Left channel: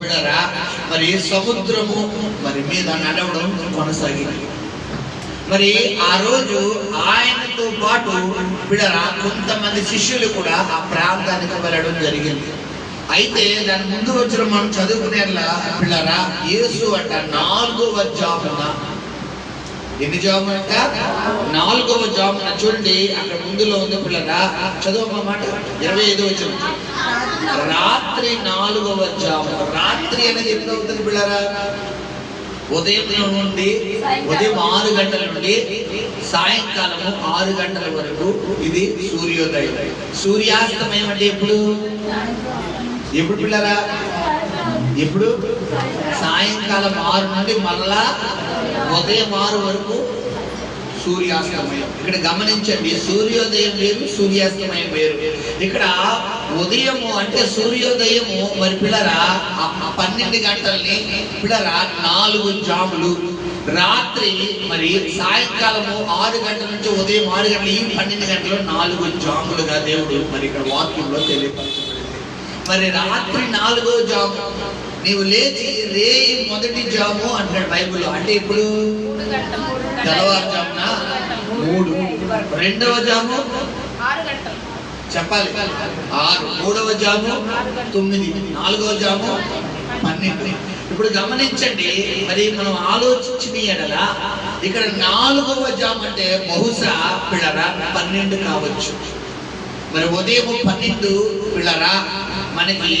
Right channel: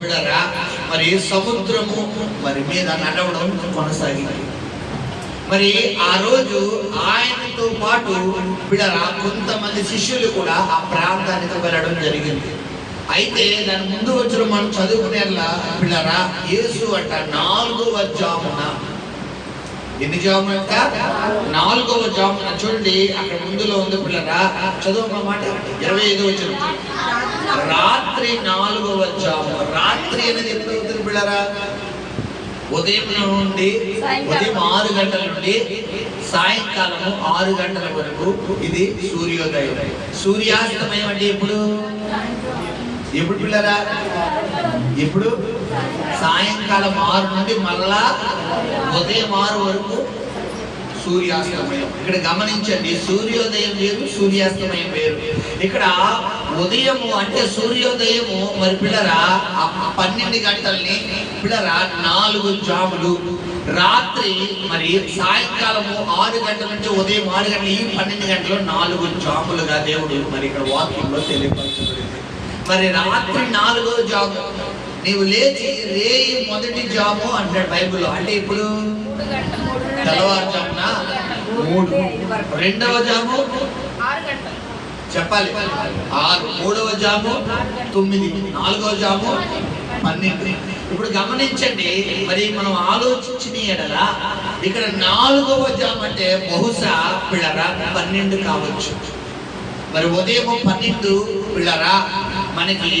మరి సముద్రము మరి మీద నడవడం కొనసాగింది. మరి ఆ రోజు ఆయనతో పాటు బిడరా కొంతమంది శిష్యులు కూడా ఆ ప్రాంతానికి వెళ్ళడం జరిగింది. అయితే దాని ముందు వచ్చిన మనం చదువుకునేలా బిడరా యేసు అంట 4వ జామున, ఎన్ని జామున అంట? 4వ జామున. చూడండి అక్కడ ముందులో ఉంది పిల్లరా, చదువు మాట 25 వచ్చిన రాత్రి 4వ జాము. రాత్రి అనేది ఎప్పుడు అవుతుంది పిల్లరా? ఉదయం 6 గంటల నుండి సాయంకాలము 6 గంటల వరకు ఇది సూర్యోదయం. సూర్యాస్తమయం అంటే ఎప్పుడు పిల్లరా? ఎప్పుడు? సాయంకాలం 6 నుండి మళ్ళా ఉదయం 6 వరకు సూర్యాస్తమయం. ఇక్కడ గమనించండి, సూర్యోదయం వేరు, సూర్యాస్తమయం వేరు. ఇక్కడ ఉదయము అంటే సూర్యోదయము మరి పిల్లరా 12 గంటల్ని పిల్లరా 4 జాములు. రాత్రి మరి సాయంకాలము 6 గంటల నుంచి ఉదయం 6 గంటల ఈ 12 గంటలు 4 జాములుగా దేవుడు మరి ఇక్కడ వాక్యంలో తెలియపరచబడింది. మరి రాత్రి 4వ జాము నీవు లేచి రేయి మొదటి జాము అంటాడు బైబిల్లో. అంటే ఇప్పుడు తెల్లవారుజామున 3, 2వ జాము చెప్పాలి 6, 3వ జాము 9, 4వ జాము 12. ఇప్పుడు గమనించండి, మరి మనం ఆలోచించిన ఎడల ఇక్కడ 4వ జాము అంటే బహుశా పిల్లరా 12 కావచ్చు. మరి ఉదయం 12 పిల్లరా మనకి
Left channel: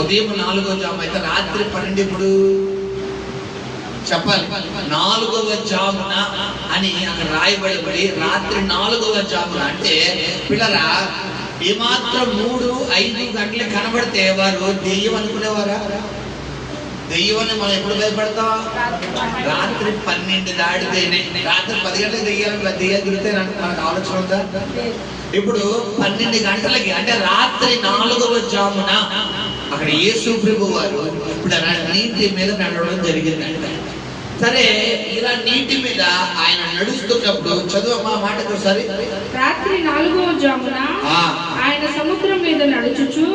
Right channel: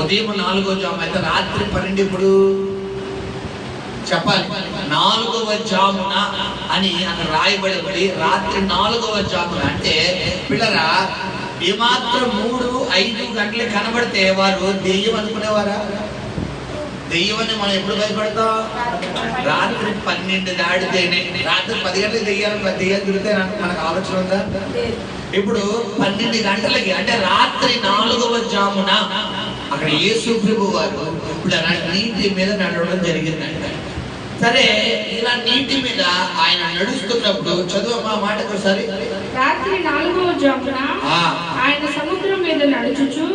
ఉదయం 4వ జాము అయితే రాత్రి 12 ఇప్పుడు చెప్పాలి 4వ జామున అని అక్కడ రాయబడి ఉంది. రాత్రి 4వ జామున అంటే పిల్లరా ఏమాత్రం 3, 5 గంటలు కనబడితే వారు దెయ్యం అనుకునేవారా? దెయ్యమని మనం ఎప్పుడు భయపడతాం? రాత్రి 12 దాటితేనే. రాత్రి 10 గంటలకు దెయ్యాలు తిరిగితే మనకు ఆలోచన ఉందా? ఇప్పుడు 12 గంటలకి అంటే రాత్రి 4వ జామున అక్కడ యేసు ప్రభు వారు నీటి మీద నడవడం జరిగింది. సరే, ఇలా నీటి మీద ఆయన నడుస్తున్నప్పుడు చదువు మా మాటకు ఒకసారి. రాత్రి 4వ జామున ఆయన సముద్రం మీద నడుచుచు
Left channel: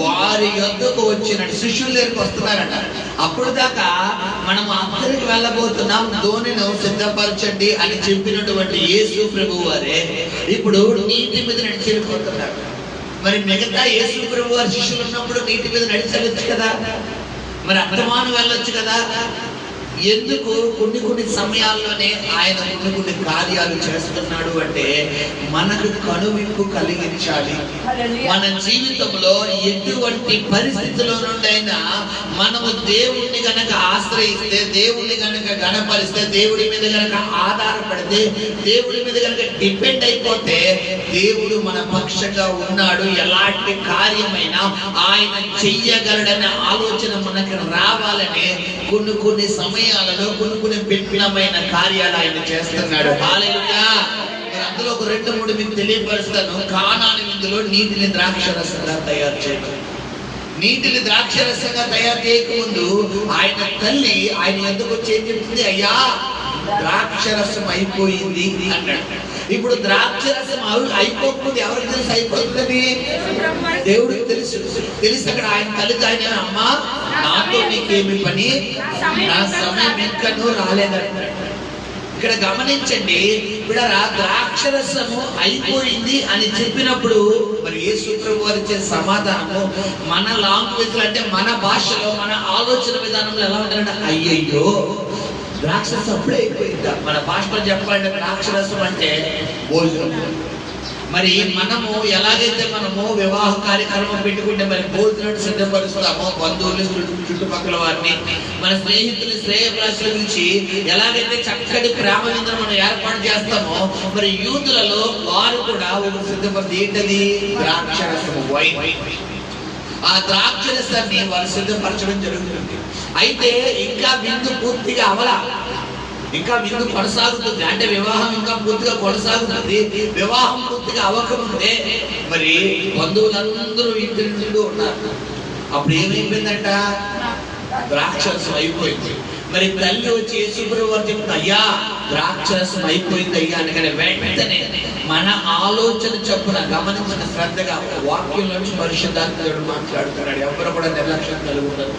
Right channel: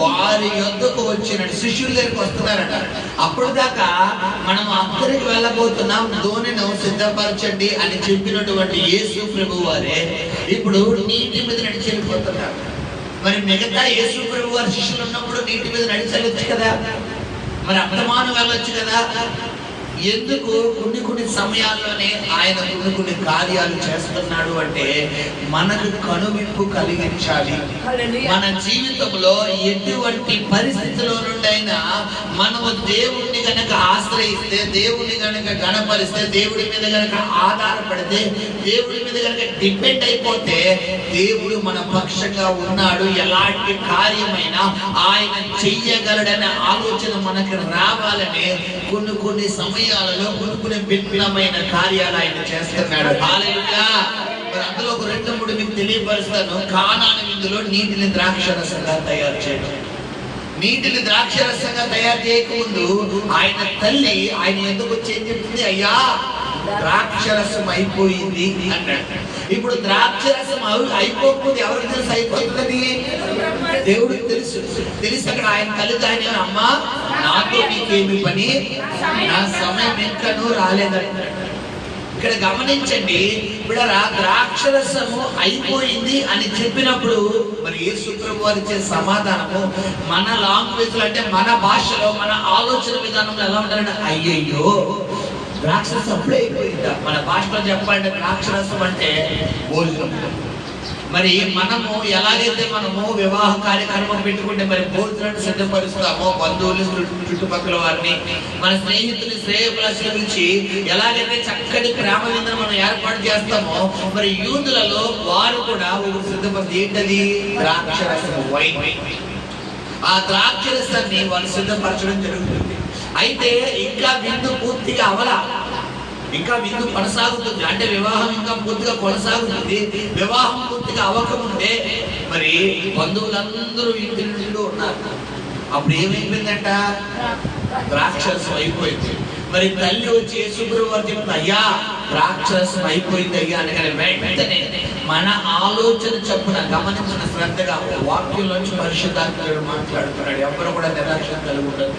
వారి యొద్దకు వచ్చినట్టు శిష్యుల దగ్గరికి వస్తున్నారట. అప్పుడు దాకా మనం అక్కడికి వెళ్ళబోతున్నాం, ధోనిను సిద్ధపరచండి అని చెప్పినటువంటి యేసు ప్రభు వారే ఇప్పుడు నీటి మీద నడిచి వెళ్ళిపోతున్నారు. మరి మిగతా యేసు ప్రభు వారి శిష్యులు ఉన్నప్పుడు నీటి మీద నడిచి వెళ్ళొచ్చు కదా, మరి అర్థమాను వెళ్ళొచ్చు కదా. ఎందుకు కొన్ని సమయాల్లోనే ఆయన కొన్ని కార్యాలు చేస్తున్నాడు అంటే మనకు కనువిప్పు కలిగించాలి. మన జీవితంలో ఎటువంటి పరిస్థితుల్లో నుండైనా మనము దేవుణ్ణి గనక ఆశ్రయిస్తే, దేవుణ్ణి గనక గణపరిస్తే, దేవుడి మీద గనక ఆధారపడితే, దేవుడి మీద గనక డిపెండ్ అయిపోతే దేవుడు మన పక్షంగా ఉన్నాడు, ఎలాంటి కార్యమైనా ఆయన చెయ్యగలడనే ఆలోచన మనకు రావాలని కొన్ని సమయాలలో కొన్ని భిన్నమైన కార్యాలు ఆయన చేస్తున్నాడు. హల్లెలూయా. అందులో ఒక 2-3 మీకు తెలియపరుస్తాను. కానాను విందులో నీటిని ద్రాక్షరసంగా తయారు చేయడం. నీటిని ద్రాక్షరసంగా తయారు చేయకముందు ఆయన తల్లి ఆయన ఎందుకు వచ్చి ఏం చెప్తుంది? అయ్యా ద్రాక్షరసం అయిపోయింది అన్నాడు. ఇప్పుడు ద్రాక్షరసం అయిపోతుంది ఎవరికి తెలుసు అయిపోతుంది? దేవుడికి తెలుసు. అక్కడ ఆయన తల్లికి ఆయన అమ్మా నాతో నీకేమి పని, నా సమయం ఇంకనూ రాలేదంటాడు. ఇక్కడ గమనించండి, ఇప్పుడు ద్రాక్షరసము అయిపోయింది అని చెప్పినప్పుడు మరి యేసు ప్రభు వారు ఇచ్చే సమాధానము మన లాంగ్వేజ్ లో అంటే మన భాషలో మన ఆలోచన విధానంలో ఎలా ఉంటారంటే అయ్యయ్యో ద్రాక్షరసం అప్పుడే అయిపోయిందా. మన భాషలో చెప్పాలంటే ద్రాక్షరసం అంటే భోజనం. మరి మనము ఎలాగైతే మనము వివాహ కార్యక్రమం పెట్టుకుంటే మరి భోజనాన్ని సిద్ధపరుస్తామో, బంధువులు చుట్టుపక్కల వారిని మన స్నేహితులు శ్రేయభిలాషుల నుంచి ఎలాగైతే చక్కటి ప్రేమ విందును మనం ఏర్పాటు చేస్తామో, మరి యూదులలో వారు కూడా ఒకరు సిద్ధపరిచి ఏంటది? ద్రాక్షరసం, వైన్. ఆ ద్రాక్షరసాన్ని వారు సిద్ధపరచడం జరుగుతుంది. అయితే ఇంకా విందు పూర్తిగా అవలా, ఇంకా విందు కొనసాగుతుంది. అంటే వివాహం ఇంకా పూర్తిగా కొనసాగుతుంది. వివాహం పూర్తిగా అవ్వకముందే మరి బంధువులందరూ ఇంటి నుండి ఉన్నారు. అప్పుడు ఏమైపోయిందంట? ద్రాక్షరసం అయిపోయింది. మరి తల్లి వచ్చి యేసు ప్రభు వారు చెప్తుంది, అయ్యా ద్రాక్షరసం అయిపోయింది అయ్యా అనగానే వెంటనే మన ఆలోచన చొప్పున గమనించిన శ్రద్ధగా వాక్యంలోంచి పరిశుద్ధాత్ముడు మాట్లాడుతున్నాడు. ఎవరు కూడా నిర్లక్ష్యం కలిగి ఉండదు.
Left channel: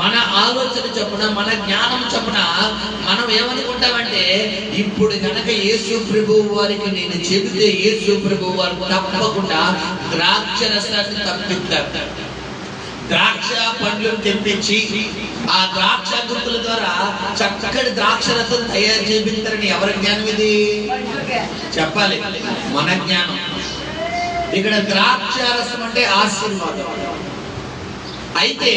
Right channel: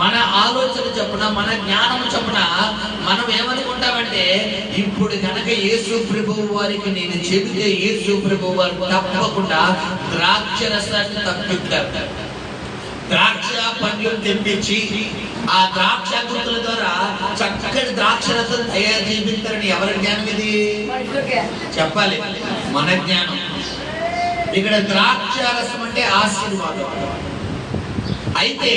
మన ఆలోచన చొప్పున, మన జ్ఞానం చొప్పున మనం ఏమనుకుంటామంటే, ఇప్పుడు కనుక యేసు ప్రభువు వారికి నేను చెబితే యేసు ప్రభువు వారు తప్పకుండా ద్రాక్ష రసాన్ని తప్పిస్తారు. ద్రాక్ష పండ్లు తెప్పించి ఆ ద్రాక్ష గుర్తుల ద్వారా చక్కటి ద్రాక్ష రసం తయారు చేపిస్తారని ఎవరి జ్ఞానం ఇది? చెప్పాలి, మన జ్ఞానం. ఇక్కడ ద్రాక్ష రసం అంటే ఆశీర్వాదం. అయితే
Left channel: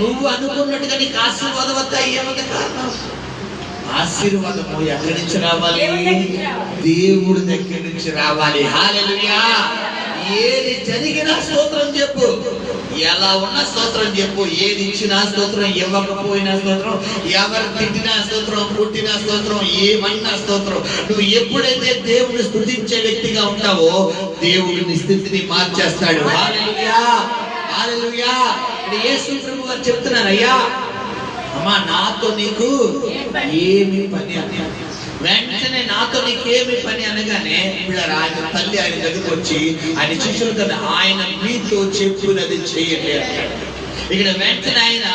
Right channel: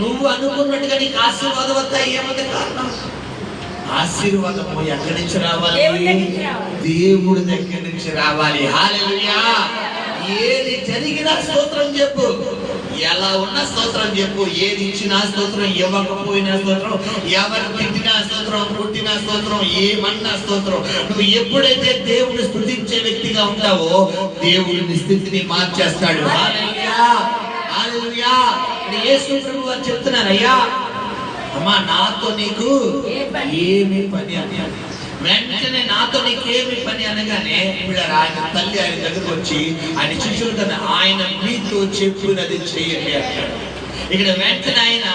నువ్వు అనుకున్నట్టుగా నీకు ఆశీర్వాదం వద్ద ఏముంది కారణం? ఆశీర్వాదము ఎక్కడి నుంచి రావాలి? దేవుడి దగ్గర నుంచి రావాలి. హల్లెలూయా. ఏది జరిగినా స్తోత్రం చెప్పు, ఎలా ఉన్నా స్తోత్రం చెప్పు. ఏది ఇచ్చినా స్తోత్రం, ఇవ్వకపోయినా స్తోత్రం, ఎవరు తిట్టినా స్తోత్రం, పుట్టినా స్తోత్రం, ఏమన్నా స్తోత్రం. నువ్వు ఎప్పుడైతే దేవుని స్తుతించే వ్యక్తిగా ఉంటావో దేవుడిని స్థితిని మార్చేస్తాడు. హల్లెలూయా, హల్లెలూయా. యేసు ప్రభు గారు చెప్తున్నారు, అయ్యా అమ్మా నాతో నీకు ఏమి పని అని. వెంటనే నాతో నీకేమి పని అనగానే ఆయన తల్లి ఆయన దగ్గరకు వచ్చి ఆయన శిష్యులతో ఆయన మీతో చెప్పినది చేయండి అంటాడు. ఇక్కడ వెంటనే ఆయన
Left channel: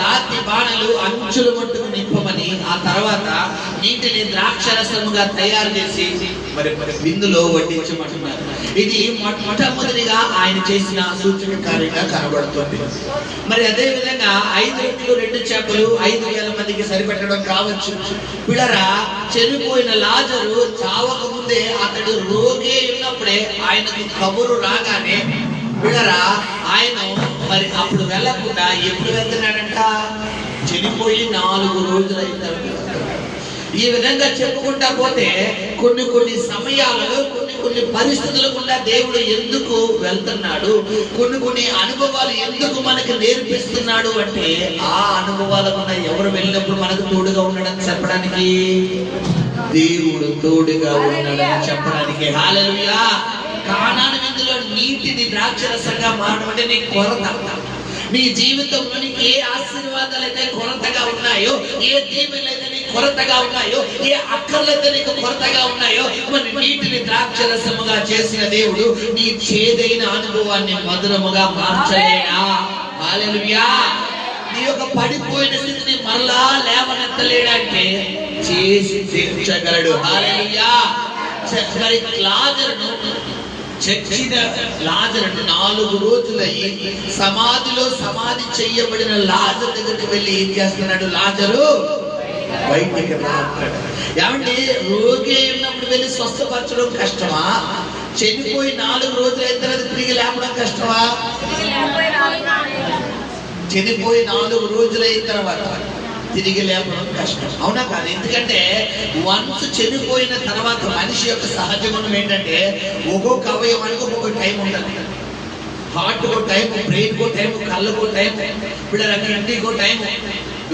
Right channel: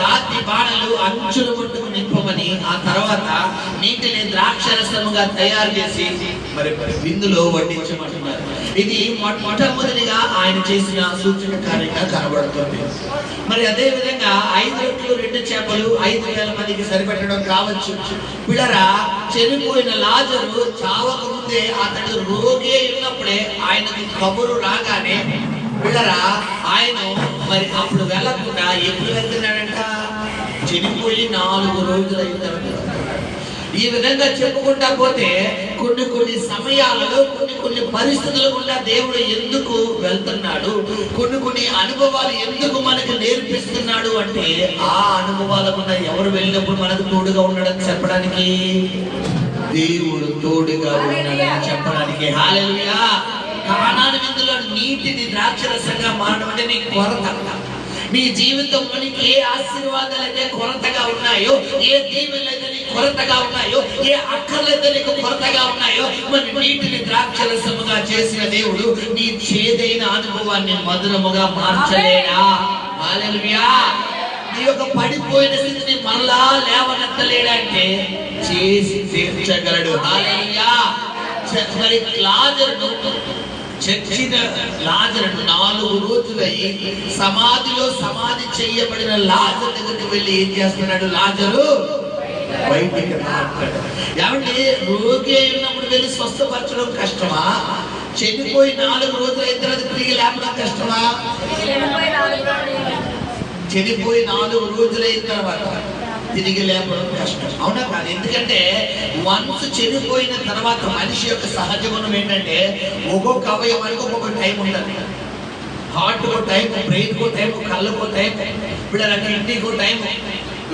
రాతి బాణలు అంచుల మట్టుకు నింపమని, ఆ తర్వాత నీటిని ద్రాక్షరసముగా తయారు చేసి మరి బిందులో వడ్డించమంటున్నారు. ఇది మొట్టమొదటిగా ఆయన చేసిన సూచన కార్యంగా కనబడుతుంది. మరి అదే విధంగా 5 రొట్టెలు 2 చేపలు 5,000 మందికి సరిపెట్టడం కావచ్చు. పిల్లరా, చనిపోయిన లాజరు చావక ముందే అతడు రోగి ఉన్నప్పుడే ఆయనకి కబురు రాగానే పిల్లరా ఆయన మరి అప్పుడు వెళ్ళకుండా ఎప్పుడు వెళ్తున్నాడంట? చనిపోయి 4 రోజులు అయిన. ఈ విధంగా చెప్పుకుంటా పోతే కొన్ని సమయాలలో కొన్ని పరిస్థితులు గుండా దేవుడు ఎందుకు వెళ్తున్నాడు, కొన్ని అనుభవాలు ఎందుకు మనకు నేర్పిస్తున్నాడు అంటే, ఆ అనుభవాల గుండా ఎవరు వెళ్ళినప్పుడు మనకు తోడుగా ఉండడం చెప్పడానికి, దేవుడు తోడుగా ఉన్నాడని చెప్పడానికి. హల్లెలూయా. కానాను విందులో నీటిని ద్రాక్షరసంగా మారడం అంటే నీ కొరత. నీ జీవితంలో నీకు ఏ ఆశీర్వాదాలైతే కొరతగా ఉన్నాయో, ఏ దీవెనలైతే నీకు కొరతగా ఉన్నాయో, ఏ అక్కర్లైతే నీకు కొరతగా ఉన్నాయో, మరి నీటిని ద్రాక్షరసముగా చేసిన దేవుడు నీ చేదైన అనుభవాన్ని మధురముగా మార్చలేడా? హల్లెలూయా. నీ యొక్క పడిపోయిన స్థితిని మరలా లేవనెత్తలేడంటే చేసి తీర్చగలడు. హల్లెలూయా. మరి లాజరును చచ్చిన లాజరును 4 రోజులయ్యి సమాధిలో సమాధి చేయబడిన లాజరు దగ్గరికి వెళ్ళి ఏం చేస్తున్నాడు? లాజరు బయటికి రాస్తాడు. ఏమంటే రోగి ఉన్నప్పుడు వెళ్ళి స్వస్థపరచడం కష్టమా? చనిపోయి 4 రోజులు అయిన తర్వాత తిరిగి లేపడం కష్టమా? చనిపోయి 4 రోజులు అయిన తర్వాత తిరిగి లేపడం కష్టం, అవునా కాదు? ఎందుకంటే వన్స్ చనిపోయిన తర్వాత మనిషి యొక్క సహజ గుణం ఏంటంటే, ఒక్కొక్క అవయవానికి ఒక్కొక్క టైం ఉంటుంది. హార్ట్ కో టైం, బ్రెయిన్ కో టైం, కళ్ళకో టైం, పిల్లలన్నింటికో టైం,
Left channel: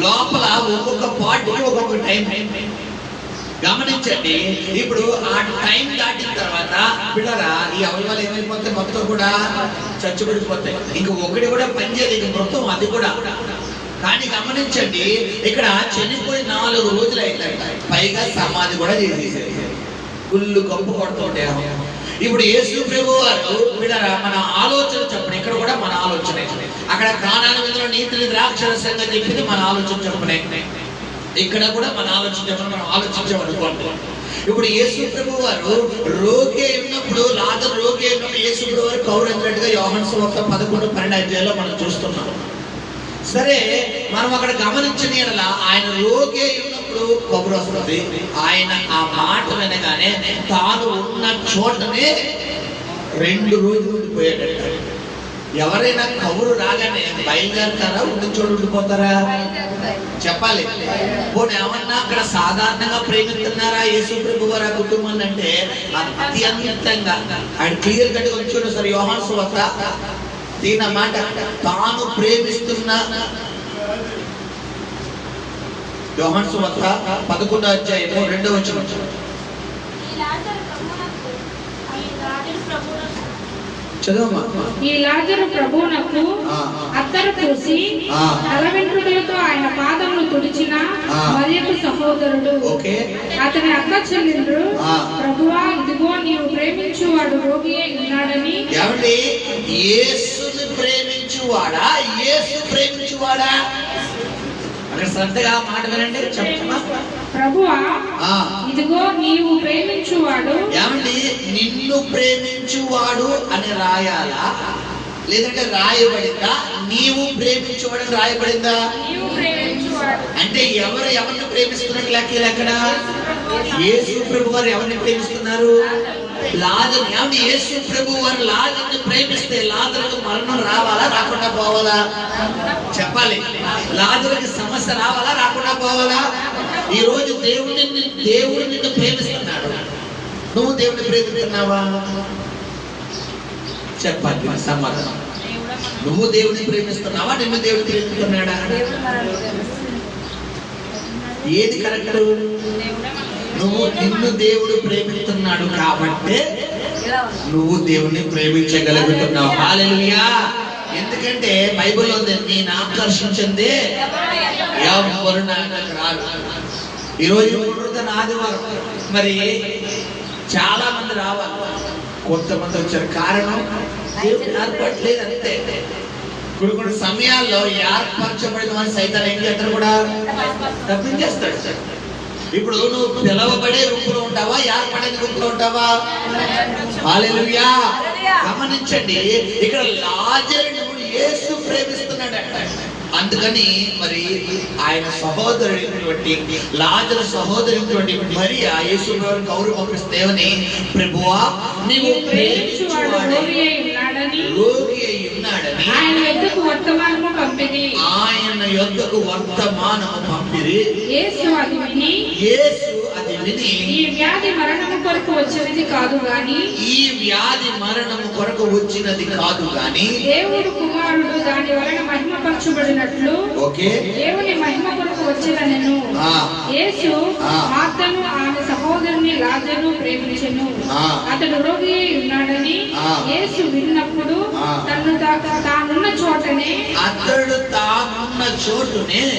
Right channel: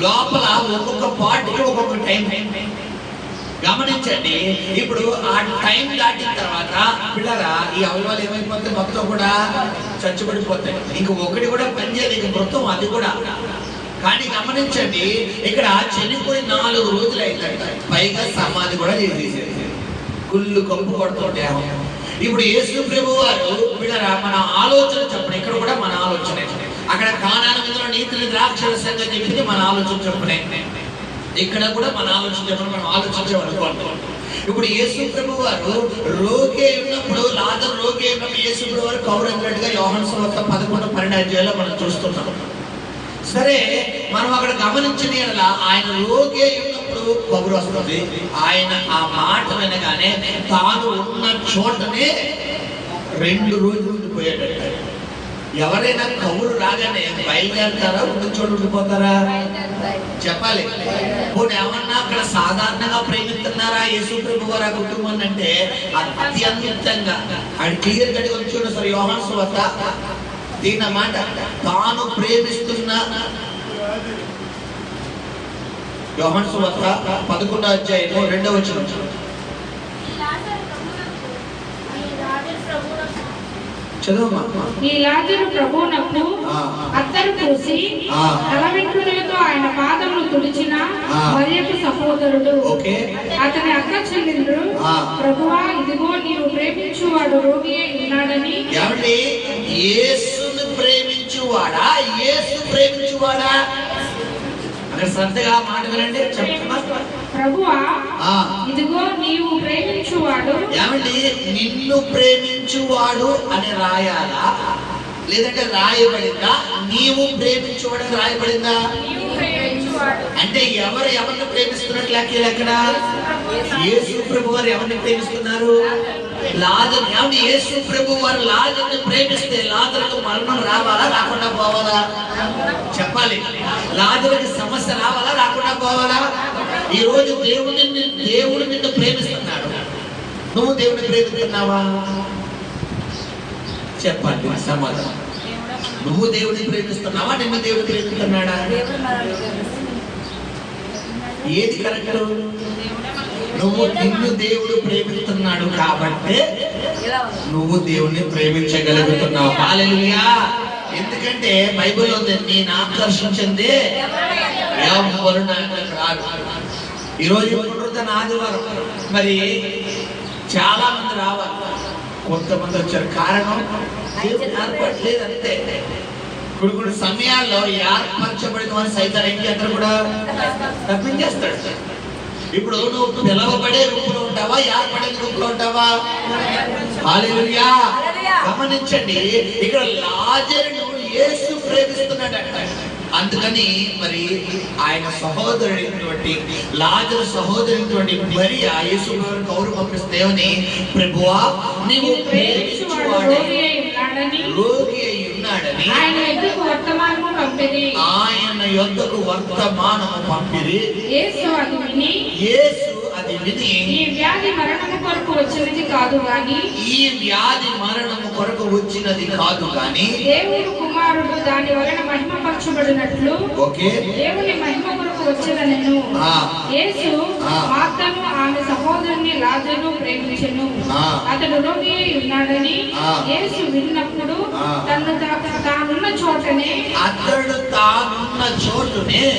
లోపల ఒక్కొక్క పార్ట్కి ఒక్కొక్క టైం. గమనించండి. ఇప్పుడు ఆ టైం దాటిన తర్వాత పిల్లరా ఈ అవయవాలు ఏమైపోతాయి? మొత్తం కూడా చచ్చుబడిపోతాయి. ఇంక ఒకటి కూడా పనిచేయలేదు, మొత్తం అది కూడా. కానీ గమనించండి, ఇక్కడ చనిపోయి 4 రోజులు అయిందంట. పైగా సమాధి కూడా చేసేసారు. గుళ్ళు కంపు కొడుతుంటే ఇప్పుడు యేసు ప్రభువు వారు పిల్లరా మన ఆలోచన చెప్పండి. ఇక్కడ కూడా మన ఆలోచన. అక్కడ కానాను విందులో నీతిని ద్రాక్షరసంగా చెప్పింది మన ఆలోచన చెప్పనే. ఇక్కడ కూడా మన ఆలోచన చెప్పని మనం ఆలోచించామనుకోండి. ఇప్పుడు యేసు ప్రభువు వారు రోగి అయినప్పుడు, లాజరు రోగి అయినప్పుడు యేసు ప్రభువు వారు కౌరంగినట్టుగా యోహాను సువార్త 11-12 మనం చూస్తున్నాం. సరే, మనం అక్కడ గమనించిన ఎడల ఆయన రోగి ఉన్నప్పుడు కబురు వస్తుంది. ఆయన ఆ మాట వినగానే తాను ఉన్న చోటనే 2 రోజులు ఉండిపోయాడట. ఎవరైనా కబురు రాగానే బయలుదేరతారా, ఉండి చోటు ఉండిపోతారా? చెప్పాలి. పోనీ ఏమన్నా అక్కడ సాధారణంగా ప్రేమిస్తున్నారా యేసు ప్రభు వారు ఆ కుటుంబాన్ని అంటే అత్యంతంగా ఆయన క్లియర్ కట్గా వచ్చాడు. సార్ యోహాను సువార్త దీని మాట తాను ప్రేమిస్తున్న యోహాను సువార్త 11-2 చదువమ్మా. ఈ లాజరు ప్రభువునకు అత్తరు పూసి తల వెంట్రుకలతో ఆయన పాదములు తుడిచిన మరియకు సహోదరుడు. అతని అక్క చెల్లెండ్రు, ప్రభువా ఇదిగో నీవు ప్రేమించువాడు రోగి అయి ఉన్నాడని. యేసుని ప్రేమించువాడా, యేసు ప్రేమించువాడా? అక్కడ శ్రద్ధగా మాట వినండి, చెప్తున్నా. ప్రభువా ఇదిగో నీవు ప్రేమించువాడు. ఏమండి, నిన్ను ప్రేమించువాడు అని రాయాలా, లేదంటే రాయబడిందా నీవు ప్రేమించువాడు అని రాయబడిందా? అంటే ఎవరిని ప్రేమిస్తున్నట్లు లెక్క? యేసు ప్రభు వారు ఎవరిని ప్రేమిస్తున్నారు? లాజరు. ఏమండి, యేసు ప్రభు వారు లాజరుని ప్రేమిస్తే లాజరుకు మరణం రావాలా, రాకుండా పోవాలా? చెప్పాలి. లాజరుకి సమస్య రావాలా, రాకుండా పోవాలా? ఈ రోజు దేవుడు నిన్ను ప్రేమిస్తున్నాడు. నువ్వు దేవుడిని ప్రేమిస్తున్నావా? చెప్పాలి సమాధానం. నువ్వు దేవుడిని ప్రేమిస్తున్నావా, నిన్ను దేవుడు ప్రేమిస్తున్నాడా? ఏది కరెక్ట్? నిన్ను దేవుడు ప్రేమిస్తున్నాడు కాబట్టి నువ్వు దేవుడిని ప్రేమించగలుగుతున్నావు. హల్లెలూయా. ఎందుకంటే బైబిల్లో ఉంది, నేను ఆకర్షించింది ఎవరు నాకు రాడు. ఈరోజు పునరుద్ధరణ ఆదివారం, మరి చాలా మంది రావాలి, కొంతమంది వచ్చారు. కారణం దేవుడు ఏర్పడలేదు అంతే. కొన్ని సమయాల్లో ఏర్పరచబడిన వారి సైతాన్ని ఏం చేస్తారు కూడా తప్పించేస్తాడు. ఇప్పుడు నువ్వు పిలవబడే రూపంలో ఉంటావా, ఏర్పడే రూపంలో ఉంటావా? హల్లెలూయా. గమనించండి, ఇక్కడ లాజరును యేసు ప్రేమిస్తున్నాడంట. అందుకని మరి ఆయన సహోదరుడైనటువంటి లాజరు సహోదరుడైనటువంటి మరియా యేసు ప్రభువును కౌరు పంపిస్తేవని, ప్రభువా నీవు ప్రేమించువాడు రోగి అయి ఉన్నాడని ఆయన యొద్దకు వర్తమానము పంపిరి. యేసు అది విని ఈ వ్యాధి మరణము కొరకు వచ్చినది కాదు గాని దేవుని కుమారుడు దాని వలన మహిమపరచబడినట్లు దేవుని మహిమ కొరకు వచ్చినను. యేసు మార్తను ఆమె సహోదరుని లాజరును ప్రేమించెను. అతడు రోగి అయి ఉన్నాడని యేసు విన్నప్పుడు తానున్న చోటనే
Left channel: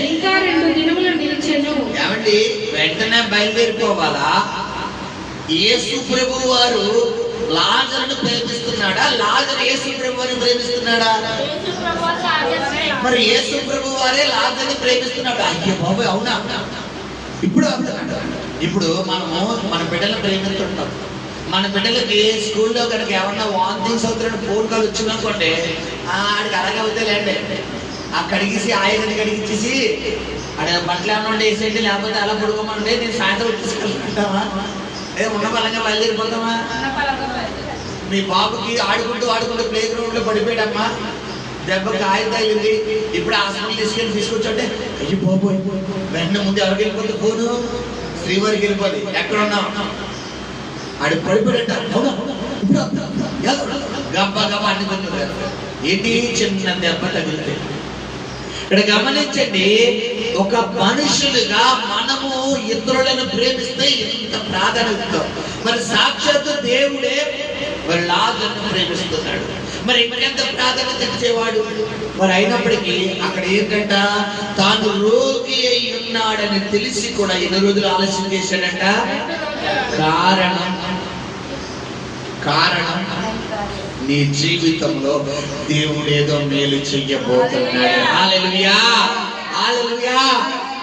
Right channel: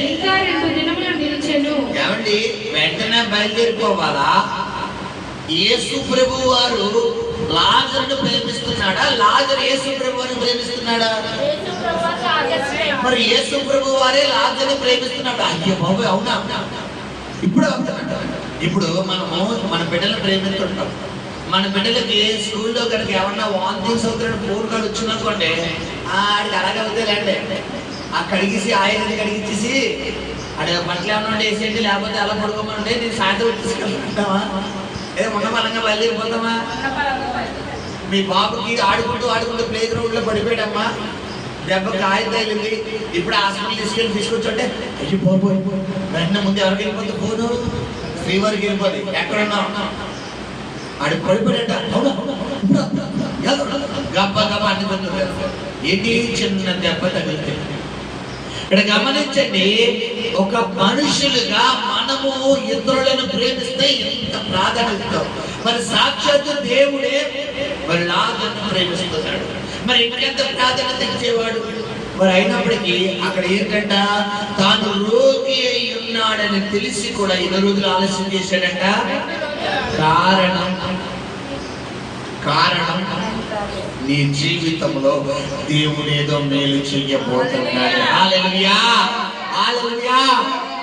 ఇంకా 2 దినములు నిలిచెను. ఏమండి, వెంటనే బయలుదేరిపోవాలా? యేసు ప్రభు వారు లాజరును ప్రేమిస్తున్నాడా, లాజరు యేసు ప్రభు వారిని ప్రేమిస్తున్నాడా? మరి యేసు ప్రభు వారే లాజరుని ప్రేమిస్తున్నాడు. అయ్యో బాబు, అవునా? ఇప్పుడు మనము మన బిడ్డలను ప్రేమిస్తుంటాం. మన బిడ్డలకి స్కూల్లో కనుక ఏమన్నా వాంతింగ్స్ అవుతున్న ఫోన్ కాల్ వచ్చిందనుకోండి, ఆడికి అలాగే అవుతాయిలేండి, ఆ కడిగేసి ఆయుధాన్ని కడిగించేసి ఆడ బట్టలు ఏమన్నా వేసేయండి, లేకపోతే అలా పడుకోమంటే నేను సాయంత్రం తీసుకెళ్తామా, లేదా ఉన్న బలంగా బయలుదేరిపోతామా? మీ బాబుకి ఆడుకుంటూ ప్లే గ్రౌండ్ లో పడిపోయాడమ్మా, దెబ్బకి ఆయుధ తగిలింది, ఇప్పుడు హాస్పిటల్ తీసుకొచ్చుంటే అయ్యి బాబు, వెంటనే ముందు ఎవరికి వెళ్ళిపోతే ఫోను శ్రీవారికి వెళ్ళిపోద్ది. ఎక్కడున్నావు? ఆడు పడిపోయాడంట. గబ్బ గబ్బ అన్ని పొందుతారు. ఏంటి చిన్న దెబ్బ తగిలితే. ఇక్కడ గమనించండి, ఒక మనుషులుగా మనము ఇతరులను ప్రేమిస్తే ఎంత ప్రాధాన్యత. మరి సాక్షాత్తు దేవుడే మరి లాజరును ప్రేమిస్తున్నాడు. మరి ఇంకెంత ప్రాధాన్యత ఇచ్చేవాడు? మరి అయినప్పటికీ అక్కడ ఏంటంట, తాను రోగి అయి ఉన్నాడని తెలిసి కూడా 2 రోజులు ఆలస్యం చేశాడంట. కారణం నీ జీవితంలో దేవుడు ఏదో మేలు చెయ్యబోతున్నాడు. హల్లెలూయా, హల్లెలూయా.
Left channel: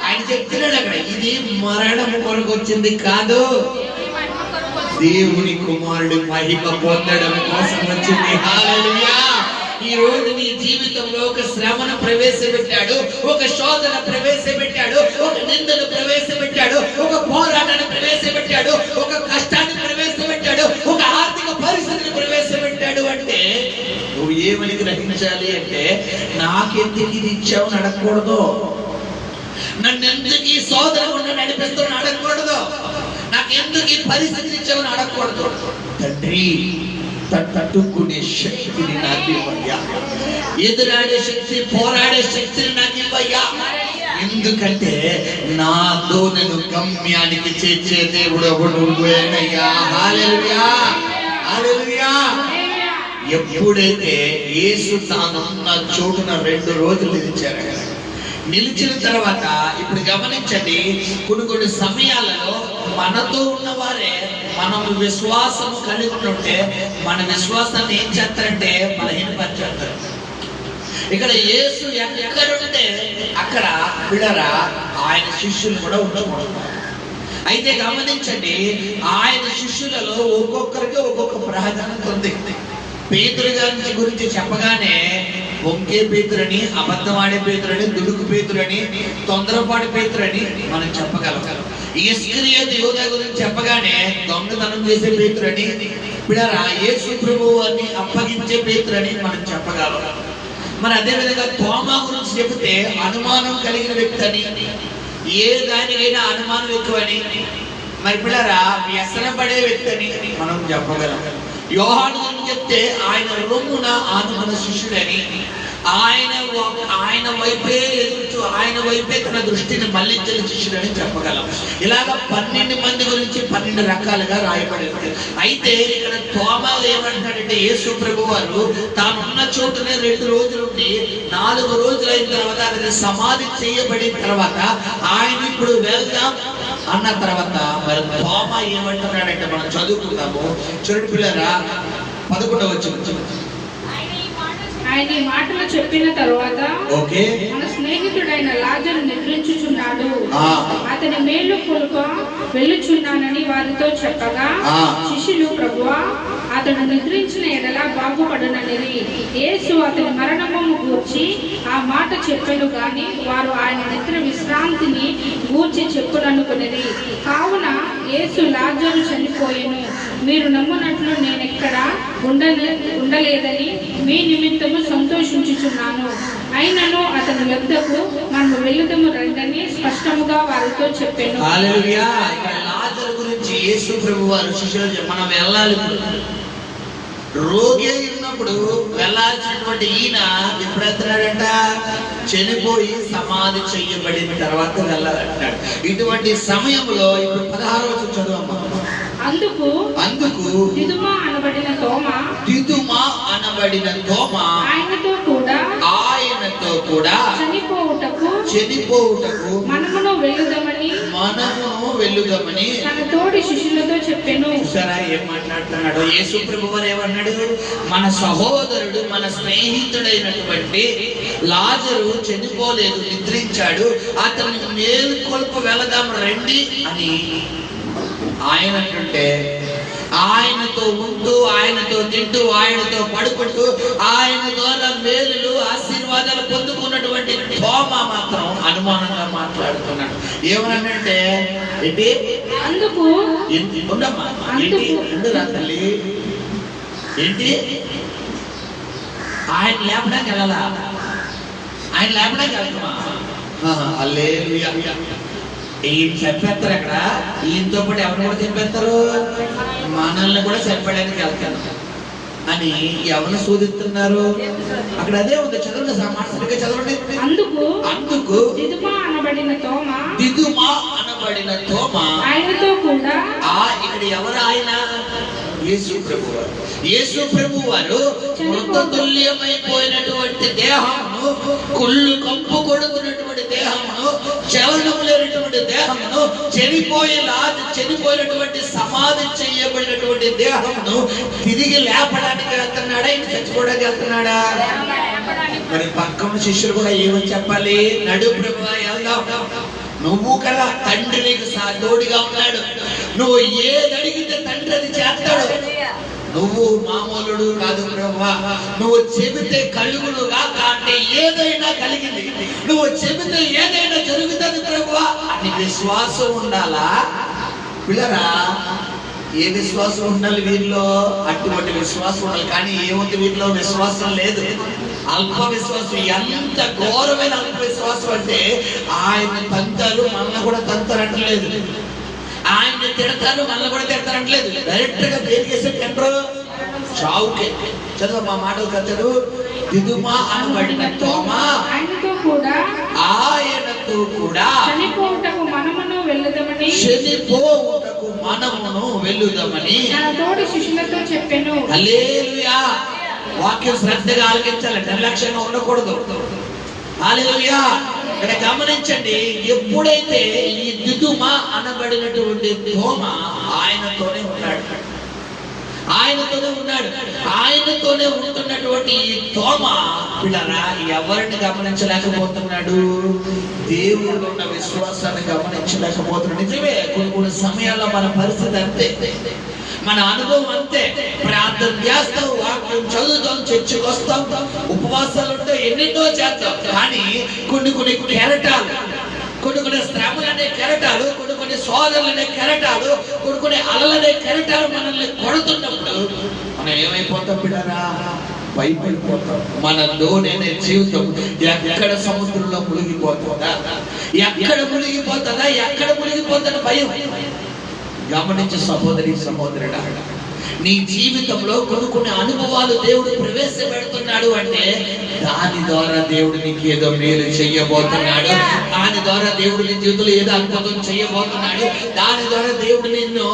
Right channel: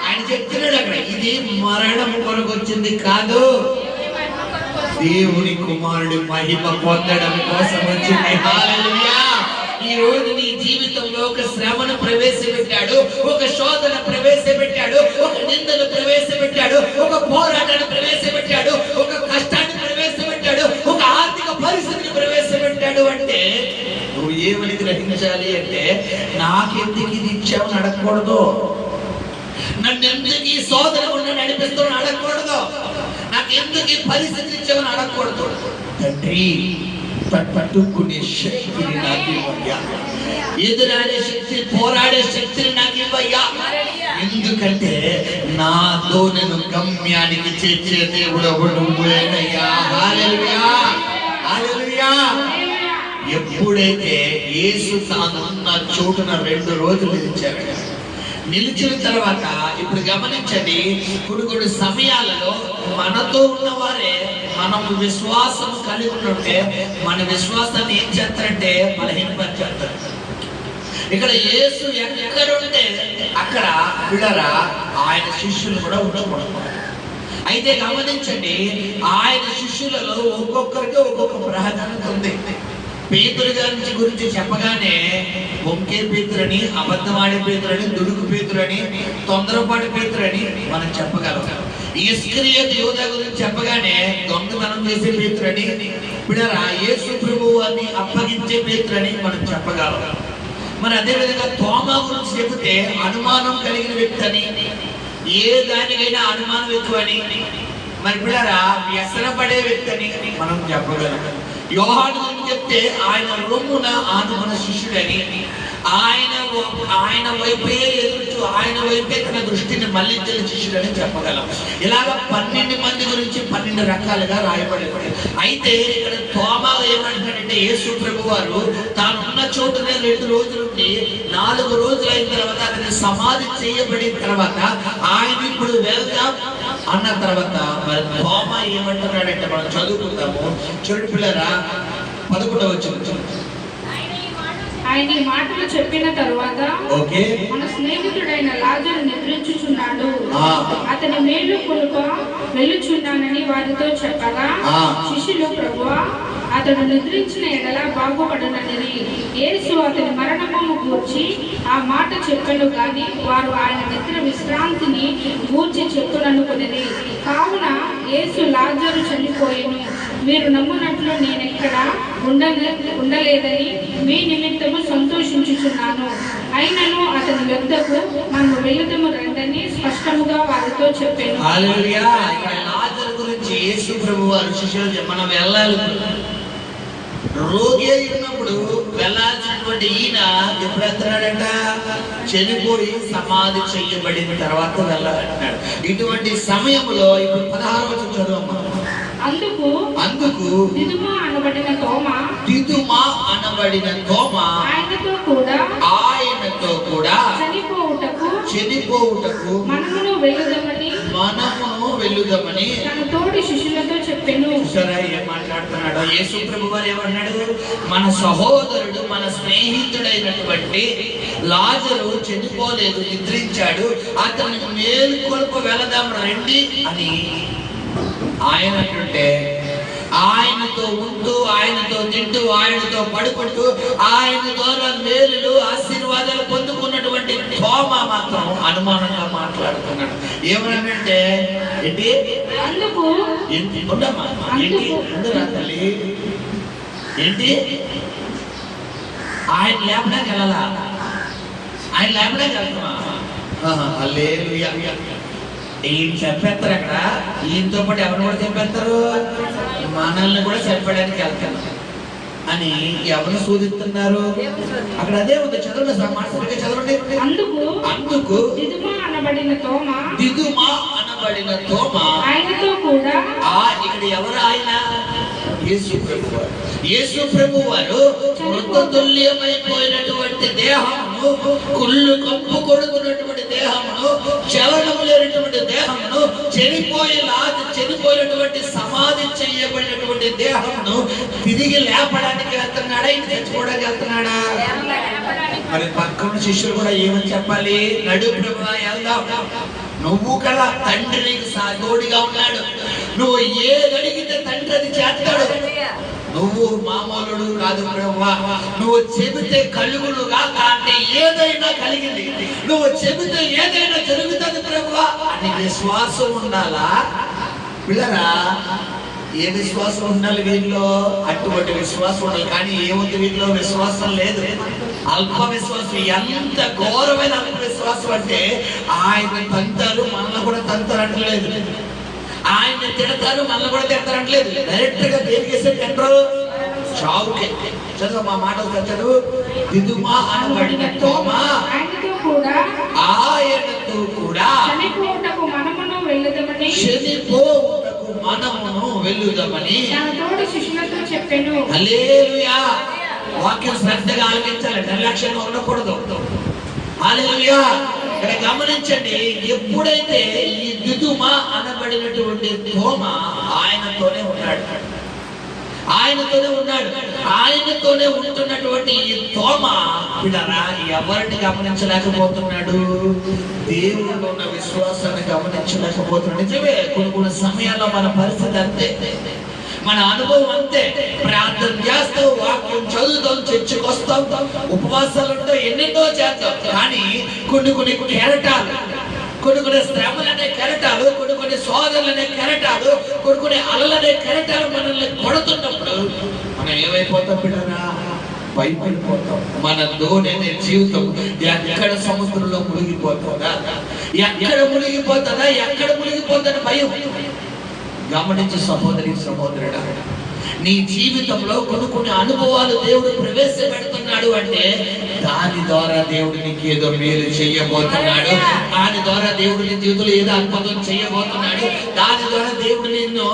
ఆయన చెప్తున్నాడు అక్కడ, ఇది మరణం కొరకు వచ్చింది కాదు, దేవుని కుమారుడు మహిమ పొందడం కోసం వచ్చింది. హల్లెలూయా. ఈ రోజు నీ జీవితంలో ఒక శ్రమను ప్రవేశపెట్టాడు, ఒక శోధన ప్రవేశపెట్టాడు, ఒక నిందను ప్రవేశపెట్టాడు, ఒక పోరాటాన్ని ప్రవేశపెట్టాడు, ఒక కష్టాన్ని ప్రవేశపెట్టాడు, ఒక ఆర్థిక పరిస్థితిని ప్రవేశపెట్టాడు. అంటే నువ్వు ఏమని గ్రహించాలి అంటే, నాకెందుకు ఇది ఇచ్చావని అడగకూడదు, నన్ను ఎందుకు ఈ శోధన నడిపిస్తూ అడగకూడదు, నాకు ఎందుకు ఈ పరిస్థితి ఇచ్చావని అడగకూడదు. తండ్రి, తట్టుకునే శక్తిని నాకు ఇవ్వయ్యా, ఎదురాడే శక్తి, పోరాడే శక్తిని నాకు ఇవ్వయ్యా. ఎందుకంటే నాతో నేను గమ్యానికి చేర్చే దేవుడు నువ్వేనయ్యా. హల్లెలూయా, హల్లెలూయా. ఎప్పుడైతే యేసు తానున్న చోటున 2 రోజులు నిలిచారు, నిలిచిన తర్వాత ఇప్పుడు గమనించండి, కొన్ని సమయాలలో మనతో ఉన్నవారే మనం విశ్వాసం కలిగి ఉంటే మన విశ్వాసాన్ని ఏం చేస్తారంటే బలహీనపరిచేస్తారు. ఇక్కడ యేసు ఎక్కడుంటే అక్కడ బిడరా ఆయన శిష్యులు కూడా ఉండకూడదు. అయితే గమనించండి, ఆయన శిష్యులలో ఒక్కొక్కరికి ఒక్కొక్క ప్రాధాన్యత ఉంది. పేతురు గారి గురించి చెప్పగానే వంకే పేతురని, అబద్ధమాడే పేతురని, దుడుకు పేతురని, తొందరపాటి పేతురని మనం చెప్పగలం. ఇస్కరియోతు యూదా గురించి చెప్పగానే దొంగతనం చేసే పేతురని, బిడరా యేసు ప్రభువు వారిని అప్పగించే పేతురని మనం చెప్పగలం. మరి అదేవిధంగా తోమా గురించి చెబితే అనుమానం కలిగిన వ్యక్తి అని, ఏ దానికైనా అనుమానం ఎక్కువని, మరి పిల్లరా వ్యసనపడే వ్యక్తి అని మనం చెప్పగలం. యోహాను గురించి చెప్తే ఆయన రొమ్మున ఆనుమన శిష్యుడని, ఆయన వైపే ఎదుర్చు, ఆయన వైపే తన దృష్టిని మళ్లించిన శిష్యుడని చెప్పగలం. ఇలాగ 12 మంది గురించి 12 రకాలుగా రాయబడింది. అయితే ఇక్కడ తోమా ఏమంటాడంటే, యేసు ప్రభు వారు తానున్న చోటునే 2 రోజులు ఉండి 4 రోజులు అయిన తర్వాత ఆయన సమాధి చేయబడిన తర్వాత ఆయన ఇప్పుడు వెళ్దాం అన్న తర్వాత మరి తోమా ఏమంటున్నాడంటే మనం చదువుకుందాము. చూడండి పిల్లరా, 11వ వచనం. ఆయన ఈ మాటలు చెప్పిన తరువాత ఓకే, మన స్నేహితుడైన లాజరు నిద్రించుచున్నాడు, అతని మేలు కొలుక వెళ్ళుచున్నానని వారితో చెప్పగా శిష్యులు, ప్రభువా అతడు నిద్రించిన ఎడల బాగుపడునని. యేసు అతని మరణమును గూర్చి ఆ మాట చెప్పెను గాని వారు ఆయన నెత్తిన విశ్రాంతిని గూర్చి చెప్పుననుకునేది. కావున యేసు లాజరు చనిపోయెను, మీరు నమ్మునట్లు నేనెక్కడ ఉండలేదని మీ నిమిత్తము సంతోషించుచున్నాను. అయినను అతని వద్దకు మనము వెళుదము రంగని స్పష్టముగా వారితో చెప్పాను. హల్లెలూయా. లాజరు గురించి యేసు ప్రభు వారు శిష్యులు మనం వెళ్ళాలి. రోగి అయినప్పుడు వెళ్ళాల్సినటువంటి ఈయన ఎప్పుడు వెళ్తున్నాడంట? చనిపోయి సమాధి చెయ్యబడిన తర్వాత వెళ్ళాలంటాడు. ఇటువంటి సమయంలో ఇప్పుడు 16వ వచనం చదువు. అందుకు దిదుమా అనబడిన తోమా ఆయనతో కూడా చనిపోవుటకు మనమును వెళ్ళుదమని తన తోటి శిష్యులతో చెప్పెను. సరే, ఏం మాట్లాడుతున్నాడు? యేసు ప్రభు వారు ఏమన్నాడు? మన సహోదరుడు, మన స్నేహితుడైనటువంటి లాజరు చనిపోలేదు, నిద్రించాడు, అతన్ని మేలుకొల్ప వెళదాం రండి అని ఆయన అంటుంటే, ఆయనతో ఉంటూ, ఆయనతో తింటూ, ఆయనతో పడుకుంటూ, ఆయన ద్వారా మేలులు ఆశీర్వాదాలు పొందుకున్నటువంటి తోమా మాత్రం అనుమానంగా మాట్లాడుతున్నాడు. ఏమనంటే, ఏంటి అందుకు ఉండమ్మా, ఏంటి ఉండురా తల్లి, ఏంటి ఆయన లేపడానికి వెళ్ళాలా? ఆయన లేపడానికి వెళ్తామా? హల్లెలూయా. ఈయన చంపేస్తారు. అక్కడ ఈయనతో పాటు ఎవరు కూడా చంపేస్తారు? మనల్ని కూడా చంపడానికి వెళ్తాను అని ఎవరు సూచిస్తున్నారు? అక్కడ అదే ఉంది. చదవండి, సమాసరిగా చదవండి. అందుకు దిదుమా అనబడిన తోమా ఆయనతో కూడా. ఇక్కడ ఎవరు ఆయన? యేసు ప్రభు వారు. యేసు ప్రభు వారు మృతతుల్యమైపోయినటువంటి దేహమును, కుళ్ళు కంపు కొడుకున్నటువంటి దేహమును, చలనము లేనటువంటి దేహమును, చనిపోయినటువంటి సమాధి చేయబడినటువంటి దేహమును తిరిగి లేపడానికి వెళ్తున్నాడా? ఇంక చచ్చిపోవడానికి వెళ్తున్నాడా? మరి పక్కన శిష్యులు కూడా ఏమని చెప్పాలి? నడు ప్రభువా, వెళ్దాం. నువ్వు కదా తండ్రి నీకు తోడుగా ఉన్నాడు. నువ్వు ఏది అడిగితే తండ్రి అది చేస్తాడు. నువ్వు మామూలుడు కాదు ప్రభువా. నువ్వు చెబితే కలుగులుగా అంటే ఏదైనా కలిగింది. నువ్వు చెబితే ఏదైనా జరుగుతుంది ప్రభువా అని విశ్వాసం ఉండాలా పిల్లరా? ఏ విశ్వాసం ఉండాలి వీరిలో? అటువంటి విశ్వాసం ఉండాలి. కానీ ఏముంది వీరిలో? విశ్వాసం లేదు, అల్ప విశ్వాసం. ఎంత ఘోరమైన అల్ప విశ్వాసం అంటే, ఆయన తంతారు మనల్ని కూడా తంతారంటలేదు, ఆయన తిడతారు మనల్ని కూడా తిడతారంటలేదు. డైరెక్ట్ గా దేనికేసే కంట్రోల్ చావుకే. చదువు మా మాటలు కచ్చాడు. దిదుమా అనబడిన తోమా ఆయనతో కూడా చనిపోవుటకు మనమును వెళ్ళుదమని తన తోటి శిష్యులతో చెప్పెను. హల్లెలూయా. వాక్యం శ్రద్ధగా ఆలకించాలి, నిర్లక్ష్యంగా ఉండకూడదు. హల్లెలూయా. ఇక్కడ గమనించండి, ఎప్పుడైతే ఈ దిదుమ అనబడినటువంటి తోమ ఆయనతోనే ఉన్నాడు, ఆయనతోనే ఉంటున్నటువంటి ఈ తోమ పిల్లరా ఎవరిని గమనించలేకపోతున్నాడు? దేవుళ్ళు ఉన్న విశ్వాసాన్ని గమనించలేకపోతున్నాడు. నిజమే, కొన్ని సమయాల్లో మన పరిస్థితి అంతే, మన అనుభవం అంతే. ప్రార్థన చేస్తాం, వాక్యం చదువుతాం, చర్చకు వస్తాం, ఉపవాసాలు ఉంటాం, ఎన్నెన్నో చేస్తాం. కానీ కొన్ని కెరటాలు, కొన్ని శ్రమలు అనే కెరటాలు, కొన్ని సోదరులు అనే కెరటాలు, కొన్ని అలలనే కెరటాలు మనల్ని కొడుతున్నప్పుడు మనం ఏమైపోతాం బిడ్డరా? భయపడిపోతాం. మన దోణి అనే జీవితం ఎక్కడ సముద్రంలో మునిగిపోతుందా, ఎక్కడ మునిగిపోతుందని భయం. గమనించు సహోదరి సహోదరుడా, నీ జీవితంలో కొన్ని అనుభవాలు దేవుడు ప్రవేశపెడుతున్నాడు అంటే దాని ద్వారా దేవుడు నీకు ఏదో మేలు చెయ్యబోతున్నాడు, దాని ద్వారా దేవుడు నీ జీవితంలో ఏదో అద్భుతం చేయబోతున్నాడు, దాని ద్వారా దేవుడు నిన్ను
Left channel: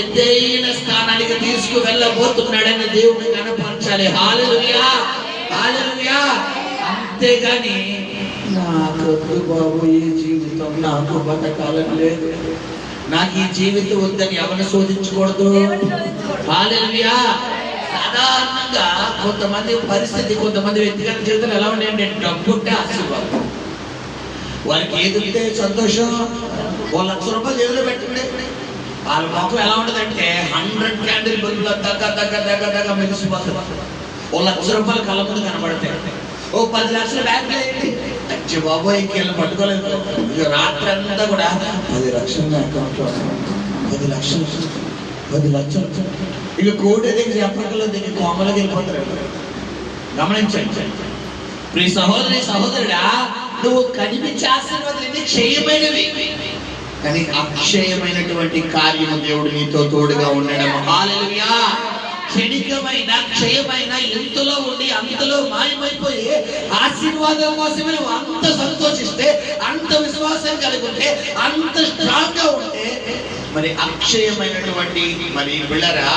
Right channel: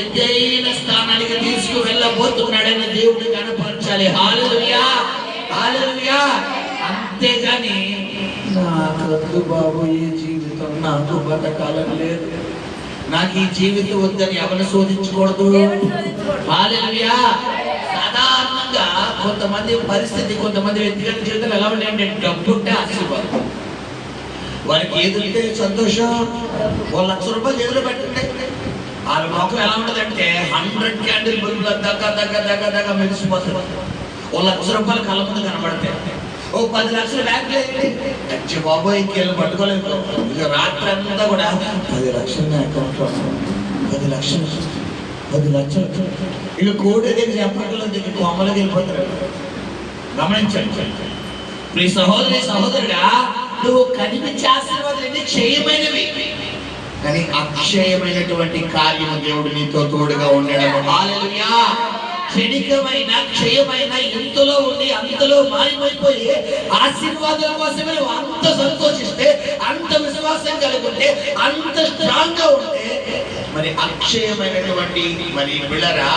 ఎత్తైన స్థానానికి తీసుకువెళ్ళబోతున్నాడని దేవుడిని కనపరచాలి. హల్లెలూయా, హల్లెలూయా. అంతేగాని నాకు వద్దు బాబు ఈ జీవితం, నాకు బతకాలని లేదు, నాకు ఈ జీవితం వద్దని ఎవరిని శోధించకూడదు. హల్లెలూయా. సాధారణంగా కొంతమంది పరిస్థితి, కొంతమంది వ్యక్తిగత జీవితం ఎలా ఉన్నాయంటే డబ్బు ఉంటే ఆశీర్వాదం, వారికి ఏది ఉంటే సంతోషం. 1 లక్ష రూపాయలు జేబులో పెట్టండి, వాళ్ళ మొక్కలు ఎలా ఉంటుందంటే 100 క్యాండిల్ బల్బులు దగ్గర మెరిసిపోతుంది. 1 లక్ష రూపాయలు కళ్ళ ముందు కనబడతాయి. 10 లక్షలు బ్యాంకులో వేయండి, అచ్చి బాబోయ్ ఇంకెళ్ళి పట్టుకోలేదు. ఇక రాత్రి అంతా కూడా 10 లక్షలు అకౌంట్లో, 10 లక్షలు ఇక కోటి దగ్గర చెప్పకలు దగ్గర కోమలకి వెళ్ళిపోతారు. గమనించండి మీ సహోదరి సహోదరుడా, నువ్వు కనిపించే ఆశీర్వాదాలు క్షయమైనవి, కానీ అక్షయమైనటువంటి కార్యము దేవుడు నీతో తోడుగా ఉండడం. హల్లెలూయా. క్షయమైన ఇంతలో ఉండి అంతలో మాయమైపోయి ఆశీర్వాదం కోసమే నువ్వు అంత సంతోషిస్తే, అంత విశ్వాసం కలుగుంటే, అంత స్ట్రాంగ్ గా ఉంటే, మరి అక్షయమైనటువంటి మరి బిళ్ళరా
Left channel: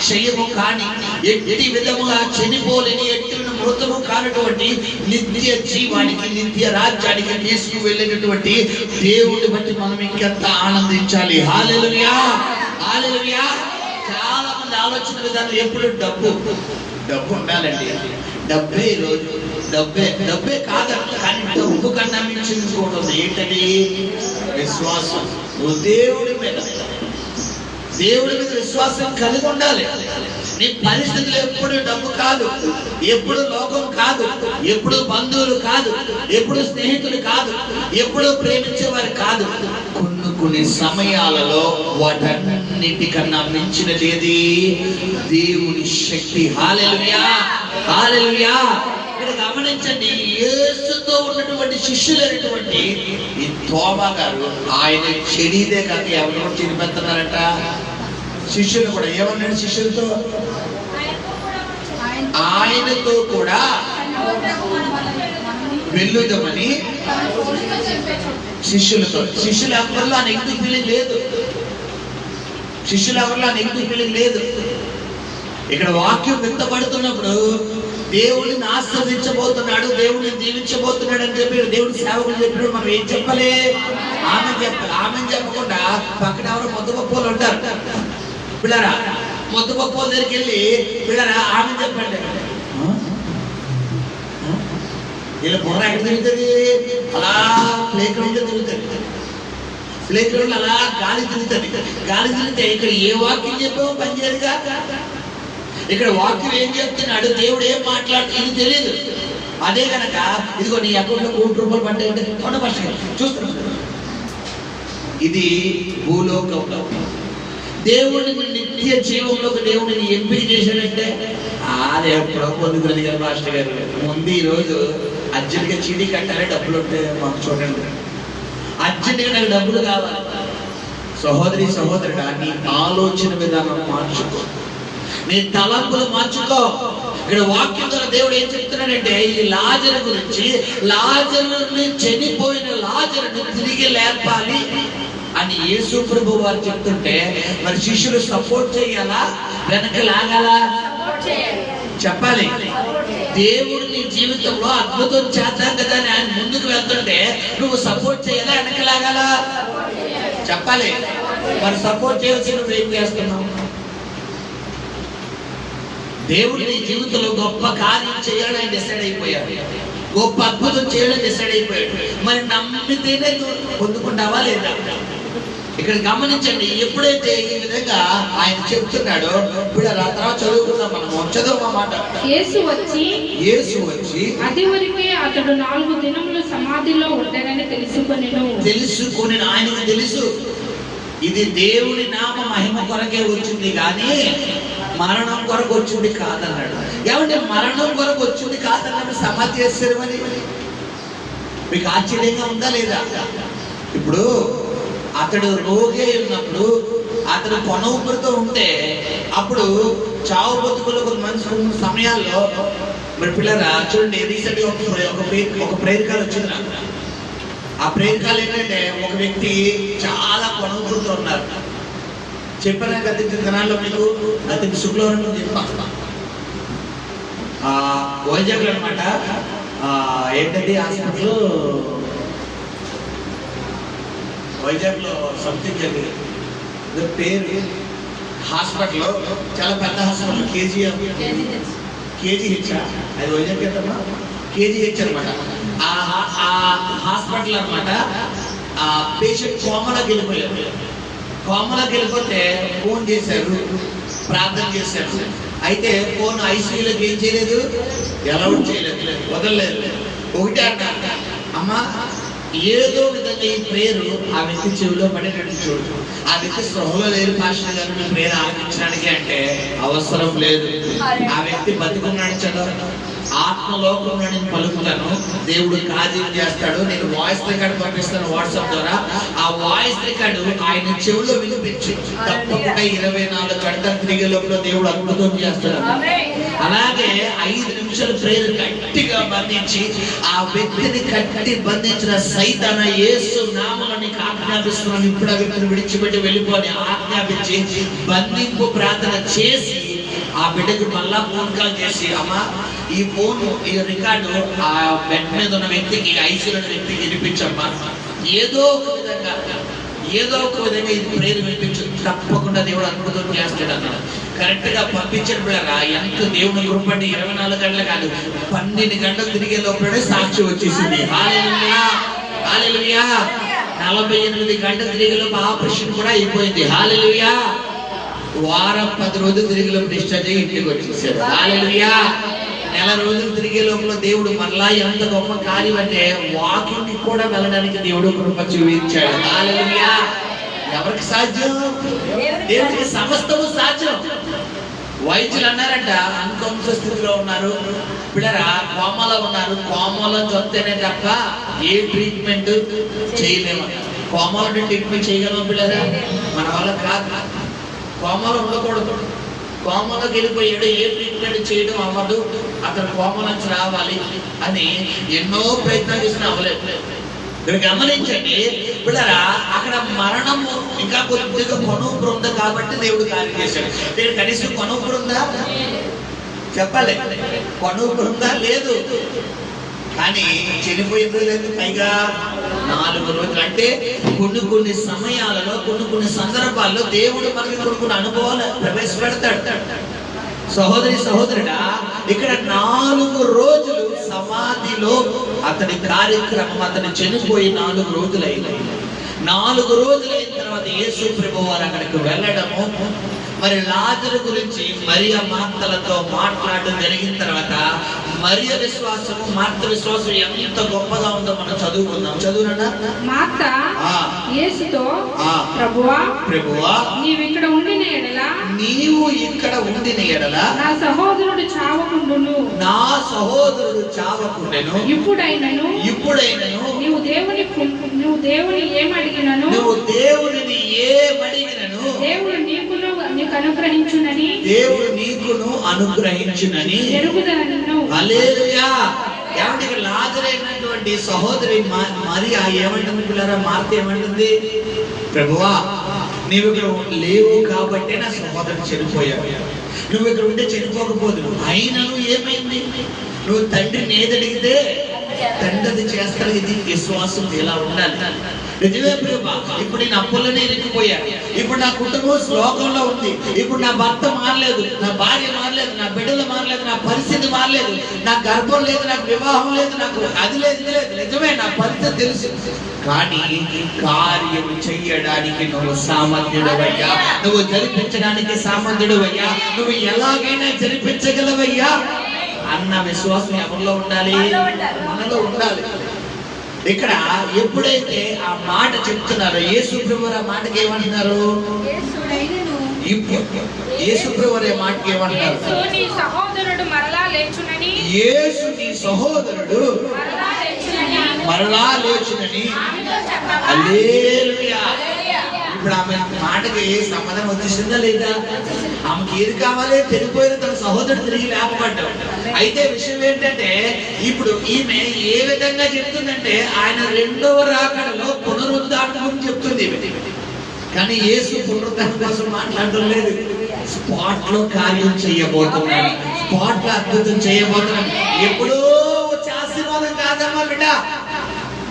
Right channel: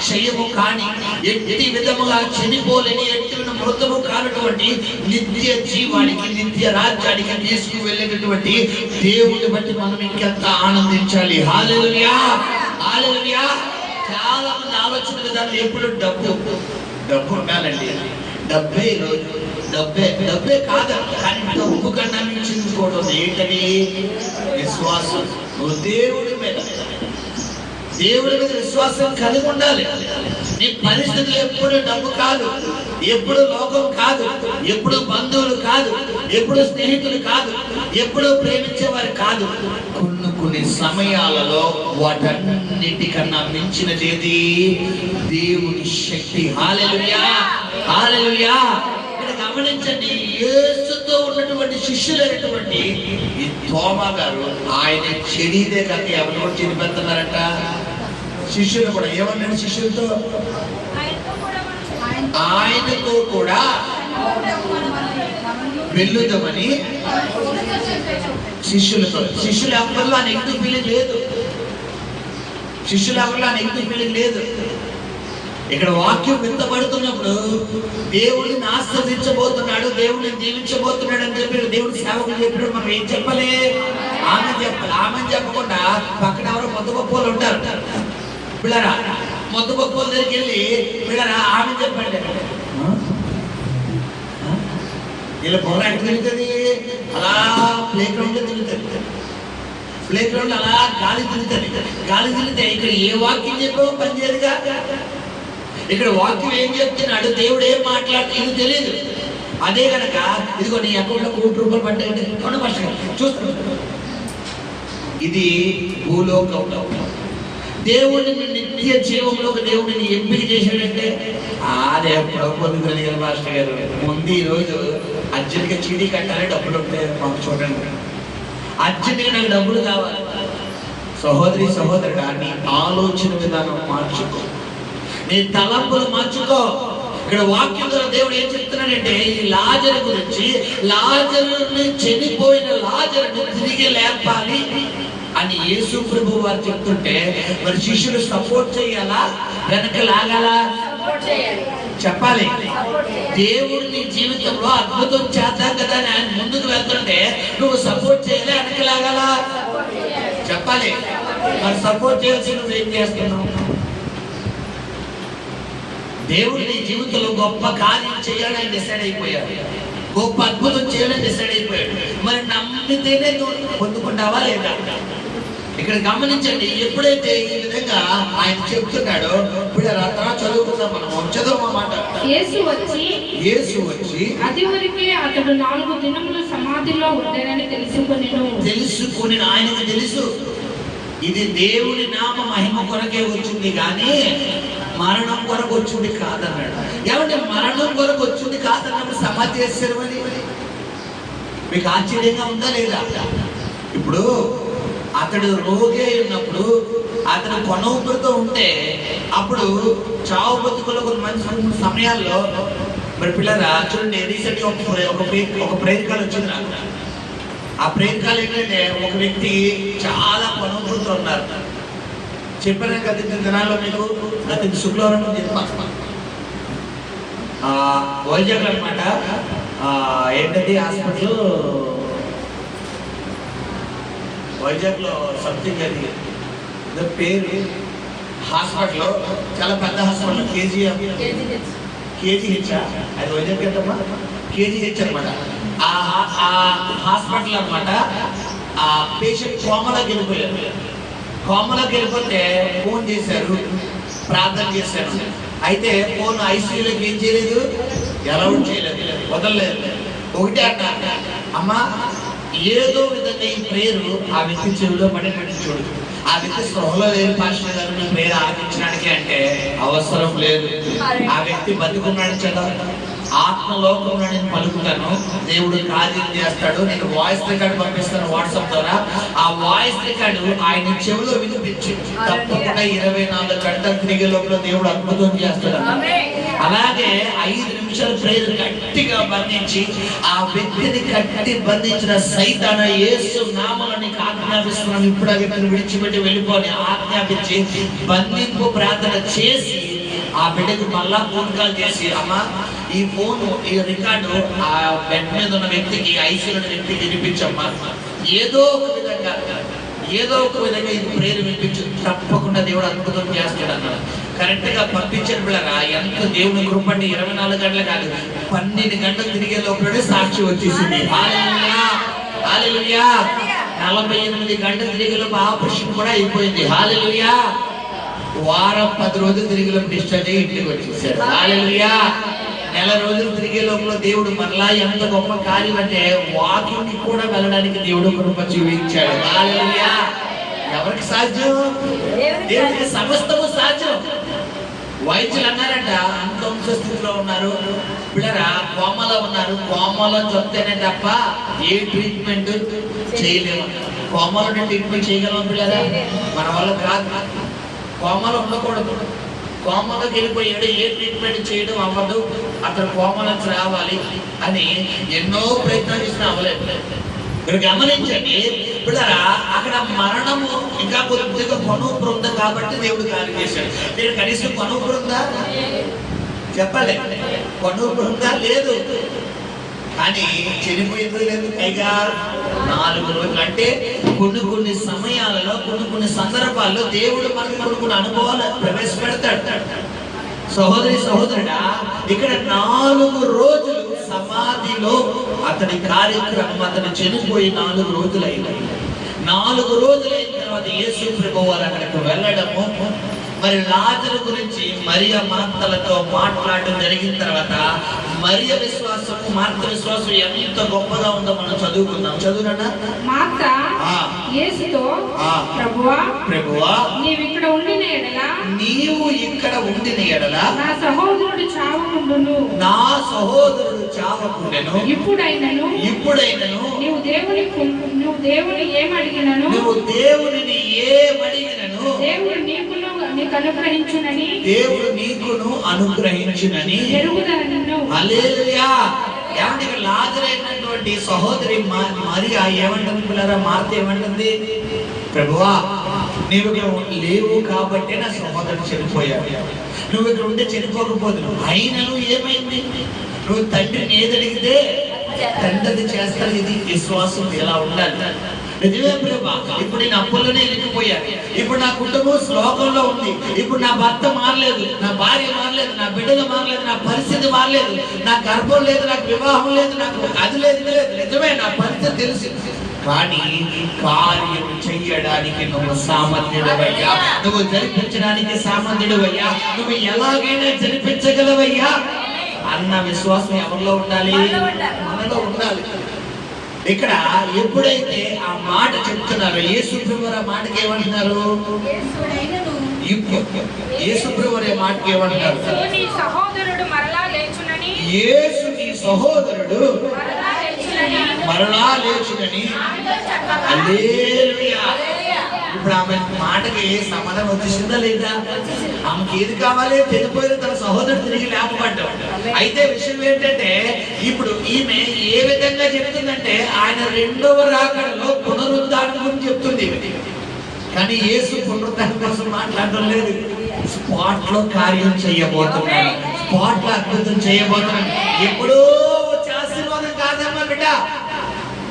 క్షయము కాని ఎట్టి విధముగా చనిపోలేని ఎట్టి మృతము కానటువంటి నిత్య జీవానికి, నిత్య రాజ్యానికి తీసుకువెళ్ళేటటువంటి దేవుడిని బట్టి మనం ఇంకెంత ఆనందించాలి. హల్లెలూయా, హల్లెలూయా. చాలా మంది ఆలోచన విధానం ఎప్పుడు డబ్బు ఉండాలండి, డబ్బే ఈరోజు, డబ్బే కాదు, కానీ డబ్బు కన్నా మించుకోవడం ఏంటని విశ్వాసం. నువ్వు దేవుడి మీద విశ్వాసం కలిగి ఉండాలి. నీ పరిస్థితులు ఎప్పుడు డబ్బు కాదు, ఎప్పుడు లోకం కాదు, ఎప్పుడు బంధువులు కాదు, ఎప్పుడు స్నేహితులు కాదు, ఎప్పుడు ప్రేమించేవారు కాదు. కొన్ని సమయాలలో వాటన్నిటికన్నా మించినది దేవుని శక్తి. హల్లెలూయా, హల్లెలూయా. ఇక్కడ గమనించండి, యేసుతో ఉన్నటువంటి శిష్యులైనటువంటి ఈ తోమా గారు ఆయన చెడిదే కాక ఎవరు చెడిపెడుతున్నారంట. శిష్యులు కూడా ఏమన్నాడు? శిష్యులతో ఆయనతో కూడా వెళ్ళుదామని శిష్యులు ఎవరిలో ఆ నెగిటివ్ ఫీలింగ్ లేదు. ఇక్కడ వాక్యం వింతపడుతున్నప్పుడు దేవుడిని ఆశ్రదించబోతున్నాడు, దేవుడిని దీవించబోతున్నాడు అని చెప్పి దేవుడి సేవకులు చెప్పినప్పుడు మనం ఏం చెప్పాలి? ఆమె చెప్పాలి. ఆమెను చెప్పకుండా పక్కన ఎవరు మొత్తపప్పోలు ఉంటారు పిల్లరా, మొత్తపప్పోల దగ్గరికి వెళ్ళి పిల్లరా ఆమె చెప్పండి. ఇలా బుర్ర ఎక్కడ తిరుగుతుంది? అలా ప్లే గ్రౌండ్ తిరుగుతుంది, ప్లే గ్రౌండ్ అలా గాలి తిరిగితే ఇక్కడ ఏ వాక్యం చెప్పావో పనిచేయదుగా. ఇక్కడ వాక్యం ఏం చెప్తున్నాడు, దేవుడు ఏం మాట్లాడుతూ ఇది తెలియదు. అదే కనుక ఇదిగో నీ అకౌంట్లో 1 కోటి రూపాయలు పట్టే చూస్తాను. ఇది భూలోకంలో దేవుడిని నిత్య జీవంలోకి దేవుడిని ఎంపిక చేశాడంటే అది ఎప్పుడో పొందుతుంది కదా మాస్టర్ గారు. ముందు ఈ రోజు అర్జెంట్గా చీటీ కట్టాలి, డబ్బులు ఉంటాయి మాకు చూడండి, అర్జెంట్గా నాకు డబ్బులు కావాలి. సహోదరి సహోదరుడా, నీ ఆలోచన విధానం మార్చుకో, నీ తలంపులు మార్చుకో. ఇక్కడ వాక్యం ద్వారా దేవుడు ఏం చెప్తున్నాడంటే ఈ లాజరు గురించి, లాజరుని చనిపోయిన లాజరును తిరిగి లేపాలి అని యేసు ప్రభు వారు చెప్తుంటే మరి శిష్యులు సపోర్ట్ చేయాలా, వెనక లాగాలా? చెప్పాలి. దేవుడు నీ జీవితంలో అద్భుతం చేద్దాం కదా అని ఆయన ముందుకు వెళ్తుంటే నువ్వు సపోర్ట్ చేయాలా వెనకలాగాలా చెప్పాలి. మరి సపోర్ట్ చేయాల్సి నువ్వు ఏం చేస్తున్నావు? దేవుడు నీ జీవితంలో గొప్ప కార్యం చేయాలని డిసైడ్ అయిపోయాడు, గొప్ప అద్భుతం చేయాలని డిసైడ్ అయిపోయాడు. మరి నమ్మితేనే నువ్వు పొందుకుంటావా లేదా? ఇక్కడ గమనించండి, ఎప్పుడైతే ఈ విధంగా ఆయన చెప్తున్నాడో ఇప్పుడు తర్వాత చదువుకుందాం, మనం చదువు మాట. యేసు వచ్చి అది వరకే అతడు 4 దినములు సమాధిలో ఉంటాడని తెలుసుకొని ఆయనకు తెలుసు ఇది దేవుని నామ మహిమ కొరకే వచ్చింది కానీ మరణం కొరకు వచ్చింది కాదన్నాడు. ఏమంటే మరణం కొరకు వచ్చింది కాదన్నప్పుడు సమాధి చేస్తారు. మరి మీకు ఆశ్చర్యంగా ఉందా లేదా? ఇప్పుడు అతడు రోగి అయి ఉన్నప్పుడు, అతడు కొన ఊపిరితో ఉంటే అప్పుడు చావు బతుకులు కొన్ని మంచి సమయాల్లో మరి పిల్లరా చూడండి, రీసెంట్ గా ఒక ప్రేయర్ కాల్ వచ్చింది నాకు. ఆ ప్రేయర్ కాల్ ఏంటంటే ఒక వ్యక్తి చాలా కొన ఊపిరితో ఉన్నారు. చెప్పాను గత దినాల్లో మీకు, గత శుక్రవారం చెప్పాను వైజాగ్ అనమాట. ఏంటంటే హాస్పిటల్ వైజాగ్ లో సంథింగ్ అది పేరు హాస్పిటల్, చాలా పెద్ద హాస్పిటల్, కేజీహెచ్ అది వైజాగ్ ఎంతమ్మా? కేజీహెచ్ అనమాట. ఆ హాస్పిటల్ అనమాట. ఆ పేషెంట్ కోమలోకి వెళ్ళిపోయారు. కోమలోకి వెళ్ళిపోతే ఫోన్ చేశారు, ప్రార్థన చేశారు. అయితే ఫోన్ ఐసీయూలోకి ఏం చేయలేదు, అలౌట్ చేయలేదు, వదలలేదు. ఒకటే అన్న, అమ్మా ఏదో విధంగా ఈ ప్రేరు ఆ వ్యక్తి చెవిలో పడేటట్టు చూడు. ఆ వ్యక్తి స్పృహలో లేదు పాస్టర్ గారు మీ ప్రేరు ఆరంభించడానికి అంటే అవసరం లేదు. ఆ వ్యక్తి బతికున్నాడు చదవ, ఆత్మలోకంలో నేను పలుకుతాను, దేవుడు కార్యం చేస్తాడు. నేను వాయిస్ రికార్డు పంపిస్తాను వాట్సాప్ ద్వారా. ఆ వాయిస్ రికార్డు ఆయన చెవిలో వినిపించి తప్పకుండా 24 గంటలు తిరిగే లోపల దేవుడు అద్భుతం చేస్తాడు. అలాగే 5 నిమిషాల ప్రేయర్ గట్టిగా బంధించి ఆ వ్యక్తిని కట్టి బంధించిన సైతాను యేసు నామములో నీకు ఆజ్ఞాపిస్తున్నాను, ఇప్పుడు ఆ వ్యక్తిని విడిచిపెట్టి వెళ్ళిపోని ఆజ్ఞాపించి బంధింపు ప్రార్థన చేసి ఆ బిడ్డకి మళ్ళా ఫోన్ కాల్ చేసి, అమ్మా ఈ ఫోన్ ఈ రికార్డు ఆ బెడ్ మీద ఉన్న వ్యక్తికి, ఐసీలో ఉన్న వ్యక్తికి వినిపించమ్మా, ఏదో ఒక విధంగా ఇది ప్రేరు వినిపించు, తప్పకుండా దేవుడు అద్భుతం చేస్తాడు అన్నాడు. కరెక్ట్ గా పంపించిన బిడ్డరా ఎంత దేవుని కృపండి. 24 గంటలు కాదు, 12 గంటలు తిరిగే లోపలనే సాక్షి వచ్చేసింది. హల్లెలూయా, హల్లెలూయా. 48 గంటలు తిరిగే లోపు ఆపరేషన్ కూడా అయిపోయింది. హల్లెలూయా. వారం 10 రోజులు తిరిగే లోపు డిశ్చార్జ్ అయ్యి ఇంటికి వచ్చేసాడు. హల్లెలూయా. నెల రోజులు తిరిగే లోపల దేవుడు మరలా ఎంత గొప్ప కార్యం అంటే వాకింగ్ కూడా వెళ్ళడానికి దేవుడు కృప చూపించాడు. హల్లెలూయా. ఎవరికి సాధ్యం? దేవుడికి సమస్తము సాధ్యం. వైద్యులు అన్నారంట, అన్కాన్షియస్ స్థితిలో ఉన్నారు పిల్లరా, కోమలో ఉన్నారు, కోమలో చదివితేనే తప్ప ఏ ట్రీట్మెంట్ చేయలేము. కోమలో ట్రీట్మెంట్ చేయగలం పిల్లరా, మన వల్ల కాదు. కోమలో ఉండకూడదు. కోమలోకి వెళ్ళిపోయాడు, ఏ ట్రీట్మెంట్ చేయడం అవ్వదు, అతను కోమ నుంచి రావాలి అని ఎన్నో ప్రయత్నాలు చేసినా అవ్వలేదు. మీరు గమనించండి పిల్లరా, అక్కడ మరణము ఇంకా కొద్దిగా కొనుపురు ఉంది కాబట్టి దేవుడు కార్యం చేశాడు. మీరు కనీసం కొనుపురు ఉందా చెప్పాలి, కొనుపురు ఉందా? లేదు. కానీ చనిపోయిందో లేదు, పైగా 4 రోజులు అంటే కొన్ని సమయాలలో కొన్ని సందర్భాల్లో దేవుడు మనకి కొన్ని అనుభవాలు ప్రవేశపెడతాడు. సహోదరి సహోదరుడా, ఇక్కడ 4 రోజులు సమాధిలో అతని కార్యక్రమం, అతను చనిపోయి 4 రోజులు అయినాయి. 4 రోజులైన తర్వాత యేసు ప్రభువు వారు అక్కడికి వెళ్ళడము, మరి లాజరు గురించి మరియ మార్తలతో మాట్లాడడం జరిగిన తర్వాత మరియ విశ్వాసము మార్త విశ్వాసం ఎంత గొప్పగా ఉందో మనం చదువుకుందాం. చదువునా? మార్త యేసుతో, ప్రభువా నీవు ఇక్కడ ఉండిన ఎడల నా సహోదరుడు చావకుండును. ఇప్పుడైనను నీవు దేవుని ఏమడిగినను దేవుడు నీకును అనుగ్రహించునని ఎరుగుదను. హల్లెలూయా. ఏమంటే లాజరైనటువంటి సహోదరి మరియా ఏమంటుంది పిల్లరా? మార్త ఏమంటుంది? ప్రభువా నీవు ఇక్కడ లేవు కాబట్టి నా సహోదరుడు చనిపోయాడు, నువ్వు ఇక్కడ ఉంటే చనిపోకపోదు. అయినను ఏమైంది? నువ్వు తండ్రిని ఏది అడిగితే తండ్రి అది చేస్తాడు. ఇది విశ్వాసం ఎలా ఉండాలి. నిజమే ప్రభా, ఇప్పుడు నేను అప్పులనే ఇరుక్కుపోయాను, ఇప్పుడు నా కుటుంబం శ్లోకంలో ఉంది, ఇప్పుడు నా భర్త మారలేదు, నా భార్య మారలేదు, నా బిడ్డలు మారలేదు, నా పరిస్థితి మారలేదు, నా గర్భం లేదు, నాకు వివాహం లేదు, నాకు అది లేదు, ఇది లేదు. నిజమే, నా పరిస్థితి తెలుసు. కానీ కార్యం చెయ్యడానికి నువ్వు సామర్థ్యుడవయ్యా, నువ్వు జరిపించడానికి సామర్థ్యుడవయ్యా, నువ్వు ఎలాగైనా జరిపించగలవయ్యా అన్న విశ్వాసం ఎవరిలో ఉండాలి? మనలో ఉండాలి. ఇక్కడ ఎప్పుడైతే ఆ మాట చెప్తున్నారో యేసు ప్రభువు ఆ మాటకి ఏమంటున్నారు? యేసు ప్రభువు ఆ మాటకి ఏమంటున్నారు? యేసు నీ సహోదరుడు మరలా లేచునని. హల్లెలూయా. ఇప్పుడు ఆమె మాటకి సమాధానం వచ్చేసిందా లేదా? ఆమెకి ఏది కావాలి? చనిపోయిన తన సహోదరుడు తిరిగి లేపబడ్డాడు. అయితే విషయం ఏంటంటే ఇప్పుడు ఈమె ఏ విధంగా చెప్తుందంటే ఆయన రెండవ రాకడలో పునరుద్ధానం గురించి చెప్తుంది. కానీ యేసు పునరుద్ధానం కోసం మాట్లాడడం లేదు. స్పాట్ లో కార్యం చేయబోతున్నాడు, స్పాట్ లో అద్భుతం చేయబోతున్నాడు. ఎప్పుడో వచ్చే ఆశీర్వాదం కాదమ్మా బిడ్డ.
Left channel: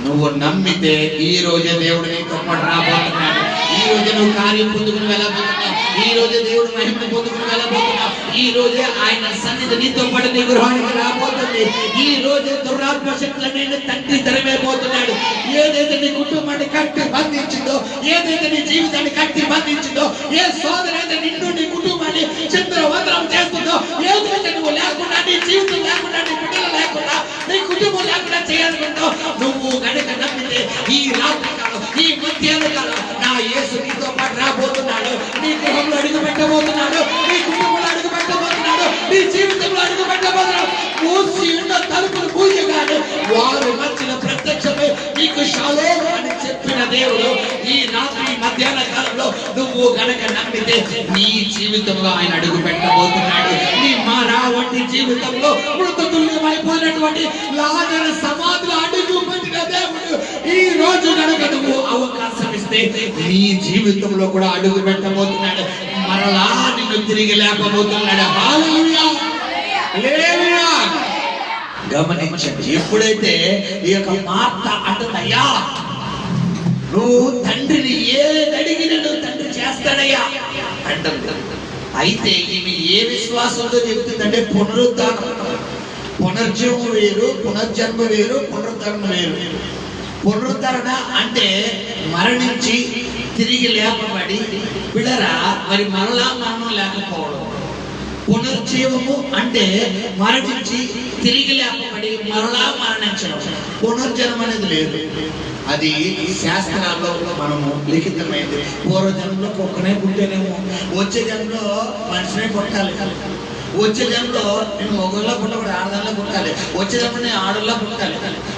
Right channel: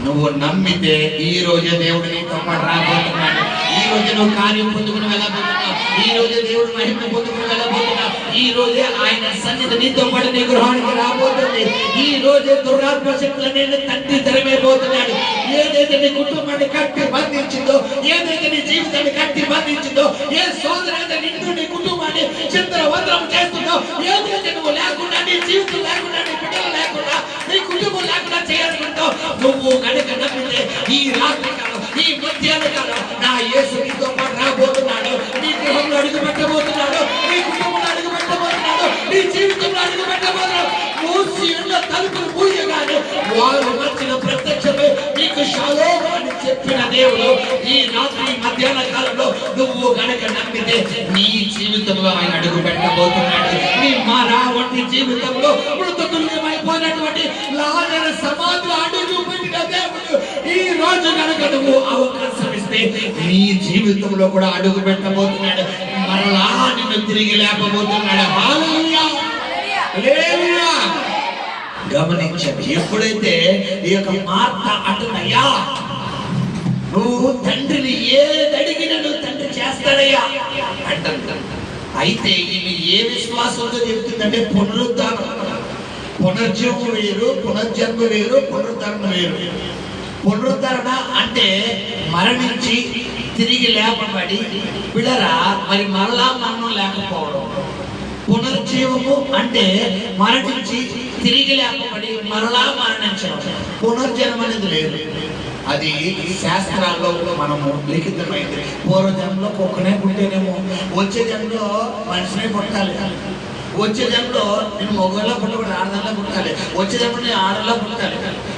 నువ్వు నమ్మితే ఈ రోజే దేవుడు నీతో పాటు రాబోతున్నాడు. ఈ రోజే నువ్వు కార్యం పొందుకుని వెళ్ళబోతున్నావు. ఈ రోజే దేవుడు మహిమ పొందుకుని వెళ్ళబోతున్నావు. ఈ రోజే ఆయన సన్నిధి నీతో పాటు నీ గృహానికి రాబోతుంది. ఈ రోజే దురాత్మ శక్తులనే తండ్రి తరిమైపోతున్నాడు. ఏదైతే నీ కుటుంబాన్ని కట్టి బంధించిందో, ఏదైతే నీ జీవితాన్ని కట్టి బంధించిందో, ఏ సోదరు అయితే నిన్ను నీ కుటుంబాన్ని చంద్రవందనం చేస్తుందో, ఏదైతే నువ్వు లేకుండా నీ జీవితం లేకుండా నీ బిడ్డలు లేకుండా నీ కుటుంబం లేకుండా చేయాలనుకుంటో, నువ్వు గనక నమ్మితే ఈ రాత్రి కాలం, ఈ మధ్యాహ్న కాలం నా యేసు నీతో పాటు రాబోతున్నాడు. నీ గృహంలో అడుగు పెట్టబోతున్నాడు, నీ కుటుంబంలో అడుగు పెట్టబోతున్నాడు, నీ జీవితంలో అడుగు పెట్టబోతున్నాడు. మూసి ఉన్న తలుపులు మూయగానే వారు మధ్యన ప్రత్యక్షమై నీకు షాలోమ్ అని చెప్పిన దేవుడు ఈ రాత్రి మధ్యాహ్న కాలంలో నువ్వు గనక నమ్మితే నీ జీవితంలో ఆయన అడుగు పెట్టబోతున్నాడు. నీ మారా వంటి జీవితంలో మృతతుల్యమైపోయినటువంటి లాజరు సమాధిలో అడుగు పెట్టిన దేవుడు ఈ రోజు కనుక నువ్వు అవకాశం ఇస్తే నీ జీవితంలో కూడా అడుగు పెట్టబోతున్నాడు. మరలా నిన్ను తిరిగి లేపబోతున్నాడు. హల్లెలూయా, హల్లెలూయా. గమనించండి, ఎప్పుడైతే ఈ యొక్క మార్త అంటున్నాయా, నువ్వు తండ్రిని ఏది అడిగినా నువ్వు తండ్రి చేస్తాడయ్యా అంటాడు. అయితే ఇవి ఏ విశ్వాసంతో చెప్తుందంటే పునరుద్ధానం. పునర్జీవం వేరు, పునర్జన్మ వేరు, పునరుద్ధరణ వేరు. పునరుద్ధరణ అంటే మరణించి తిరిగి లేపబడి పిల్లరా మరి మరలా మరణం లేకపోవడం. పునర్జీవము అంటే మరణించి తిరిగి లేపబడి మరలా మరణించడం. పునర్జన్మ అనేది లేదు. అది శాస్త్రాల్లో మనము లిఖితమైంది. పూర్వజన్మలో కుక్కనే పుట్టేనేమో, వచ్చే జన్మలో మనిషినే పుట్టాలి. వచ్చే జన్మలో నేను మొగల్లో పుట్టకూడదు, ఆడదాల్లో పుట్టాలి. వచ్చే జన్మలో నేను ఆడల్లో పుట్టాలి.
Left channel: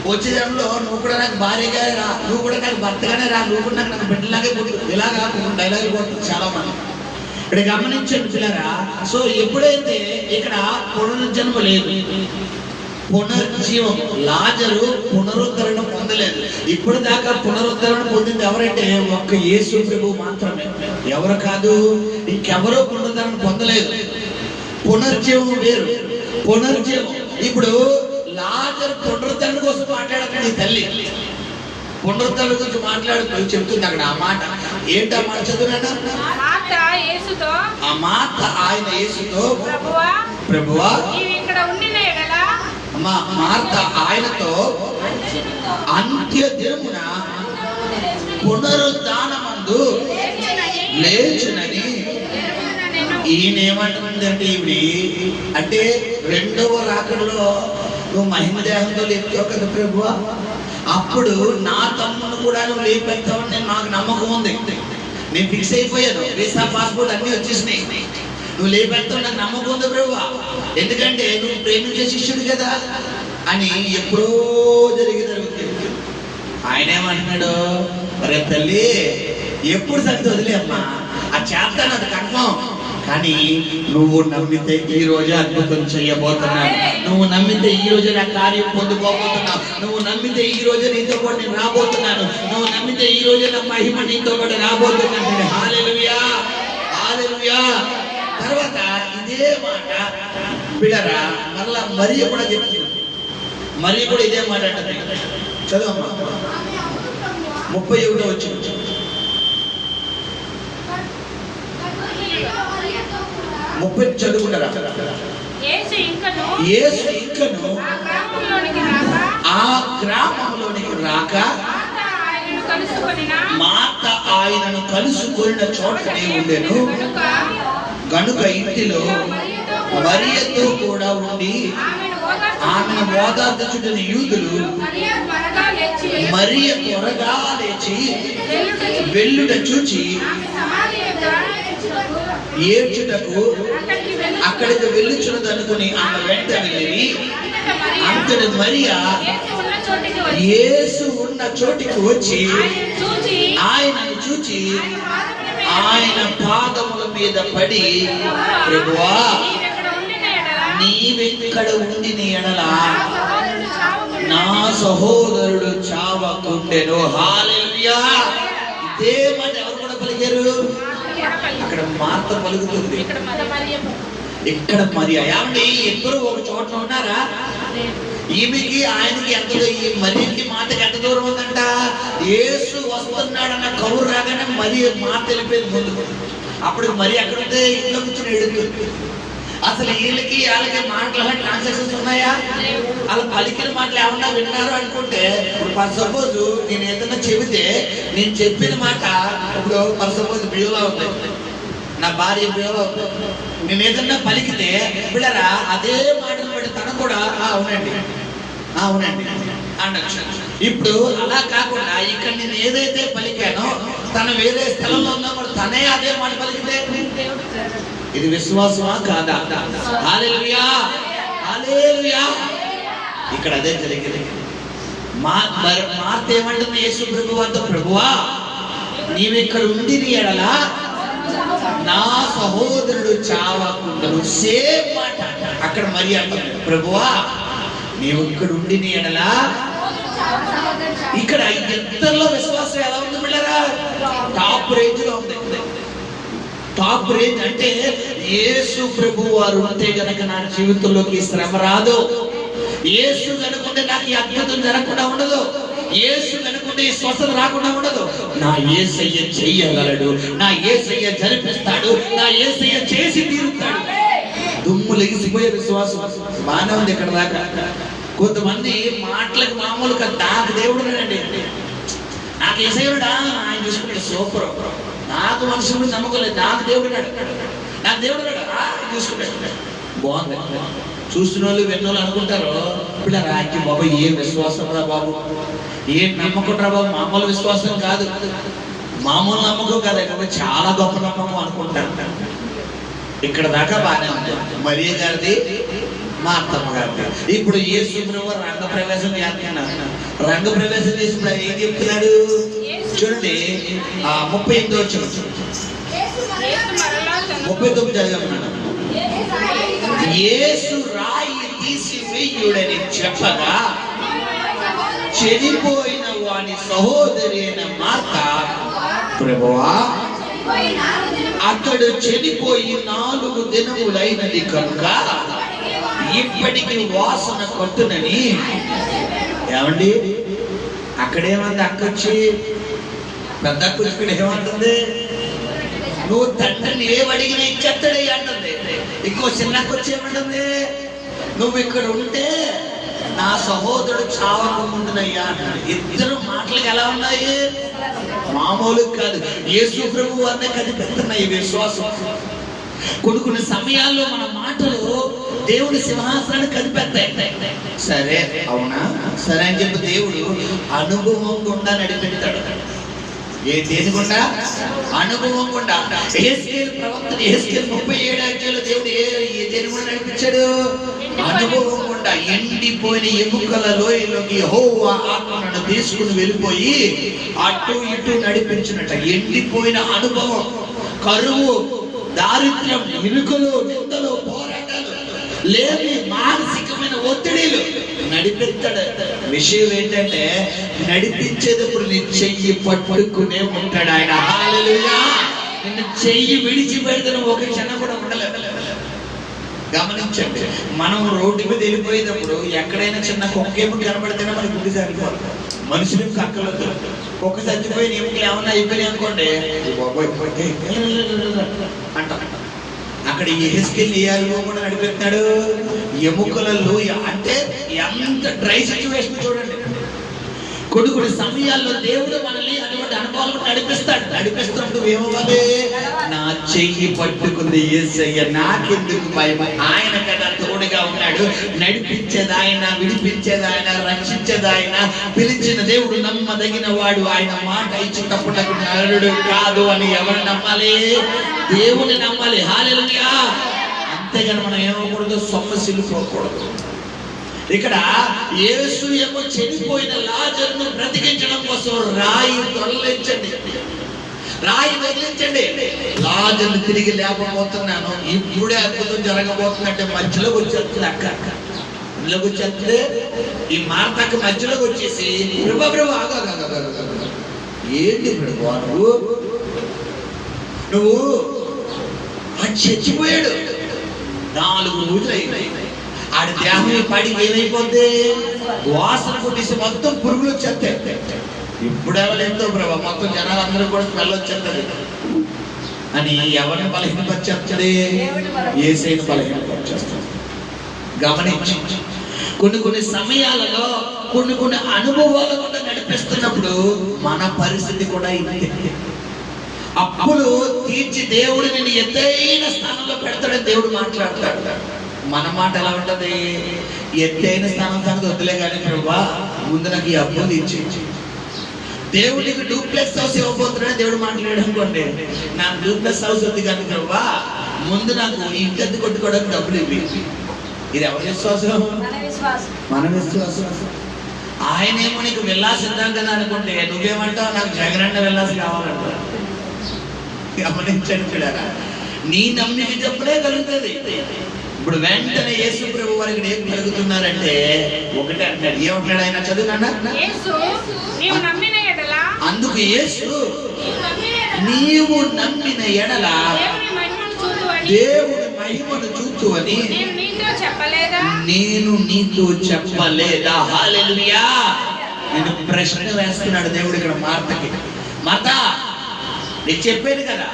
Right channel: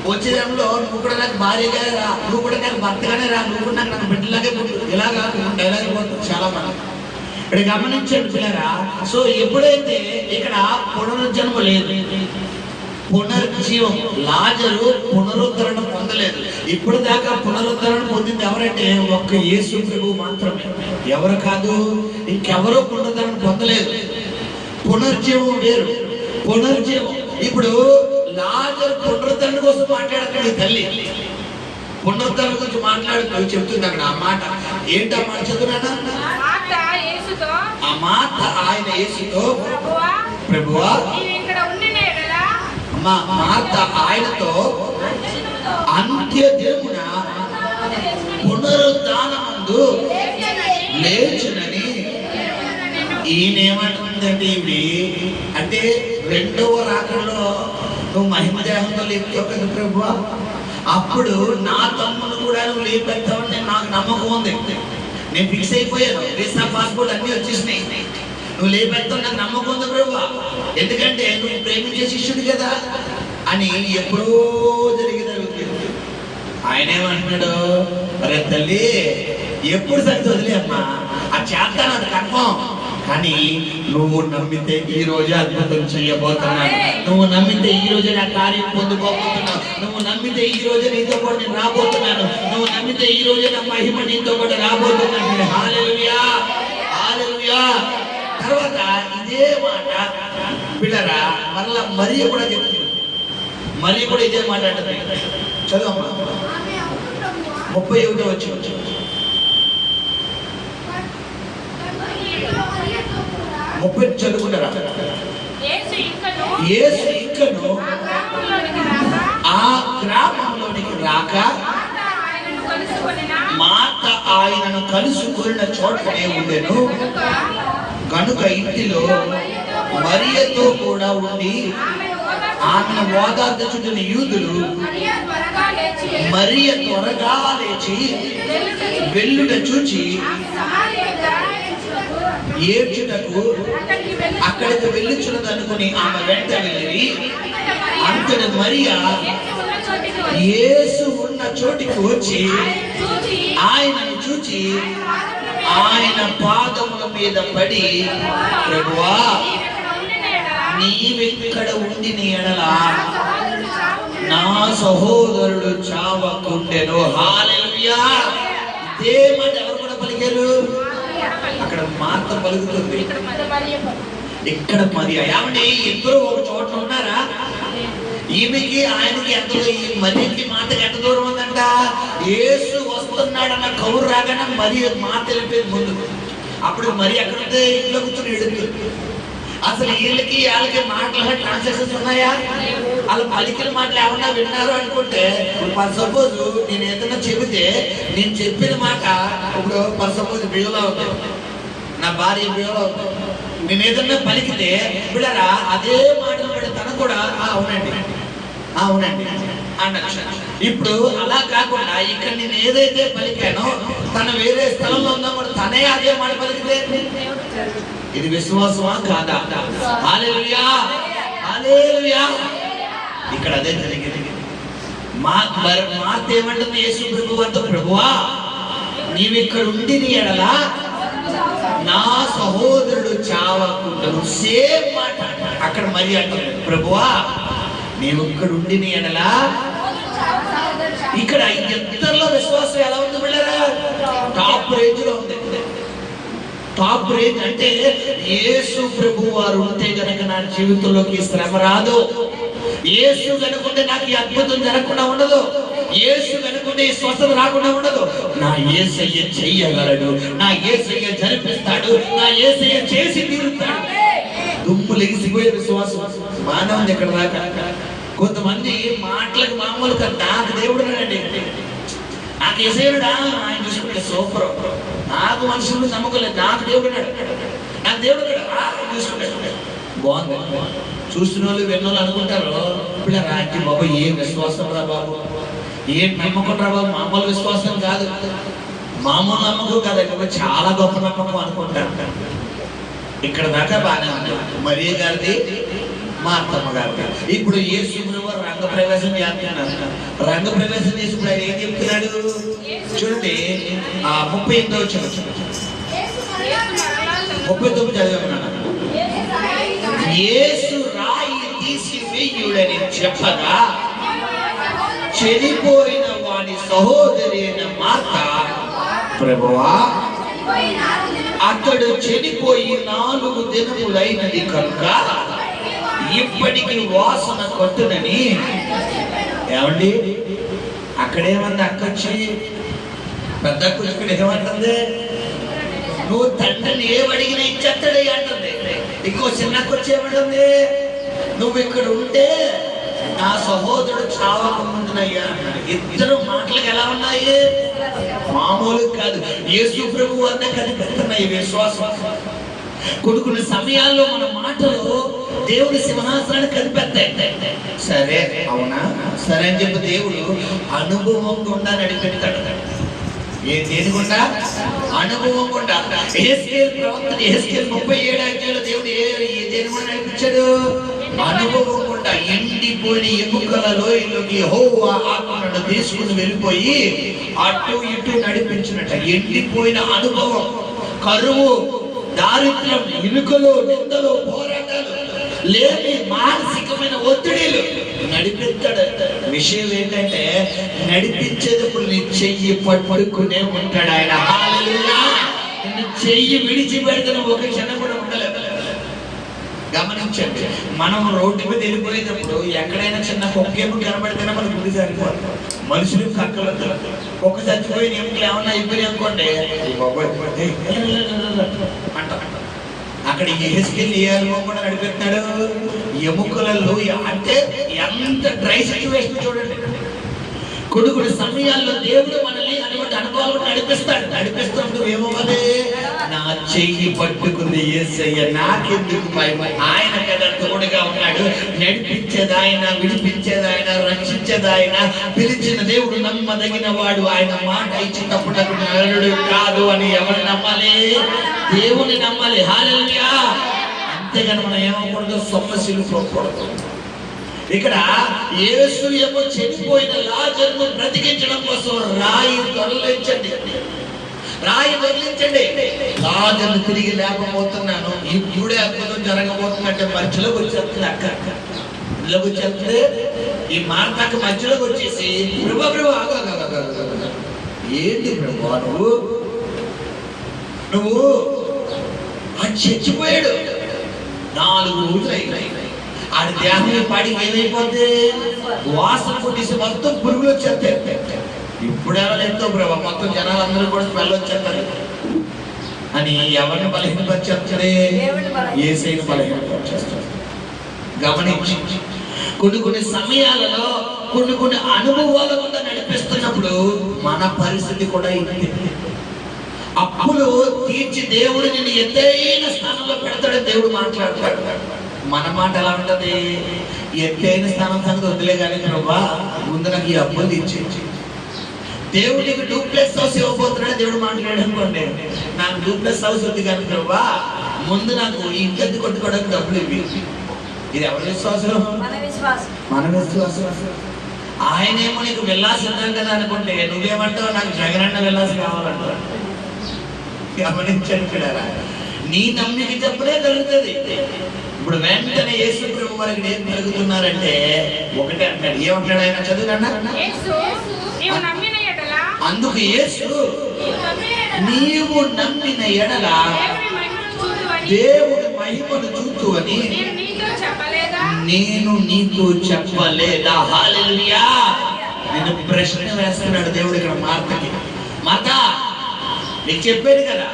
వచ్చే జన్మలో నువ్వు కూడా నాకు భార్యగా రా, నువ్వు కూడా నాకు భర్తగానే రా, నువ్వు కూడా నాకు బిడ్డలాగే పుట్టు. ఇలాగా డైలాగ్ పోతుంది చాలా మంది. ఇక్కడ గమనించండి పిల్లరా. సో ఎప్పుడైతే ఇక్కడ పునర్జన్మ లేదు, పునర్జీవం, లాజరు పునరుద్ధరణ పొందలేదు. ఇప్పుడు దాకా పునరుద్ధరణ పొందింది ఎవరంటే ఒక్క యేసు ప్రభువు మాత్రమే. ఎవరు కాదు, ఇంకెవరో పునరుద్ధరణ పొందలేదు. పునర్జీవం వేరు, పునర్జీవం. ఇప్పుడు లాజరు పునరుద్ధరణ కోసం మాట్లాడుతుంది తల్లి. పునరుద్ధరణ గురించి మాట్లాడుతూ చెప్తుంది అక్కడ ఆ మాట. ఏంటి ఆ మాట చదువునా? ఆ మాట ఆయన యేసుతో, ప్రభువా మార్త ఆయనతో అంత్య దినమున పునరుద్ధానమందు లేచునని. ఈయనేమంటుందంటే ఇవి అంటే రెండవ రాకడలో నువ్వు మహిమ దేహంతో లేపుతావు కదా ప్రభువా, అప్పుడు నా తమ్ముడు కూడా నువ్వు లేపెత్తావని నాకు నమ్మకం ఉంది. నేను ఫిక్స్ అయిపోయాను. వీసా పాస్పోర్ట్ అన్ని వచ్చేసినాయి. నువ్వు లేపెత్తావు నాకు నమ్మకం ఉంది ప్రభువా, ఎందుకంటే నువ్వు ప్రేమించే శిష్యుడు కదా అని ఎప్పుడో జరిగింది. ఆయన ఏమంటున్నాడు, మరి తల్లి ఎప్పుడు సంగతి వదిలే అమ్మా, ఆ చేస్తాను అది కన్ఫర్మ్. కానీ నువ్వు నమ్మితే ఈ రోజే అద్భుతం చేయబోతున్నాను. నువ్వు నమ్మితే ఈ రోజే నా కార్యం పొందుకోబోతున్నావు. నువ్వు నమ్మితే ఈ రోజే నీతో పాటు నేను రాబోతున్నాను. నువ్వు నమ్మితే ఈ రోజే నా మహిమ నీతో పాటు రాబోతున్నాను. హల్లెలూయా, హల్లెలూయా. తర్వాత ఇదే మాట పిల్లరా మరలా మరియ కూడా చెప్తుంది. మరియ కూడా ఇదే మాట అంటది. చదువమ్మా 31వ వచనం. చదువుకుంటారా? యేసు ఇంకను ఆ గ్రామంలోనికి రాక మాత ఆయనను కలుసుకొనిన చోటనే ఉండెను. గనుక ఇంటిలో మరియతో కూడా ఉండి ఆమెను ఓదార్చుచున్న యూదులు మరియ త్వరగా లేచి వెళ్ళుట చూచి ఏడ్చుటకు అక్కడికి వెళ్ళుచున్నదనుకుని ఆమె వెంట వెళ్ళి అంతటి మరియా యేసు ఉన్న చోటికి వచ్చి ఆయనను చూచి ఆయన పాదముల మీద పడి, ప్రభువా నీవెక్కడ ఉండిన ఎడల నా సహోదరుడు చావకుండెను. హల్లెలూయా. ఇదే మాట ఎవరు కూడా పలికారు? అక్కడ మార్త పలుకుతుంది, ఇక్కడ మరియా. ఏమండి ఇద్దరు ఒక చోట ఉన్నారా? ఈమెకి ఆయనకి ఎంత, ఈ మరియకి మాటకి ఎంత దూరం ఉందంట? యేసు వస్తున్నాడన్న కౌరు రాగానే మరి మాట వెళ్ళిపోయింది ముందు. అప్పుడు మరి అక్కడ ఉంటే ఇంట్లో కూర్చొని ఎడుగుతుంది. అసలు వీళ్ళకి వాళ్ళకి మాటల ట్రాన్సాక్షన్స్ ఉన్నాయా? వాళ్ళు పలికిన మాటలు ఏమన్నా విన్నారు అనుకుంటే, ఇప్పుడు ఫర్ సపోజ్ నేను ఏదైనా చెబితే నేను చెప్పిన మాట ఇప్పుడు ఫర్ సపోజ్ బియ్యంలో ఉంది, నా భార్య బియ్యంలో ఉంది, నేను ఏదన్నా పలికితే బిడ్డరా అదే మాటలు పడి తన కూడా అవునండి అవునండి అనొచ్చు. ఇప్పుడు అలా కాకుండా ఇక్కడ నేను ఏదైతే పలికానో తను వేరే స్థలంలో ఉందో మరి తనే అదే మాట పలికితే ఇది విశ్వాసమా కాదా? హల్లెలూయా హల్లెలూయా. ఇక్కడ అదే జరిగింది. మార్త ఏమంటుంది యేసు ప్రభువుతో, ప్రభువా నీవిక్కడ ఉండి నీ ఎడల నా సహోదరుడు చావకుండను. సేమ్ మాట అక్కడ మరి అంటుంది, ప్రభువా నీవు ఇక్కడ ఉండి నీ ఎడల. ఇక్కడ ఇద్దరిలో విశ్వాసం ఎలా ఉంది బిడ్డరా? టాప్ రేంజ్ లో ఉంది. టాప్ రేంజ్ అంటే యేసు ప్రభు వారు ఉంటే గనక నా జీవితంలోకి శ్రమ రాదు. యేసు కనుకుంటే నాకు ఈ అద్భుతం జరగకుండా ఉండదు. యేసు కనుకుంటే ఈ స్వస్థత రాకుండా ఉండదు. నా యేసయ్య చెయ్యగలడు, నా యేసయ్య జరిపిస్తాడు, నా యేసయ్య చేసి తీరుతాడు. దుమ్ము లెగిసిపోయే విశ్వాసం బాగానే ఉంది ఇక్కడ దాకా. కొంతమంది మాటలకు మామూలుగా నాకు దేవుడు అండి, నాకు యేసయ్యుడా ఆయన చూసుకుంటే సూపర్, నాకు మనుషులు నమ్మకం లేదు, నాకు దేవుడు నాకు దేవుడు చూసుకుంటే బాగుంది. చూసిన వాళ్ళు విన్నోళ్ళు అనుకుంటారు, ఇప్పుడు రాకి బాబు ఏం విశ్వాసం రా బాబు, ఏం నమ్మకం రా బాబు. మామూలు విశ్వాసం కాదు, మామూలు నమ్మకం కాదు, చాలా గొప్ప నమ్మకం అనుకుంటారు. ఇక్కడ దాకా బాగానే ఉంది. మరియ గారిది, మార్తమ్మ గారిది. ఇప్పుడు యేసు ప్రభువు రంగ ప్రవేశం చేస్తున్నారు. రంగ ప్రవేశం చేసినప్పుడు ఆయన ఏం చెప్తున్నాడు చూడండి. 38వ వచనం 39 చదివామన్నాడు. యేసు రాయి తీసి వెయ్యుడని చెప్పగా చెడిపోయిన వాని సహోదరి అయిన మార్త, ప్రభువా అతడు చెడిపోయి 4 దినములైనది కనుక ఇప్పటికి వాసన కొట్టునని. ఏమండి అక్కడేమంది అక్కొచ్చి పెద్ద ఇక్కడ ఏమంటుంది, నువ్వు తండ్రిని ఏమడిగినా ఇచ్చేస్తాడే అంటుంది. ఇంకో చిన్నకొచ్చి ఏమంటుంది, నువ్వు ఇక్కడ ఉంటే నా సహోదరుడు చావకముందునయ్యా అంటాడు. ఇద్దరు మాటలకు ఎలా ఉన్నాయి? మామూలు కాదు. యేసు ప్రభువు అనే కనిపెడుతున్నాయి విశ్వాసం. కొన్ని సమయాల్లో మన మాటలు దేవుని సింహాసనాన్ని కనిపెడతాయి. సరే అవునా సరే అని చెప్పి దేవుడు అనుభవం గుండా నడిపెడతాడు. దేని గుండా? అనుభవం గుండా. యెహెజ్కేలు ప్రవక్త యెహెజ్కేలు 37 అధ్యాయంలో దేవుడు దేని గుండా నడిపించాడు? అనుభవం గుండా. ఎండిపోయిన ఎముకల లోయలోకి యెహోవా ఆత్మను తీసుకుని వెళ్ళిపోయి అటు ఇటు నడిపించినట్ట. ఎండిపోయిన అనుభవం, కరువు, దారిద్ర్యం, ఇరుకులు, నిందలు, పోరాటాలు, లేని మానసికమైన ఒత్తిడిలు నడిపిస్తాడు. విషయం ఏంటంటే నడిపించేటప్పుడు నీ చెయ్యి పట్టుకునే ఉంటాడు ఆయన. హల్లెలూయా. నిన్ను చెయ్యి విడిచిపెడితే ఒక క్షణం కూడా ఉండలేదు. గమనించు. గమనించండి, మనం రోడ్డు మీద వెళ్ళిపోయేటప్పుడు ఎక్కడైనా చిన్న కుక్కేమో కనబడితేనే మనకు గుడి సరిపోదు. మనుషులు కక్కలు కుక్క చచ్చిపోయిన ఎముకలు ఏమన్నా అయిపోయినాయి అనుకోండి అంట. అక్కడ ఏసుకెళ్ళి ఏ అనుభవం కూడా నడిపెట్టాడు. ఎముకలలో అంటే ఎంత డ్రై సిచ్యువేషన్ చూడండి. కొన్ని సమయాల్లో దేవుడు మనల్ని అటువంటి అనుభవాలు నడిపిస్తాడు. ఏమవ్వాలి? నా చెయ్యి పట్టుకుంది యేసయ్య, నాకెందుకు భయం? ఆయన కదా తోడుగా ఉన్నాడు. నడిపించేది ఆయన, విడిపించేది ఆయన, రక్షించేది ఆయన. పిలిచిన దేవుడు నమ్మదగిన వాడు. ఆయన మాట ఇచ్చేటప్పుడు నరుడు కాదు అని ఎవరు నమ్మాలి? దేవుని నమ్మాలి. హల్లెలూయా. అంతేగాని మనం ఏమకూడదు, సమస్యలు పోకూడదు. ఇక్కడ యేసు ఏమో చనిపోయిన లాజరును బ్రతికించడం కోసం రాయి తొలగించండి. లాజరును తిరిగి లేకపోతున్నాను, ఇప్పుడే అద్భుతం జరగబోతుందంటే మధ్యలోకి వచ్చేస్తుంది. ఇళ్ళకి వచ్చేస్తే ఈ మార్తకు మధ్యలోకి వచ్చేసి ప్రభు ఏంటి ప్రభు నువ్వు అది చచ్చిపోయాడు 4 రోజులు అయినాయి. ఆడి దేహం పడి ఏమైపోద్ది? వాసన కొట్టేసి మొత్తం పురుగులు వచ్చేస్తాయి. ఇప్పుడు ఎవరెంతో ప్రభావ మొత్తం జనాలందరూ కూడా స్మెల్ వచ్చేస్తారు అని ఎవరిని బలహీనపరిచేస్తుంది? యేసయ్యను బలహీనపరిచేస్తారు. గమనించి కొన్ని సమయాలలో కొన్ని అనుభవాల వల్ల నడిపిస్తున్నప్పుడు మన పరిస్థితి కూడా ఇది. అప్పులు తీర్చి దేవుడు నిన్ను ఎత్తైన స్థానంలో పెడతాడని దేవుడు మాట్లాడతాడు. మన మాట ఎలా ఉంటది? ఎత్తైన స్థానం సంగతి వద్దులే కానీ ప్రభా ముందు నాకు ఈ అప్పులు తీర్చి. దేవుడు నీకు డూప్లెక్స్ హౌస్ ఇవ్వబోతున్నాడు దేవుడు మాట్లాడాడు అనుకోండి, నాకు డూప్లెక్స్ హౌస్ వద్దు కానీ ప్రభా ముందు నాకు ఇంటి కొట్టుకోవడానికి డబ్బులు ఇవ్వి. ఇది ఎవరి విశ్వాసం? మన విశ్వాసం. ఆయనేమో నీకు వెళ్ళాల్సిందాం కదా అనుకుంటే నువ్వేమంటావు? నాకు జగనన్న వెళ్ళాల్సి కావాలంటారు. గమనించండి, నీ నమ్మిక చెప్పలే కలుగుతుంది. ఇప్పుడు వెంటనే యేసు ప్రభు వారికి ఏం కలుగుతున్నారంటే ఒకటే అంటాడు. ఏమంటాడు ఆయన? చదువునా? అందుకు యేసు నీవు నమ్మిన ఎడల దేవుడి మహిమను చూచు అని నేను నీతో చెప్పలేదా? హల్లెలూయా. నేను ప్రశ్న వేస్తున్నాడు దేవుడు ఇక్కడ మార్తకి. మార్త, నీకు చెప్పేది కదా,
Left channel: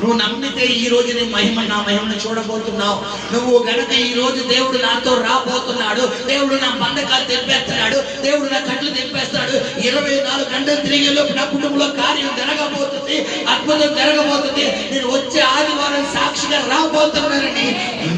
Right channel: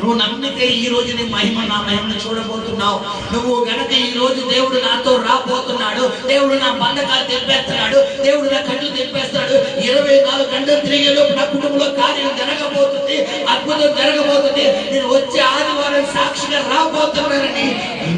నువ్వు నమ్మితే ఈ రోజు నీ నా మహిమను చూడబోతున్నావు. నువ్వు గనక ఈ రోజు దేవుడు నాతో రాబోతున్నాడు, దేవుడు నా బంధకాలు తెంపేస్తున్నాడు, దేవుడు నా కళ్ళు తెంపేస్తాడు, 24 గంటలు తిరిగే లోపు నా కుటుంబంలో కార్యం జరగబోతుంది, అద్భుతం జరగబోతుంది, నేను వచ్చే ఆదివారం సాక్షిగా రాబోతున్నానని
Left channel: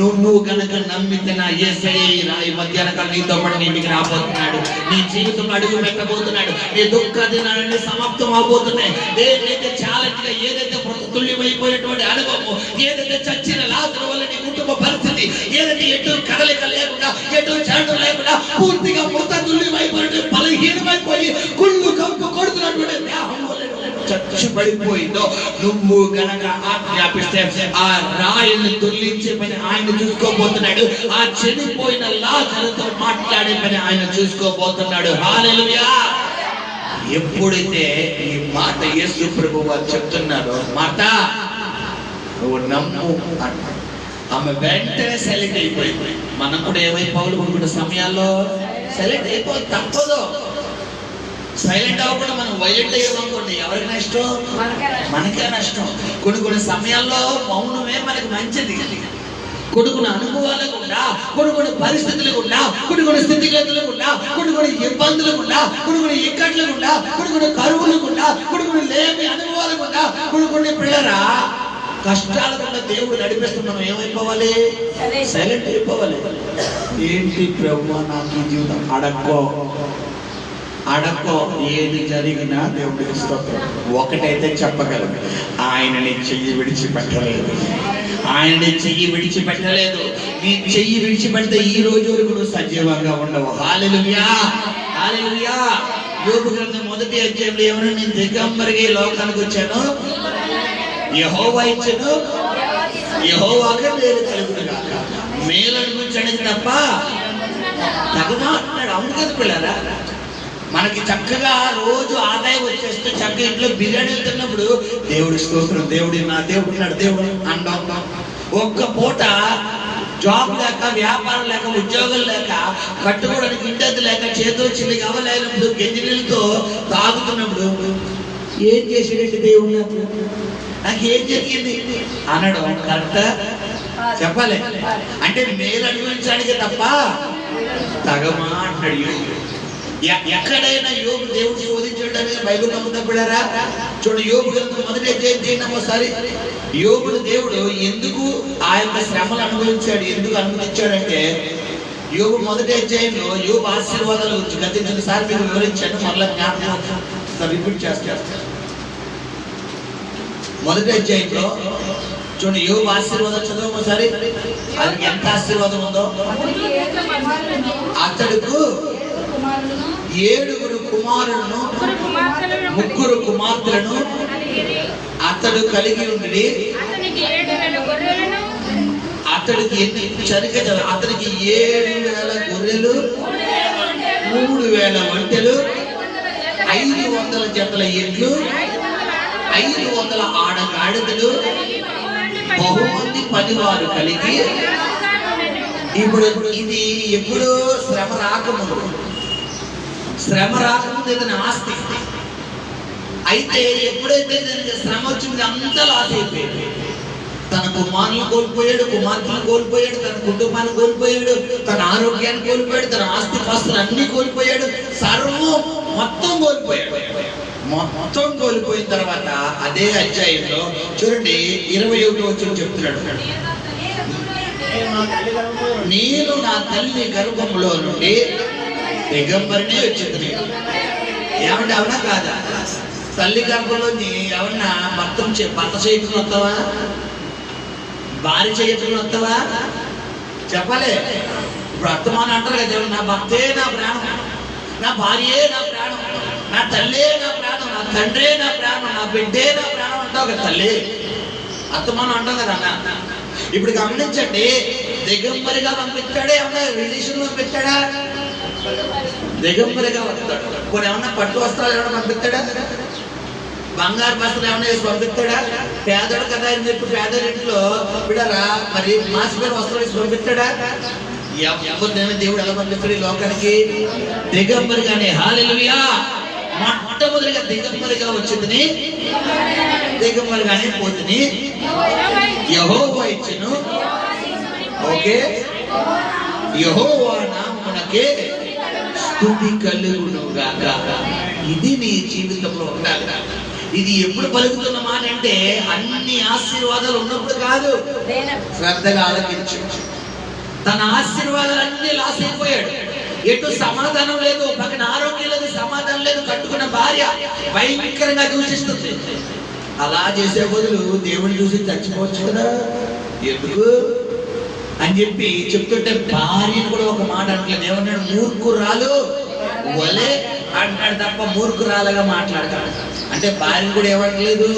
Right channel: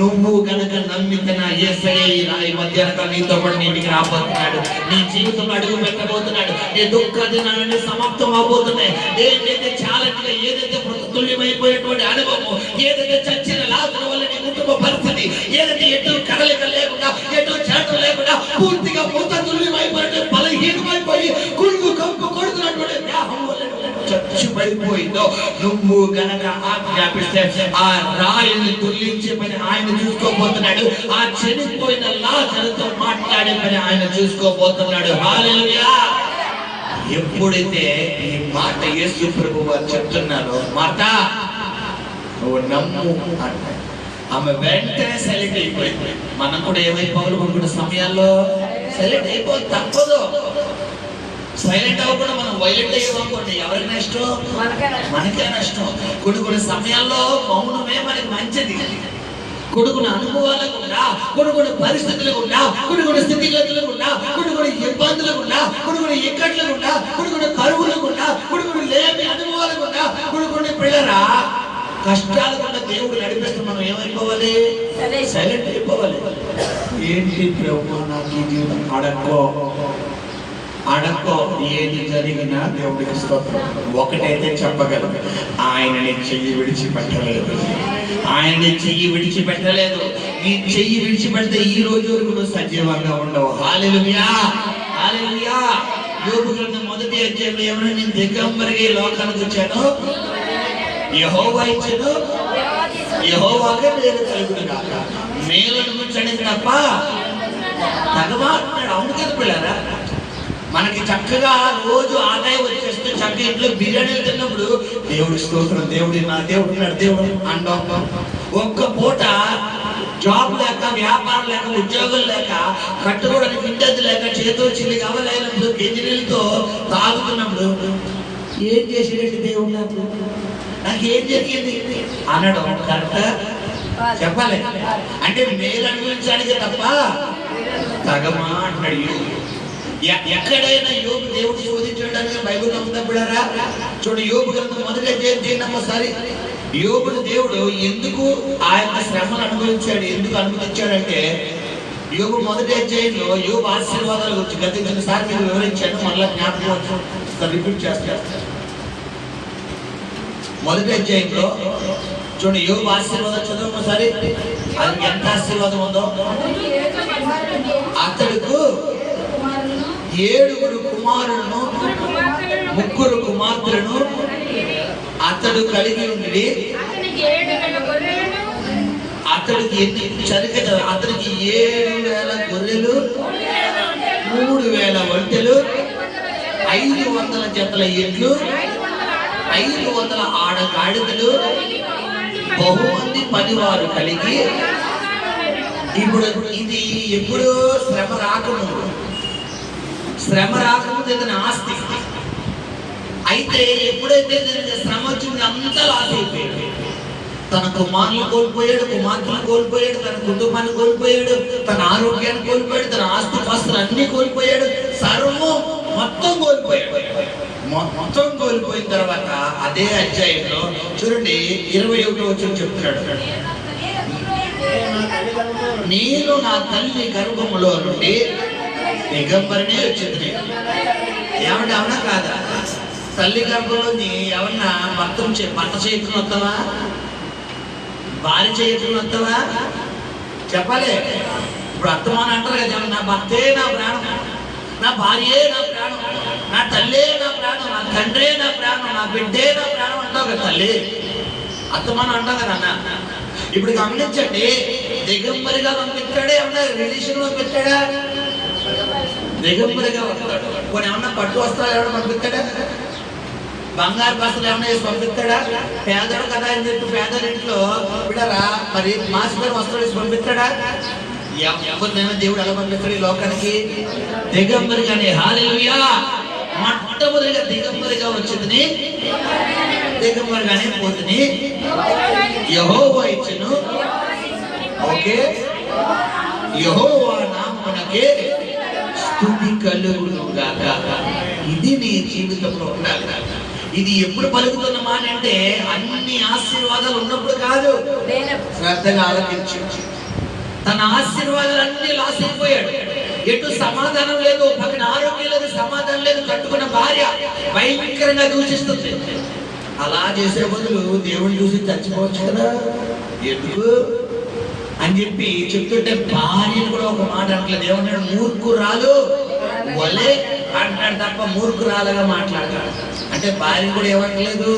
నువ్వు గనక నమ్మితే నా యేసయ్య రాయి మధ్యాహ్నం నీతో పాటు నీకు రాబోతున్నాడు. నీ జీవితంలో అడుగు పెట్టబోతున్నాడు. నీ దుఃఖ దినాలన్నీ సమాప్తం అవబోతున్నాయి. ఏదైతే ఛాలెంజ్ గా, ఏదైతే తుల్యమైపోయినటువంటి అనుభవం, ఏదైతే చచ్చిన లాజరు వల్ల నీ కుటుంబ పరిస్థితి, ఏదైతే ఎటు కదలిక లేకుండా, ఎటు చరణం లేకుండా పూర్తిగా మృత తుల్యమైపోయినటువంటి బలహీనమైపోయి గుండు కంపు కొడుతున్నటువంటి దేహం వల్ల చచ్చి పడిపోయిందో, నువ్వు గనక ఆజ్ఞాపిస్తే ఆ రాయిని తుల్లించే పని ఆయన చూసుకోబోతున్నాడు. ఆ చనిపోయిన లాజరుతో మాట్లాడే పని ఆయన చూసుకోబోతున్నాడు. హల్లెలూయా. ఎప్పుడైతే ఈ మాట యేసు ప్రభు వారు చెప్తున్నారో, మాట నువ్వు నమ్ము అంట, ఆమె వెంటనే సైలెంట్ అయిపోయింది. మనం కూడా ఏమైపోవాలి? కొన్ని సమయాల్లో సైలెంట్ అయిపోయి తప్పదు. సైలెంట్ అవ్వకుండా మనం వైలెంట్ అయ్యామనుకోండి, ఎవరికి నష్టం? మనకే నష్టం. కొన్ని సమయాల్లో మౌనమే మనకి మంచిది. కొన్ని అనుభవాలకు ఉన్నా, కొన్ని పరిస్థితులకు ఉన్నా, కొన్ని స్థితిగతులకు ఉన్నా, కొన్ని ఇబ్బందులకు ఉన్నా, కొన్ని ఇక్కట్లకు ఉన్నా, కొన్ని కరువులకు ఉన్నా, కొన్ని లేని అనుభవాలకు ఉన్నా, కొన్ని పిల్లరా కష్టాలకుండా దేవుడు నడిపిస్తూ మనం ఏమైపోవాలి? సైలెంట్ అయిపోవాలి. ఏంటి ప్రభు నాకు ఈ జీవితం? అడక్కో ఏది జరిగినా దేవుడికి స్తోత్రం. ఒకటైతే చెప్పగలను, ఆయనని చెయ్యి విడిచిపెట్టలేదు. ఆయనని చెయ్యి విడిచిపెట్టలేదు. నీ చెయ్యి విడిచిపెడితే ఈ రోజు వరకు నువ్వు సజీవంగా ఉండవు. హల్లెలూయా, హల్లెలూయా. యోబు గ్రంథం 1వ అధ్యాయంలో ఏమన్నా, నేను దిగంబరిగా ఈ లోకానికి వచ్చాను, యెహోవా ఇచ్చాను, యెహోవాకే మేలు కలుగును గాక. మేలు అనుకుంటాడు తప్ప తగవా అంటాడు. అవును కదా పిల్లరా? మనకి చక్కగా రోజు ఆదాయం వచ్చేస్తే చక్కగా ఇంట్లో బిర్యానీలు తిన్నప్పుడు దేవుడి స్తోత్రం, దేవుడి నా దేవుడు ఉన్నాడు, దేవుడు అండం. ఒక్క పూట జాబ్ లేక, వ్యాపారం లేక, ఉద్యోగం లేక, కట్టుకోవడానికి ఇంటది లేక, చేతో చిల్లి అవ్వలేనప్పుడు, గెంజినీళ్ళతో తాగుతున్నప్పుడు ఏం చేసేటట్టు దేవుడు నాకు ఏం జరిగింది అనడం కరెక్టా? చెప్పాలి. అంటే మేలు అనుభవించడానికే తప్ప తగమా అంటాడు యోబు. ఎక్కడైనా యోబు దేవుడు శోధించడానికి బైబిల్ నమ్ముతపడారా? చూడండి, యోబు గ్రంథం మొదటి అధ్యాయం చేయండి ఒకసారి. యోబుని దేవుడు ఎందుకు ఆ యొక్క శ్రమను అనుభవించాడు, ఎందుకు అనుమతించాడంటే, యోబు మొదటి అధ్యాయంలో యోబు ఆశీర్వాదాల గురించి గతించిన సార్ మీకు వివరించాను, మళ్ళీ జ్ఞాపకం రిపీట్ చేస్తాడు. మొదటి అధ్యాయంలో చూడండి, యోబు ఆశీర్వాదం చదువు ఒకసారి. అది ఎంత ఆశీర్వాదం ఉందో. అతడుకు 7 కుమారులను 3 కుమార్తెలను అతడు కలిగి ఉండి, అతడికి ఎన్ని సరిగ్గా అతనికి 7,000 గొర్రెలు, 3,000 ఒంటెలు, 500 జతల ఎడ్లు, 500 ఆడగాడిదలు, బహుమంది పనివారు కలిగి. ఇప్పుడు ఇది ఎప్పుడు శ్రమ రాకముందు ఇతని ఆస్తి. అయితే ఎప్పుడైతే శ్రమ వచ్చింది అంతా లాస్ అయిపోయింది. తన కుమారులు కోల్పోయాడు, కుమార్తెలు కోల్పోయాడు, తన కుటుంబాన్ని కోల్పోయాడు, తన ఆరోగ్యాన్ని కోల్పోయాడు, తన ఆస్తి పాస్తులు అన్ని కోల్పోయాడు, సర్వం మొత్తం కోల్పోయాడు. మొత్తం కోల్పోయిన తర్వాత అదే అధ్యాయంలో చూడండి 21వ వచనం చెప్తున్నాడు, నేను నా తల్లి గర్భములో నుండి దిగంబరిని వచ్చింది. ఏమంటే అవునా కాదా? తల్లి గర్భంలోని ఎవరన్నా భర్త చేయకుండా వస్తావా? భార్య చేయకుండా వస్తావా? చెప్పాలి. ఇప్పుడు అత్తమాన అంటారు కదా, నా భర్తే నా ప్రాణం, నా భార్యే నా ప్రాణం, నా తల్లే నా ప్రాణం, నా తండ్రే నా ప్రాణం, నా బిడ్డే నా ప్రాణం అంటావు కదా తల్లి. అత్తమానం అంటావు కదా అన్న. ఇప్పుడు గమనించండి, దిగంబరిగా పంపించాడే, ఏమన్నా రిలేషన్ పంపించాడా? దిగంబరిగా వస్తాడు. కొన్ని ఏమన్నా పట్టు వస్త్రాలు ఏమన్నా పంపిస్తాడా? బంగారు బస్సులు ఏమన్నా వేసి పంపిస్తాడా? పేదడు కదా అని చెప్పి పేదల ఇంట్లో బిడ్డరా మరి మాసిపోయిన వస్త్రాలు వేసి పంపిస్తాడా? ఎవరినైనా దేవుడు ఎలా పంపిస్తాడు ఈ లోకానికి? దిగంబరిగానే. హల్లెలూయా. మొట్టమొదటిగా దిగంబరిగా వచ్చింది, దిగంబరిగానే పోతుంది. యెహోవా ఇచ్చెను. ఓకే, యెహోవా నామమునకే స్తుతి కలుగును గాక. ఇది నీ జీవితంలో ఉండాలి. ఇది ఎప్పుడు పలుకుతున్న మాట అంటే అన్ని ఆశీర్వాదాలు ఉన్నప్పుడు కాదు. శ్రద్ధగా ఆలోచించు. తన ఆశీర్వాదాలన్నీ లాస్ అయిపోయాడు. ఎటు సమాధానం లేదు, పక్కన ఆరోగ్యం లేదు, సమాధానం లేదు, కట్టుకున్న భార్య భయంకరంగా దూషిస్తుంది. అలా చేసే బదులు దేవుని చూసి చచ్చిపోవచ్చు కదా, ఎందుకు అని చెప్పి చెప్తుంటే భార్యను కూడా ఒక మాట అంటలేదు. ఏమన్నాడు? మూర్ఖురాలు వలే అంటాడు తప్ప మూర్ఖురాలుగా మాట్లాడతాడు. అంటే భార్య కూడా ఏమంటలేదు,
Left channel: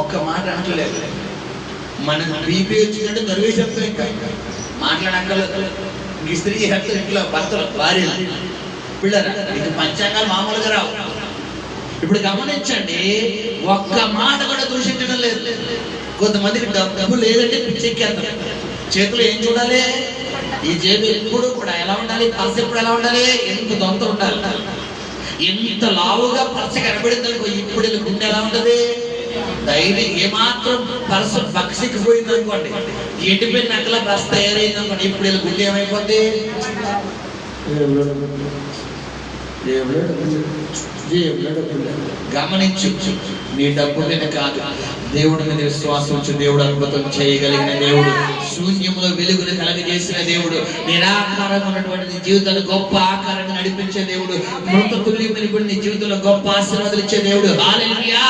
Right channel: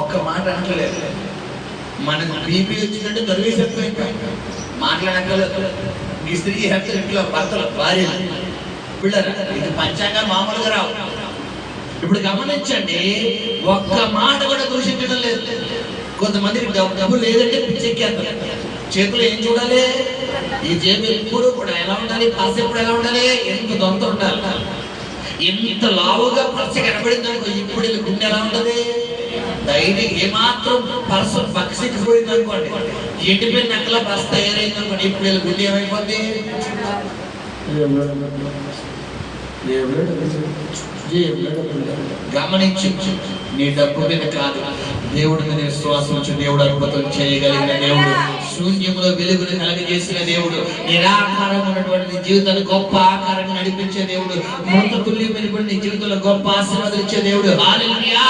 ఒక్క మాట అంటలేదు. మనకు బీపీ వచ్చిందంటే నర్వేసేస్తాం, ఇంకా మాట్లాడక్కర్లేదు. ఇంక స్త్రీ చేస్తారు ఇంట్లో భర్తలు, భార్య, పిల్లలు. ఇది పంచాంగాలు మామూలుగా రావు. ఇప్పుడు గమనించండి, ఒక్క మాట కూడా దూషించడం లేదు. కొంతమందికి డబ్బు లేదంటే పిచ్చెక్కేస్తారు. చేతులు ఏం చూడాలి? ఈ జేబు ఎప్పుడు కూడా ఎలా ఉండాలి? పర్స్ ఎప్పుడు ఎలా ఉండాలి? ఎంత దొంత ఉండాలి. ఎంత లావుగా పర్స్ కనబడింది అనుకో, ఇప్పుడు గుండె ఎలా ఉంటది? డైలీ ఏమాత్రం పర్స్ బక్సిక్కిపోయింది అనుకోండి, ఎండిపోయిన నక్కల పర్స్ తయారైంది అనుకోండి, ఇప్పుడు గుండె ఏమైపోద్ది? గమనించు, నీ డబ్బు మీద కాదు, దేవుడి మీద విశ్వాసం ఉంచి దేవుడు అద్భుతం చేయగలిగిన దేవుడు, శూన్యంలో వెలుగును కలగజేసిన దేవుడు, నిరాకారంగా ఉన్నటువంటి నీ జీవితాలు గొప్ప ఆకారంగా నడిపించే దేవుడు, మృత తుల్యమైన నీ జీవితంలో గొప్ప ఆశీర్వాదాలు ఇచ్చే దేవుడు. హల్లెలూయా.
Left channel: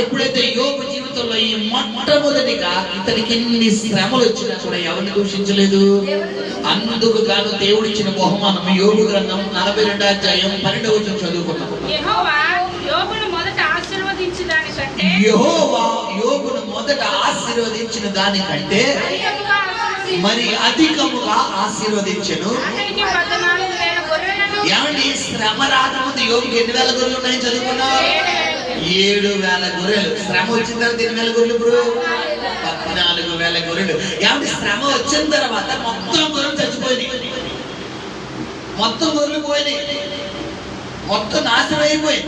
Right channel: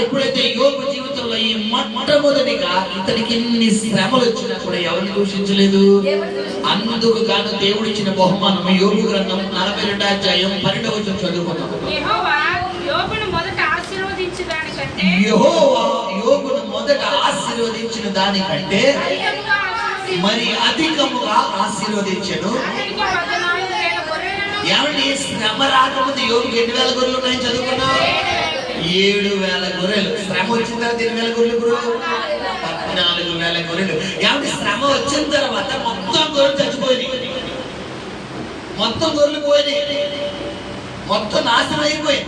ఎప్పుడైతే యోబు జీవితంలో ఈ మొట్టమొదటిగా ఇతనికి ఇన్ని శ్రమలు వచ్చినా కూడా ఎవరిని దూషించలేదు. అందుకు గాను దేవుడు ఇచ్చిన బహుమానం యోబు గ్రంథం 42వ అధ్యాయం 12వ వచనం చదువుకున్నాము. యెహోవా యోబును మొదట ఆశీర్వదించిన దానికంటే మరి అధికముగా ఆశీర్వదించెను. ఏమండి, శ్రమ రాకముందు యోబుకి 8,000 గొర్రెలు ఉన్నాయని చదువుకున్నావు. 7,000 గొర్రెలు. శ్రమ వచ్చిన తర్వాత 8,000 గొర్రెలు. ఇప్పుడు 14,000 4,000 గొర్రెలు. ఏమంటే శ్రమ వచ్చిన తర్వాత మొత్తం గొర్రెలు చచ్చిపోయినాయి, మొత్తం గొర్రెలు పోయినాయి, మొత్తం నాశనం అయిపోయి.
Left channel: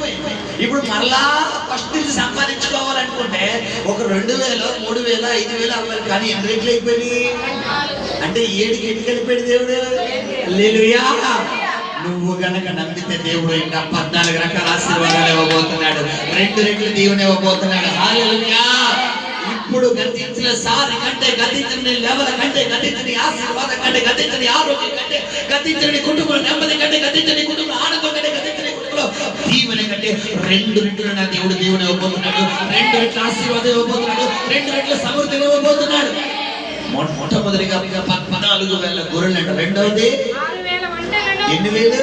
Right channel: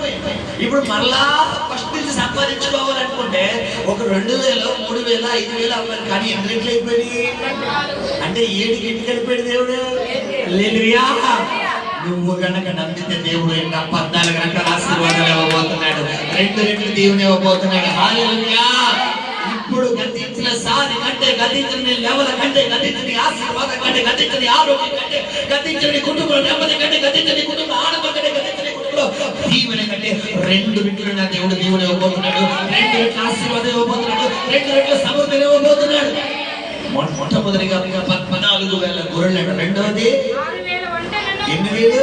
ఇప్పుడు మళ్ళా ఫస్ట్ నుంచి సంపాదించుకోవాలనుకుంటే ఒక 2,000, 3,000, 5,000 అవ్వాలి. కానీ ఎన్ని రెట్లు అయిపోయినాయి అంటే 7కి ఎన్నిక వెళ్ళిపోయాడు దేవుడు. హల్లెలూయా. నువ్వు గనక నమ్మితే దేవుడు ఇంకా 14 రకాల ఆశీర్వాదాలు ఇవ్వబోతున్నాడు, 2 రెట్లు దేవుని ఇవ్వబోతున్నాడు. హల్లెలూయా. ఇప్పుడు గతించిన సారి కంటే, గతించిన లెవెల కంటే, గతించిన ఆశీర్వాదం కంటే, గతించిన ఆరోగ్యం కంటే, గతించిన కుటుంబ నెమ్మది కంటే, గతించిన కుటుంబ ఆనందం కంటే, గతించిన కుటుంబంలో దీవెన కంటే 2 రెట్లు నా దేవుడు దేవుని ఇవ్వబోతున్నాడు, 2 రెట్ల ఆశీర్వాదం ఇవ్వబోతున్నాడు, 2 రెట్ల సమృద్ధిని ఇవ్వబోతున్నాడు. మొట్టమొదటిగా 14,000 గొర్రెలు అంట. రెండవది 8,000.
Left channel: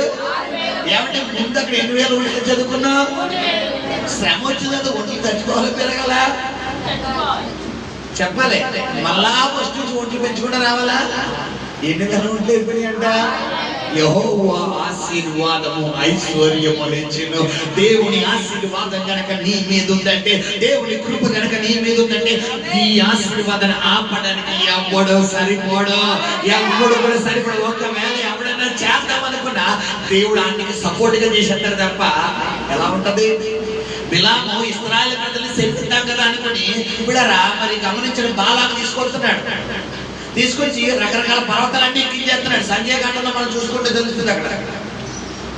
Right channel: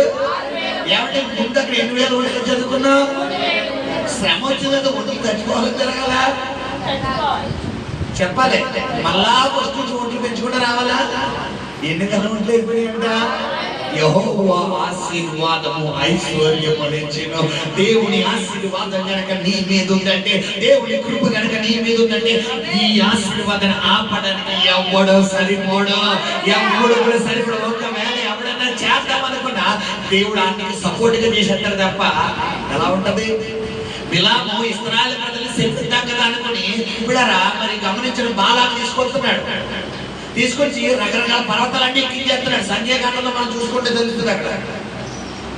ఏమంటే ముందు అక్కడ 8,000 వంటలు చదువుకున్నావు. శ్రమ వచ్చినంత వంటలు తెచ్చుకోవాలని జరగాల చెప్పాలి. మళ్ళా ఫస్ట్ నుంచి వంటలు పెంచుకుంటూ రావాలా. ఎన్ని కన్నా వంటలు అయిపోయినాయంట. యెహోవా ఆశీర్వాదము ఐశ్వర్యము నిచ్చెను. దేవుని ఆశీర్వాదం గనక నీ మీద ఉందంటే, దేవుని కృప గనక నీ మీద ఉందంటే, ఈ ఆశీర్వాదాన్ని ఆపడానికి ఎవడో సరిపోడు, ఎవడు కూడా సరిపోడు. ఒకవేళ ఎవడన్నా చేద్దామనుకున్నా దేవుడు ఆయనకి సపోర్ట్ గా చేసేస్తారు తప్ప ఎలా ఉంటది. బిలాము ఇశ్రాయేలు ప్రజల్ని శపిద్దాం కదా అనుకుని బిళ్ళరా మరి గమనించడం బాలాకు తీసుకొస్తున్నాడు. తీసుకొచ్చి రకరకాల పర్వతాలన్నీ ఎక్కించేస్తున్నాడు. సంఖ్యాకాండంలో మనం చూసుకుంటే తెలుస్తుంది. అక్కడ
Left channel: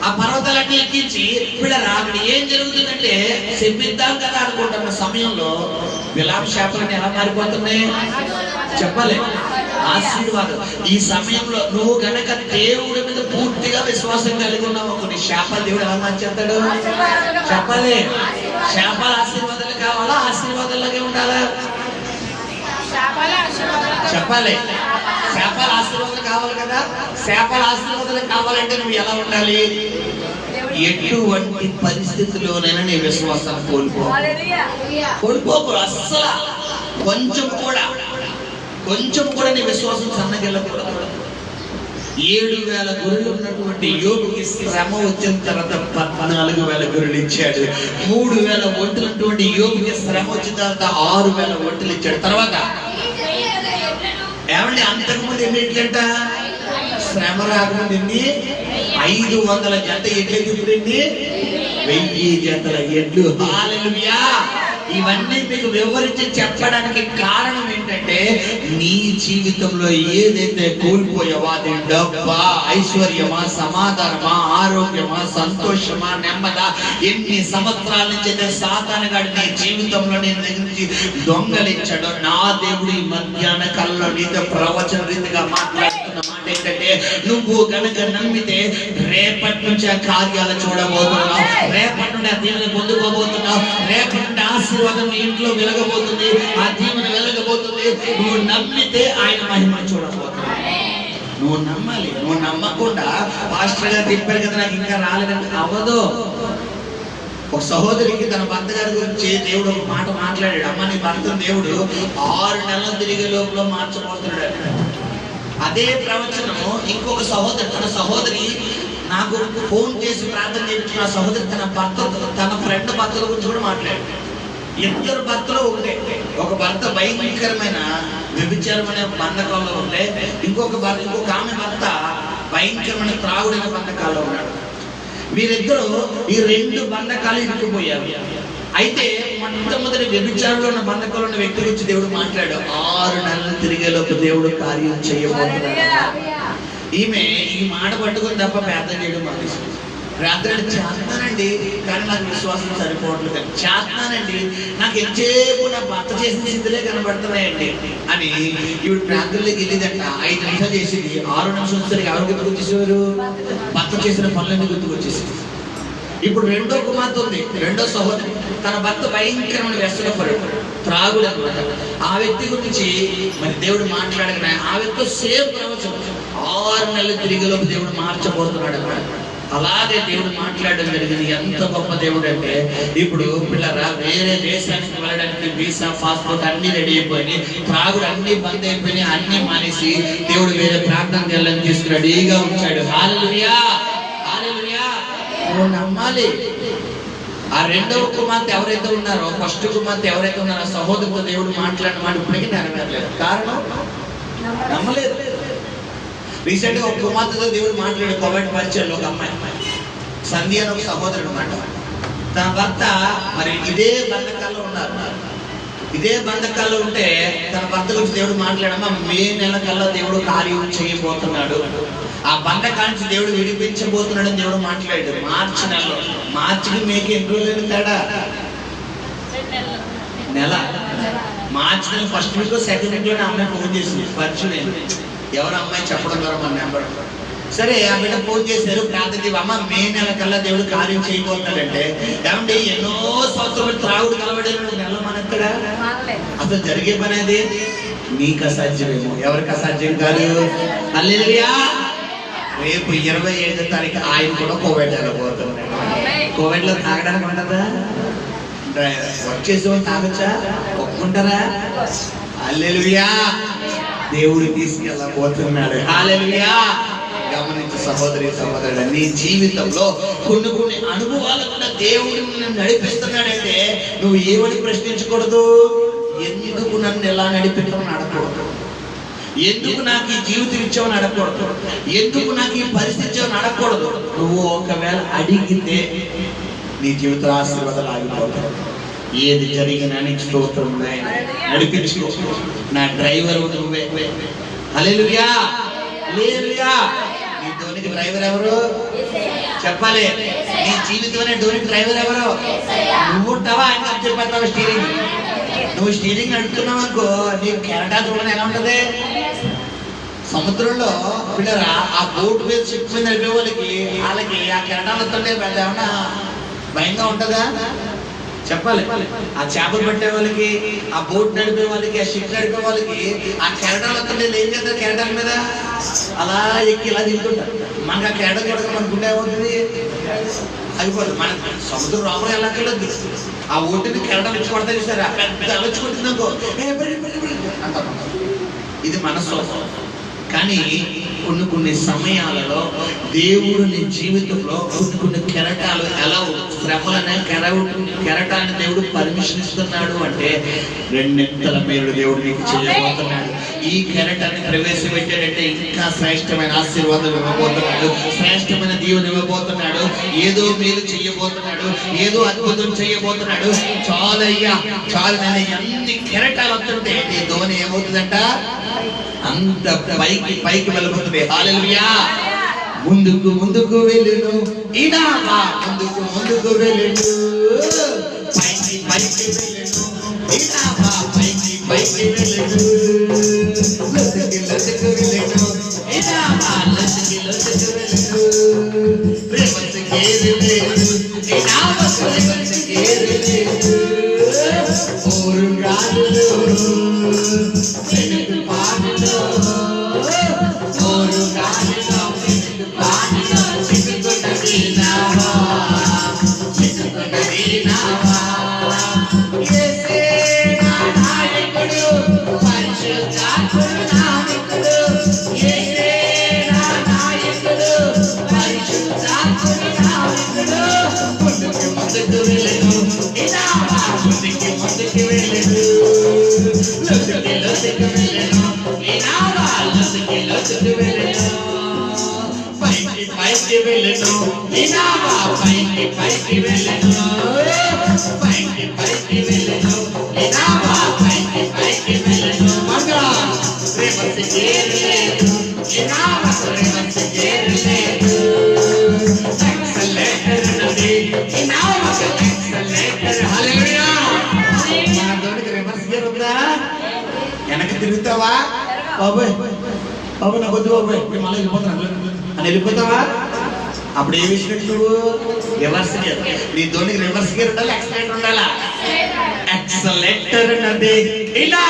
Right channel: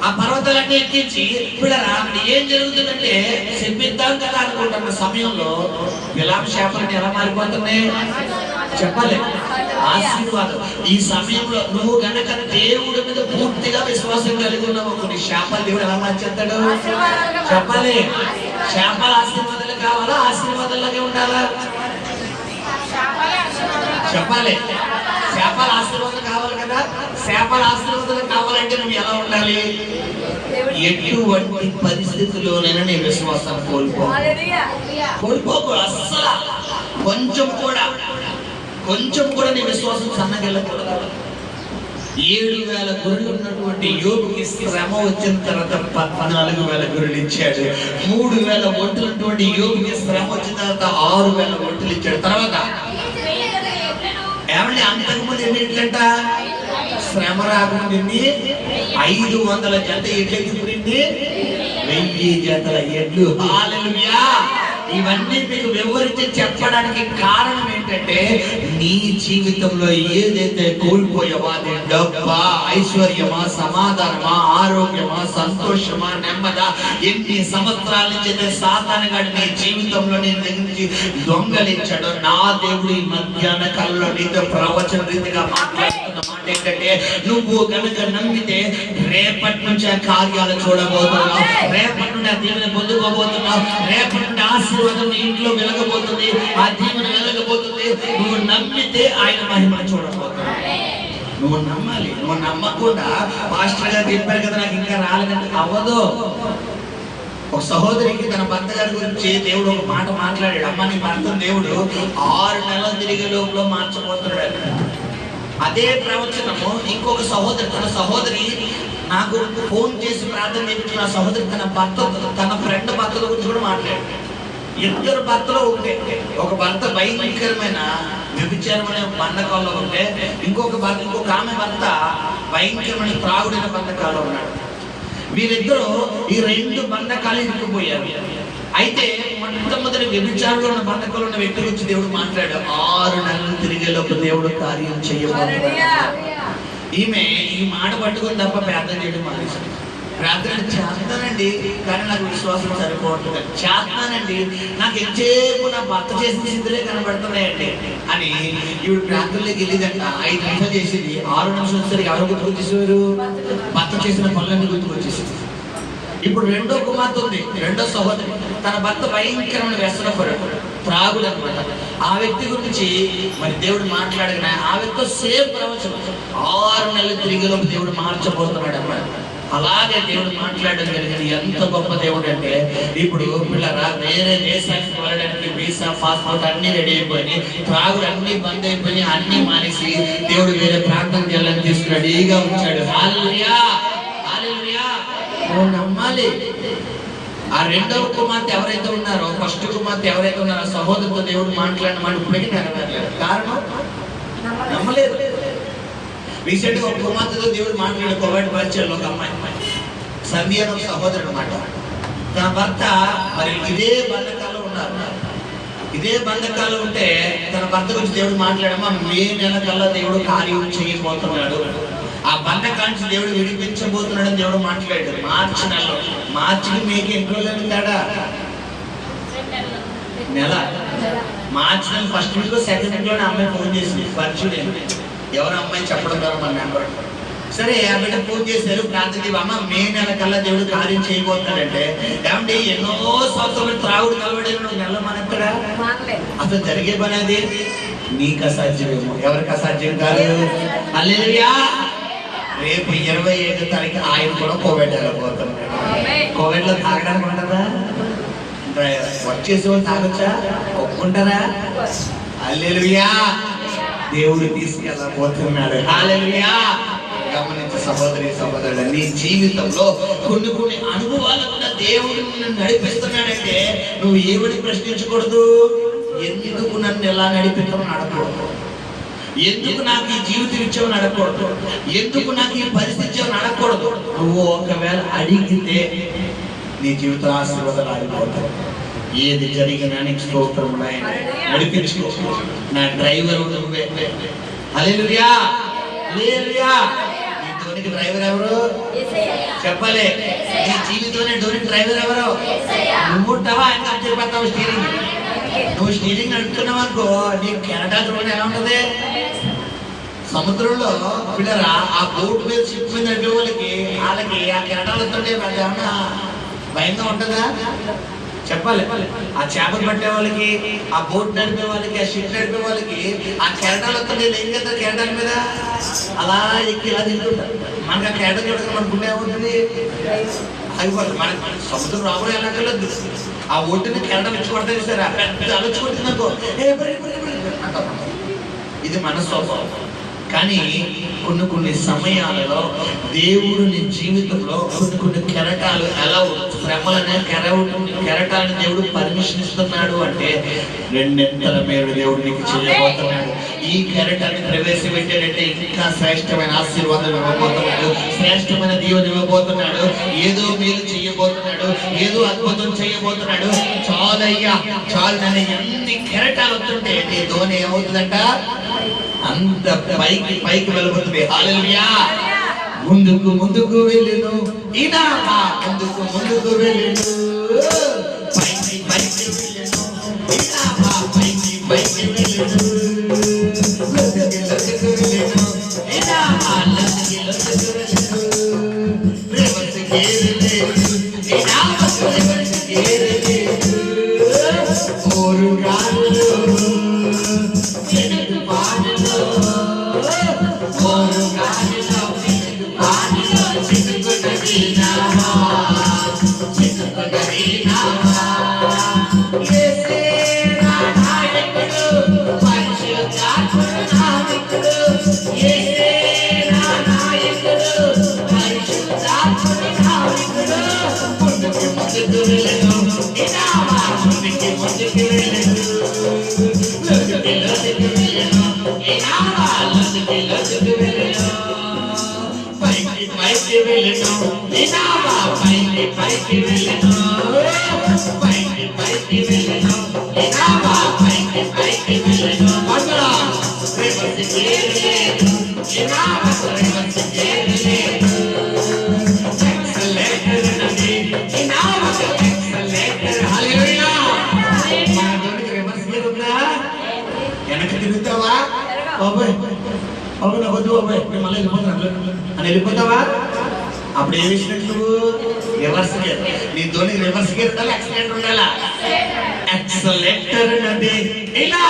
ఆ పర్వతాలన్నీ ఎక్కించి బిళ్ళరా అక్కడ ఏం జరుగుతుందంటే శపిద్దాం కదా అనుకుంటున్న సమయంలో బిలాము శాపాలన్నీ ఎలా మారిపోతున్నాయి చెప్పాలి. ఆశీర్వాదం. ఈ సమయంలో నువ్వు గనక దేవుడి మీద పూర్తిగా విశ్వాసం కలిగి ఉన్నావు, కొన్ని శాపాలు దేవుడు ఎలా మార్చేస్తాడు చెప్పాలి. శాపాలు ఆశీర్వాదాలు కావాలా, ఆశీర్వాదాలకే ఉండాలా చెప్పాలి. శాపాలు ఆశీర్వాదాలు కావాలి కదా. శాపాలు ఆశీర్వాదాలు కావాలంటే నువ్వు ఎలా ఉండాలి. ఎటువంటి పరిస్థితుల్లోనైనా నీ విశ్వాసాన్ని కోల్పోకు. అస్సలు కొంచెం కూడా నీ విశ్వాసం సన్నగిల్లకూడదు. 7,000 గొర్రెలు ఉన్నటువంటి యోబుకి శ్రమ వచ్చిన తర్వాత 14,000 గొర్రెలు ఇచ్చాడు. 3,000 ఒంటెలున్నటువంటి యోబుకి శ్రమ వచ్చిన తర్వాత 6,000 ఒంటెలు ఇచ్చాడు. తర్వాత ఏమంటే అంతకుముందు ఎన్నింటికంట శ్రమ రాకముందు 500 జంట ఎడ్లు, ఇప్పుడు 1000 జంటల ఎడ్లు. హల్లెలూయా. ఇవన్నీ మీకు వివరించి చెప్పడానికి కారణం ఏంటంటే, నీ జీవితంలో ఏదైతే కోల్పోయావో అది డబ్బా, ఐశ్వర్యమా, సమాధానమా, ఆరోగ్యమా, సంతోషమా, నెమ్మదా, ఎన్ని సంవత్సరాల నుంచి సాతాను గాడు నీ జీవితంలో నీ దగ్గర నుంచి దొంగలించాడు. నా దేవుడు ఈ మధ్యాహ్న కాలంలో నీతో ప్రవచన రీతిగా మాట్లాడుతున్న మాట ఏంటంటే, నువ్వు కనుక నమ్మితే రేపటి నుంచి ఆ కార్యాలు చూడబోతున్నావు, రేపటి నుండి ఆ దీవెన పొందుకోబోతున్నావు, రేపటి నుండి ఆశీర్వాదం ఇంట్లో వెలగబోతుంది, ఆ దీవెన వెలగబోతుంది. నువ్వు నమ్మితే ఆయన మహిమ చూడబోతున్నావు. నువ్వు నమ్మాలి. నువ్వు నమ్మకుండా పాస్టర్ గారు చెప్పారు కదా నాకు ఇంకా రాలేదంటే అవ్వదు. ఒక సహోదరికి తన భర్త గారి గురించి దేవుడు ఒక మాట మాట్లాడాడు. అమ్మ నీ భర్త దేవుడు 6 నెలలు తిరిగే లోపల మార్చబోతున్నాడు. అదే ప్రవచనము ఇంకొక సహోదరి, తన సహోదరి నాకు ఫోన్ చేసి ప్రార్థన చేయించిన ఆ సహోదరి తన ఫ్రెండ్ భర్తల గురించి కూడా మాట్లాడాడు. 2 భర్తలు ఒకటే. ఒక భర్త భయంకరమైన వ్యభిచారమైన బంధకాల్లో ఉంటే, ఇంకొక ఆమె భర్త భయంకరమైన త్రాగుడైన బంధకాల్లో ఉన్నాడు. వీరిద్దరూ ఈ 2 బంధకాలు ఇరుక్కుపోయారు. అయితే మొట్టమొదటి వ్యభిచారంలో ఉన్న బంధకాలు ఉన్న వ్యక్తి గురించి దేవుడు మాట్లాడు. 6 నెలలు తిరిగేలోపు దేవుడు కార్యం చేయబోతున్నాడు. ఈమె ఈ మాట పట్టుకుని తప్ప ప్రార్థన చేయడం మానేసింది. ప్రార్థన చేస్తానండి కానీ నాకు విశ్వాసం సరిపోవట్లేదు, చేస్తానండి నాకు ఎంతసేపు నా భర్త చేసిన స్థితిలే కనబడుతున్నాయండి అని ఈవిడ ప్రార్థనలోకి వెళ్ళిందంట. 5 నిమిషాలు చేసింది, 6 నిమిషం వచ్చేసరికి ఎవరు గుర్తుకొచ్చేసారు? భర్త చేసిన పనులన్నీ గుర్తుకొచ్చేసింది. ఇప్పుడు 2వ కుమార్తె ఉంది, 2వ సహోదరి. తన భర్త భయంకరమైన వ్యసనపరుడు, త్రాగుడు అనమాట. ఆ వ్యక్తి గురించి మరి దేవుడు మాట్లాడిన ఆ వ్యక్తి సేమ్ ప్రవచనం 6 నెలలు తిరిగేలోపు దేవుడు మార్చబోతున్నాడు అన్నమాట. అలాగే దేవుడు మాట్లాడడం జరిగింది. ఎంత గొప్ప దేవుడు అంటే, ఇప్పుడు పిల్లరా వేరే దేశానికి వెళ్ళడానికి వీసా, పాస్పోర్ట్ అన్ని రెడీ అయిపోయి, త్రాగుడు అన్ని బంద్ అయిపోయి, అన్ని మానేసి దేవుడు వేరే ప్రాంతానికి వెళ్ళని తీసుకు రెడీగా ఉంచాడు. హల్లెలూయా, హల్లెలూయా. నువ్వు నమ్మాలి. ఆ రెండవ కుమార్తె ఎవరైతే ఉన్నారో, ఫస్ట్ కుమార్తె ఎవరైతే ఉన్నారో సహోదరుతో దేవుడు మాట్లాడిన మాట ఇప్పటికీ నెరవేరలేదు. కారణం నమ్మలేదు. రీసెంట్ గా ఒక కుమార్తెతో దేవుడు మాట్లాడే కోవిడ్ పరిచయంలో ఒక అమ్మాయి సంధ్య అని ఒక సహోదరుడు మాట, తన భర్త మరి ఇదే బంధకాల్లో ఉన్నారు. ఇదే బంధకాల్లో ఉంటే తన భర్త గురించి దేవుడు మాట్లాడమ్మా మే నెల కల్లా దేవుడు కార్యం చేయబోతున్నాడు, ఆ బంధకానికి దేవుడు విడిపించబోతున్నాడు అని దేవుడు మాట్లాడాడు. మార్చి నెలలో, మార్చికి మేకి ఎన్ని రోజులు తేడా? నెల. మార్చి నెల ఫస్ట్ వీక్ సెకండ్ వీక్ లోనే అమ్మాయి ఫోన్ చేసింది, పరిచయం ఎవరు అమ్మాయి చెప్పడం ద్వారా మన నెంబర్. సరే ఆ బిడ్డ ఫోన్ చేశారు, ప్రార్థన అమ్మ మే నెల కల్లా దేవుడు కార్యం చేయబోతున్నాడంటే, ఏమంటే ఎన్నో సంవత్సరాలు త్రాగుడు కలబడి నెల మనక్కడ అసలు జరిగే పని అది నీకు అసాధ్యమేమో, ఎవరికి అసాధ్యం కాదు. హల్లెలూయా. రేపు 27వ తారీఖు ఆయన కూడా కోవిడ్ వెళ్ళబోతున్నాడు. కోవిడ్ లో తాగడానికి ఉంటుందా? వర్క్ చేసే వాళ్ళు తాగొచ్చా? ఒప్పుకుంటారా? హల్లెలూయా. దేవుడు తీసుకెళ్ళబోతున్నాడు. హల్లెలూయా. గమనించే సహోదరి సహోదరుడు, నీ జీవితంలో కొన్ని అనుభవాలు కూడా దేవుడు నిన్ను నడిపిస్తున్నాడంటే నువ్వు ఏమని ప్రశ్నించకూడదు. ఎందుకు నన్ను ఎలా నడిపిస్తామని అడగకూడదు. ఎందుకు నాకు ఈ జీవితం ఇచ్చామని అడగకూడదు. ఎందుకు నాకు ఈ పరిస్థితి ఇచ్చామని అడగకూడదు. నువ్వు ఒకవేళ అడిగితే నీ జీవితం ఆశీర్వాదాలు ఆగిపోతాయి. ఏది జరిగినా నీకు స్తోత్రం నడిపించుకో. నా డ్రైవర్ నువ్వే. హల్లెలూయా. హల్లెలూయా. నీ ధోనికి డ్రైవర్ ఎవరు చెప్పాలి? నీ జీవితంలో ధోనికి డ్రైవర్ ఎవరు? నువ్వు ఉంటావా? ఆయన చెప్పేస్తావా స్టీరింగ్? నువ్వు స్టీరింగ్ నడుపుతున్నావు అనుకో, నీ కెనడా చూడని ఎలా ఉంటది? సముద్రంలో పిల్లరా ఆ బోట్ మీద షిప్ మీద నడిపే వాళ్ళకి ఆ కెనడాలు వస్తుంటే ఏమన్నా భయంగా ఉంటుందా? చెప్పాలి. ఆ చేపలు పట్టే వాళ్ళకి, ఆ బోట్ నడిపే వాళ్ళకి, ఆ షిప్ నడిపే వాళ్ళకి ఆ కెరటాలు వస్తుంటే ఏం చేస్తారు? కెరటాల మీద అలా ఎక్కి ఇలా తింటుంటారు. మనకు ఆ కెరట చూడక అనుకుంటే ఏమవుతుంది? అయిపోతుంది. మన సముద్రం రాకుండా ఎలా వెళ్ళొద్దు. ఆ ఒడ్డుని కెరటం ఇచ్చి పడతాయి సార్, పెద్ద అలచుకుంటున్నాకో ఇది మన స్వభావం. కానీ కొన్ని సమయాలలో దేవుడు నీ జీవితంలో కొన్ని కెరటాలు ఎలా శ్రమలనే కెరటాన్ని దేవుడు పర్మిషన్ ఇస్తున్నాడు అంటే రెండెంతల మేలు దేవుడు నీకు చేయబోతున్నాడు. ఈ కెరటాన్ని ప్రవేశపెట్టాడంటే ఇంకా శ్రేష్టమైన ఆశీర్వాదం ఇవ్వబోతున్నాడు, శ్రేష్టమైన దీవెన ఇవ్వబోతున్నాడు, ఏదో మేలు చేయబోతున్నాడు, ఏదో అద్భుతం చేయబోతున్నాడు. చాలయ్యా చాలు. నేను ఎన్ని కెరటాలు వస్తుంటే నీ ధోని ఏమవుతుందంట? అంత పైకి వెళ్ళబోతుంది. హల్లెలూయా. ముందుకు వెళ్ళును ఇనామా, ముందుకు వెళ్ళును, పైకి వెళ్ళును ఇనామా, పైకి వెళ్ళును, లొసుకు వెళ్ళును ఇనామా, లొసుకు వెళ్ళును, ప్రేమకు కేరులేను ఇనామా, ప్రేమకు కేరులేను, ఓరుగాలు వెనక్కి తిరుగుతావా? బాబాయ్ బాబు నాకు వద్దు బాబాయ్, మళ్ళీ అని వెళ్ళిపోతావా? అప్పుడు ఏ విషయం నువ్వు రివర్స్ గేర్. నీ ధోనికి రివర్స్ గేర్ ఉండాలి, యాక్సిలేటర్ ఉండాలా? యాక్సిలేటర్ అంటే ఇలా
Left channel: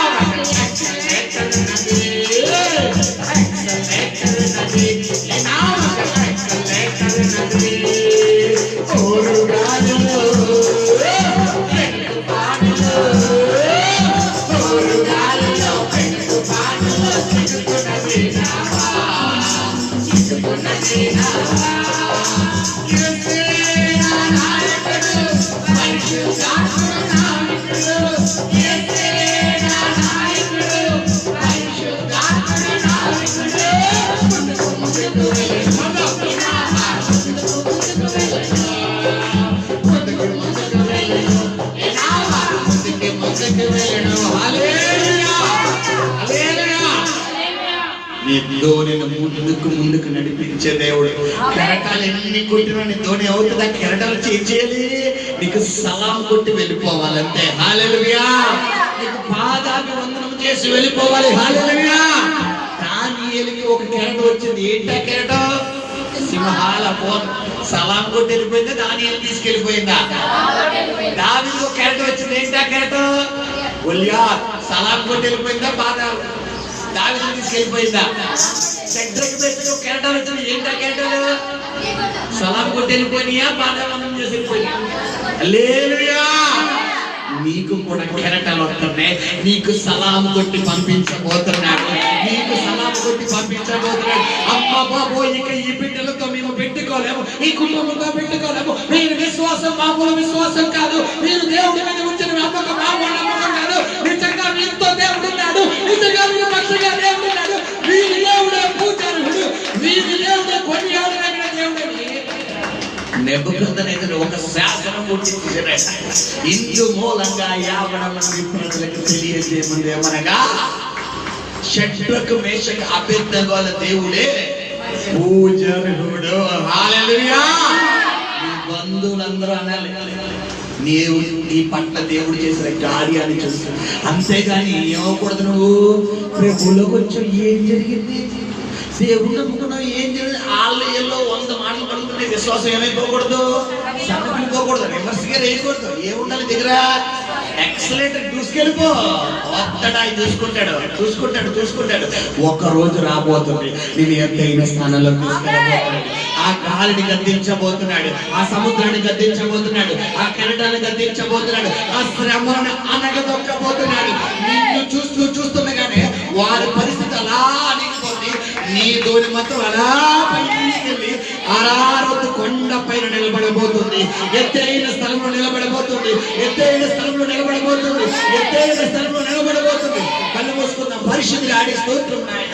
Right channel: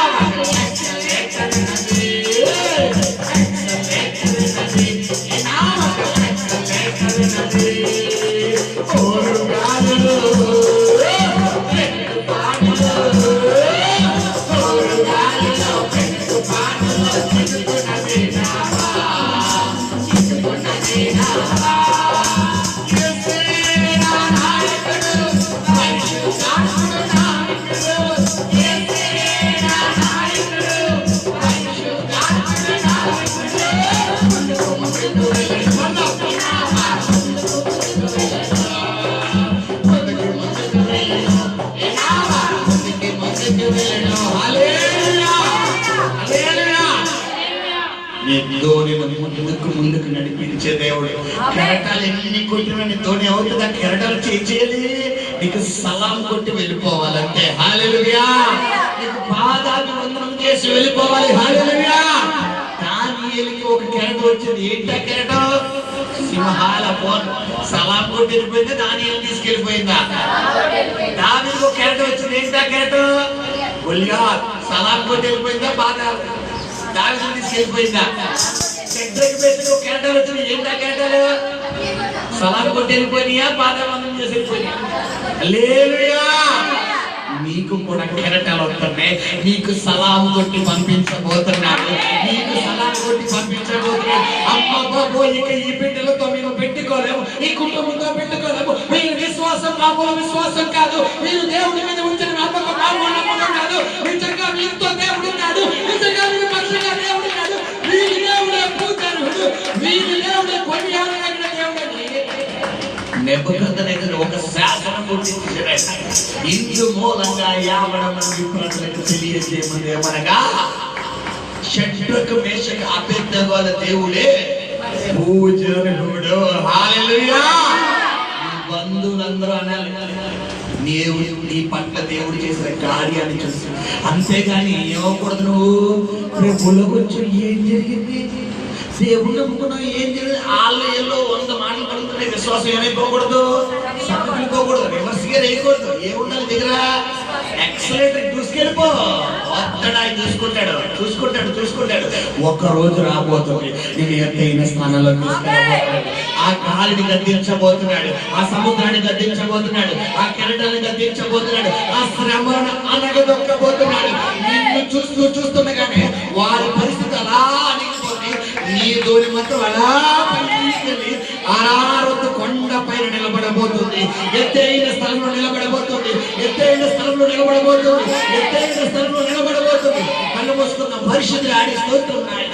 ధోనిని ముందుకు నడిపించే దేవుడు. కెరటాలు ఎన్ని కొట్టినా నీ ధోని అవుతుంది. ఆ కెరటాలు చేయాలి, నీకు సలాం కొట్టి వెళ్ళిపోవాలంతే. హల్లెలూయా. నీకు పాదాభివందనం చేసి వెళ్ళిపోవాలి. హల్లెలూయా. దానియేలుకి ఒక కెరటం వచ్చింది. ఏంటా కెరటం? సింహాల సలాం కొట్టి వెళ్ళిపోయిందా, దానియేలు తీసుకెళ్ళిపోయిందా? దావీదుకు ఒక కెరటం వచ్చింది. ఏంటా కెరటం? గొల్యాత్ సలాం కొట్టి వెళ్ళిపోయిందా, దావీదుని తీసుకెళ్ళిపోయిందా? షడ్రక్ బెత్తుకు ఒక కెరటాలు వచ్చింది. ఏంటా కెరటాలు? సలాం కొట్టి వెళ్ళిపోయినాయా, పాదాభివందనం చేసి వెళ్ళిపోయినా? హల్లెలూయా. నీకు కూడా కెరటాలు వస్తున్నాయి. నీకు సలాం కొట్టి పంపించబోతున్నాడు. నీకు సలాం కొట్టి పంపించబోతున్నాడు. అమ్మ బాబో, ఇక ఈ బిడ్డలతో మేము పెట్టుకోలేము, ఈ కుటుంబంతో పెట్టుకోలేము. మీరు విశ్వాసం మామూలు విశ్వాసం కాదు. మీరు దేవుడి మీద ఉంచిన నమ్మకం మామూలు నమ్మకం కాదు. నిజంగా మీతో దేవుడు ఉన్నాడు. నిజంగా మీరు పక్షంగా దేవుడు ఉన్నాడు. వీరి దేవుడే పూజారుడు, వీరి దేవుడే కొనియాడదగిన దేవుడని నెబుకద్నెజరు ఒక శాసనం పుట్టించాడు. ఇందు మూలంగా 50 మంది ప్రజలకు తెలియజేయమంది ఏమనగా, షడ్రక్ మేషక్ అబేద్నెగోల దేవుడే పూజారుడు. హల్లెలూయా. నీ బంధువులందరూ అనాలి, నీ పట్ల దేవుడు చేసిన కార్యాన్ని చూసి. అంతేగాని ఏమకూడదు, నువ్వు ప్రభులో కొంచెం ఏం జరిగింది, దేవుడు నమ్ముకున్నావు ఏం జరిగింది, వాళ్ళు ఏదో 100 మాటలు పడుతుంటే విశ్వాసం ఏమైపోకూడదు, సన్నపిల్లిపోకూడదు, రివర్స్ గా వేయకూడదు. ఏముండాలి దగ్గర? ఎక్సలెంట్ దూసుకెళ్ళిపో. వస్తాడు, ఆయన చూసుకుంటాడు. ఒక రోజు రాబోతుంది, నేను ఎత్తైన స్థానంలో తీసుకెళ్ళబోతున్నాడు. ఆ గాలిని గద్దించబోతున్నాడు, ఆ సముద్రాన్ని గద్దించబోతున్నాడు, ఆ కెరటాన్ని గద్దించబోతున్నాడు, ఆ శ్రమను అనగదొక్కబోతున్నాడు. నిన్ను చూస్తుండగానే వారి పరిస్థితి అలా అనిగిపోతుంది. నీ ధోని మాత్రం అలా పైకెళ్ళి ఆరారొద్దు కొండ పైన నిలబడబోతుంది. ఎత్తైన స్థలంలో నిలబడబోతుంది. కళ్ళు మూసుకున్న పరిశుద్ధులు ఆడే స్తోత్రం నాయన.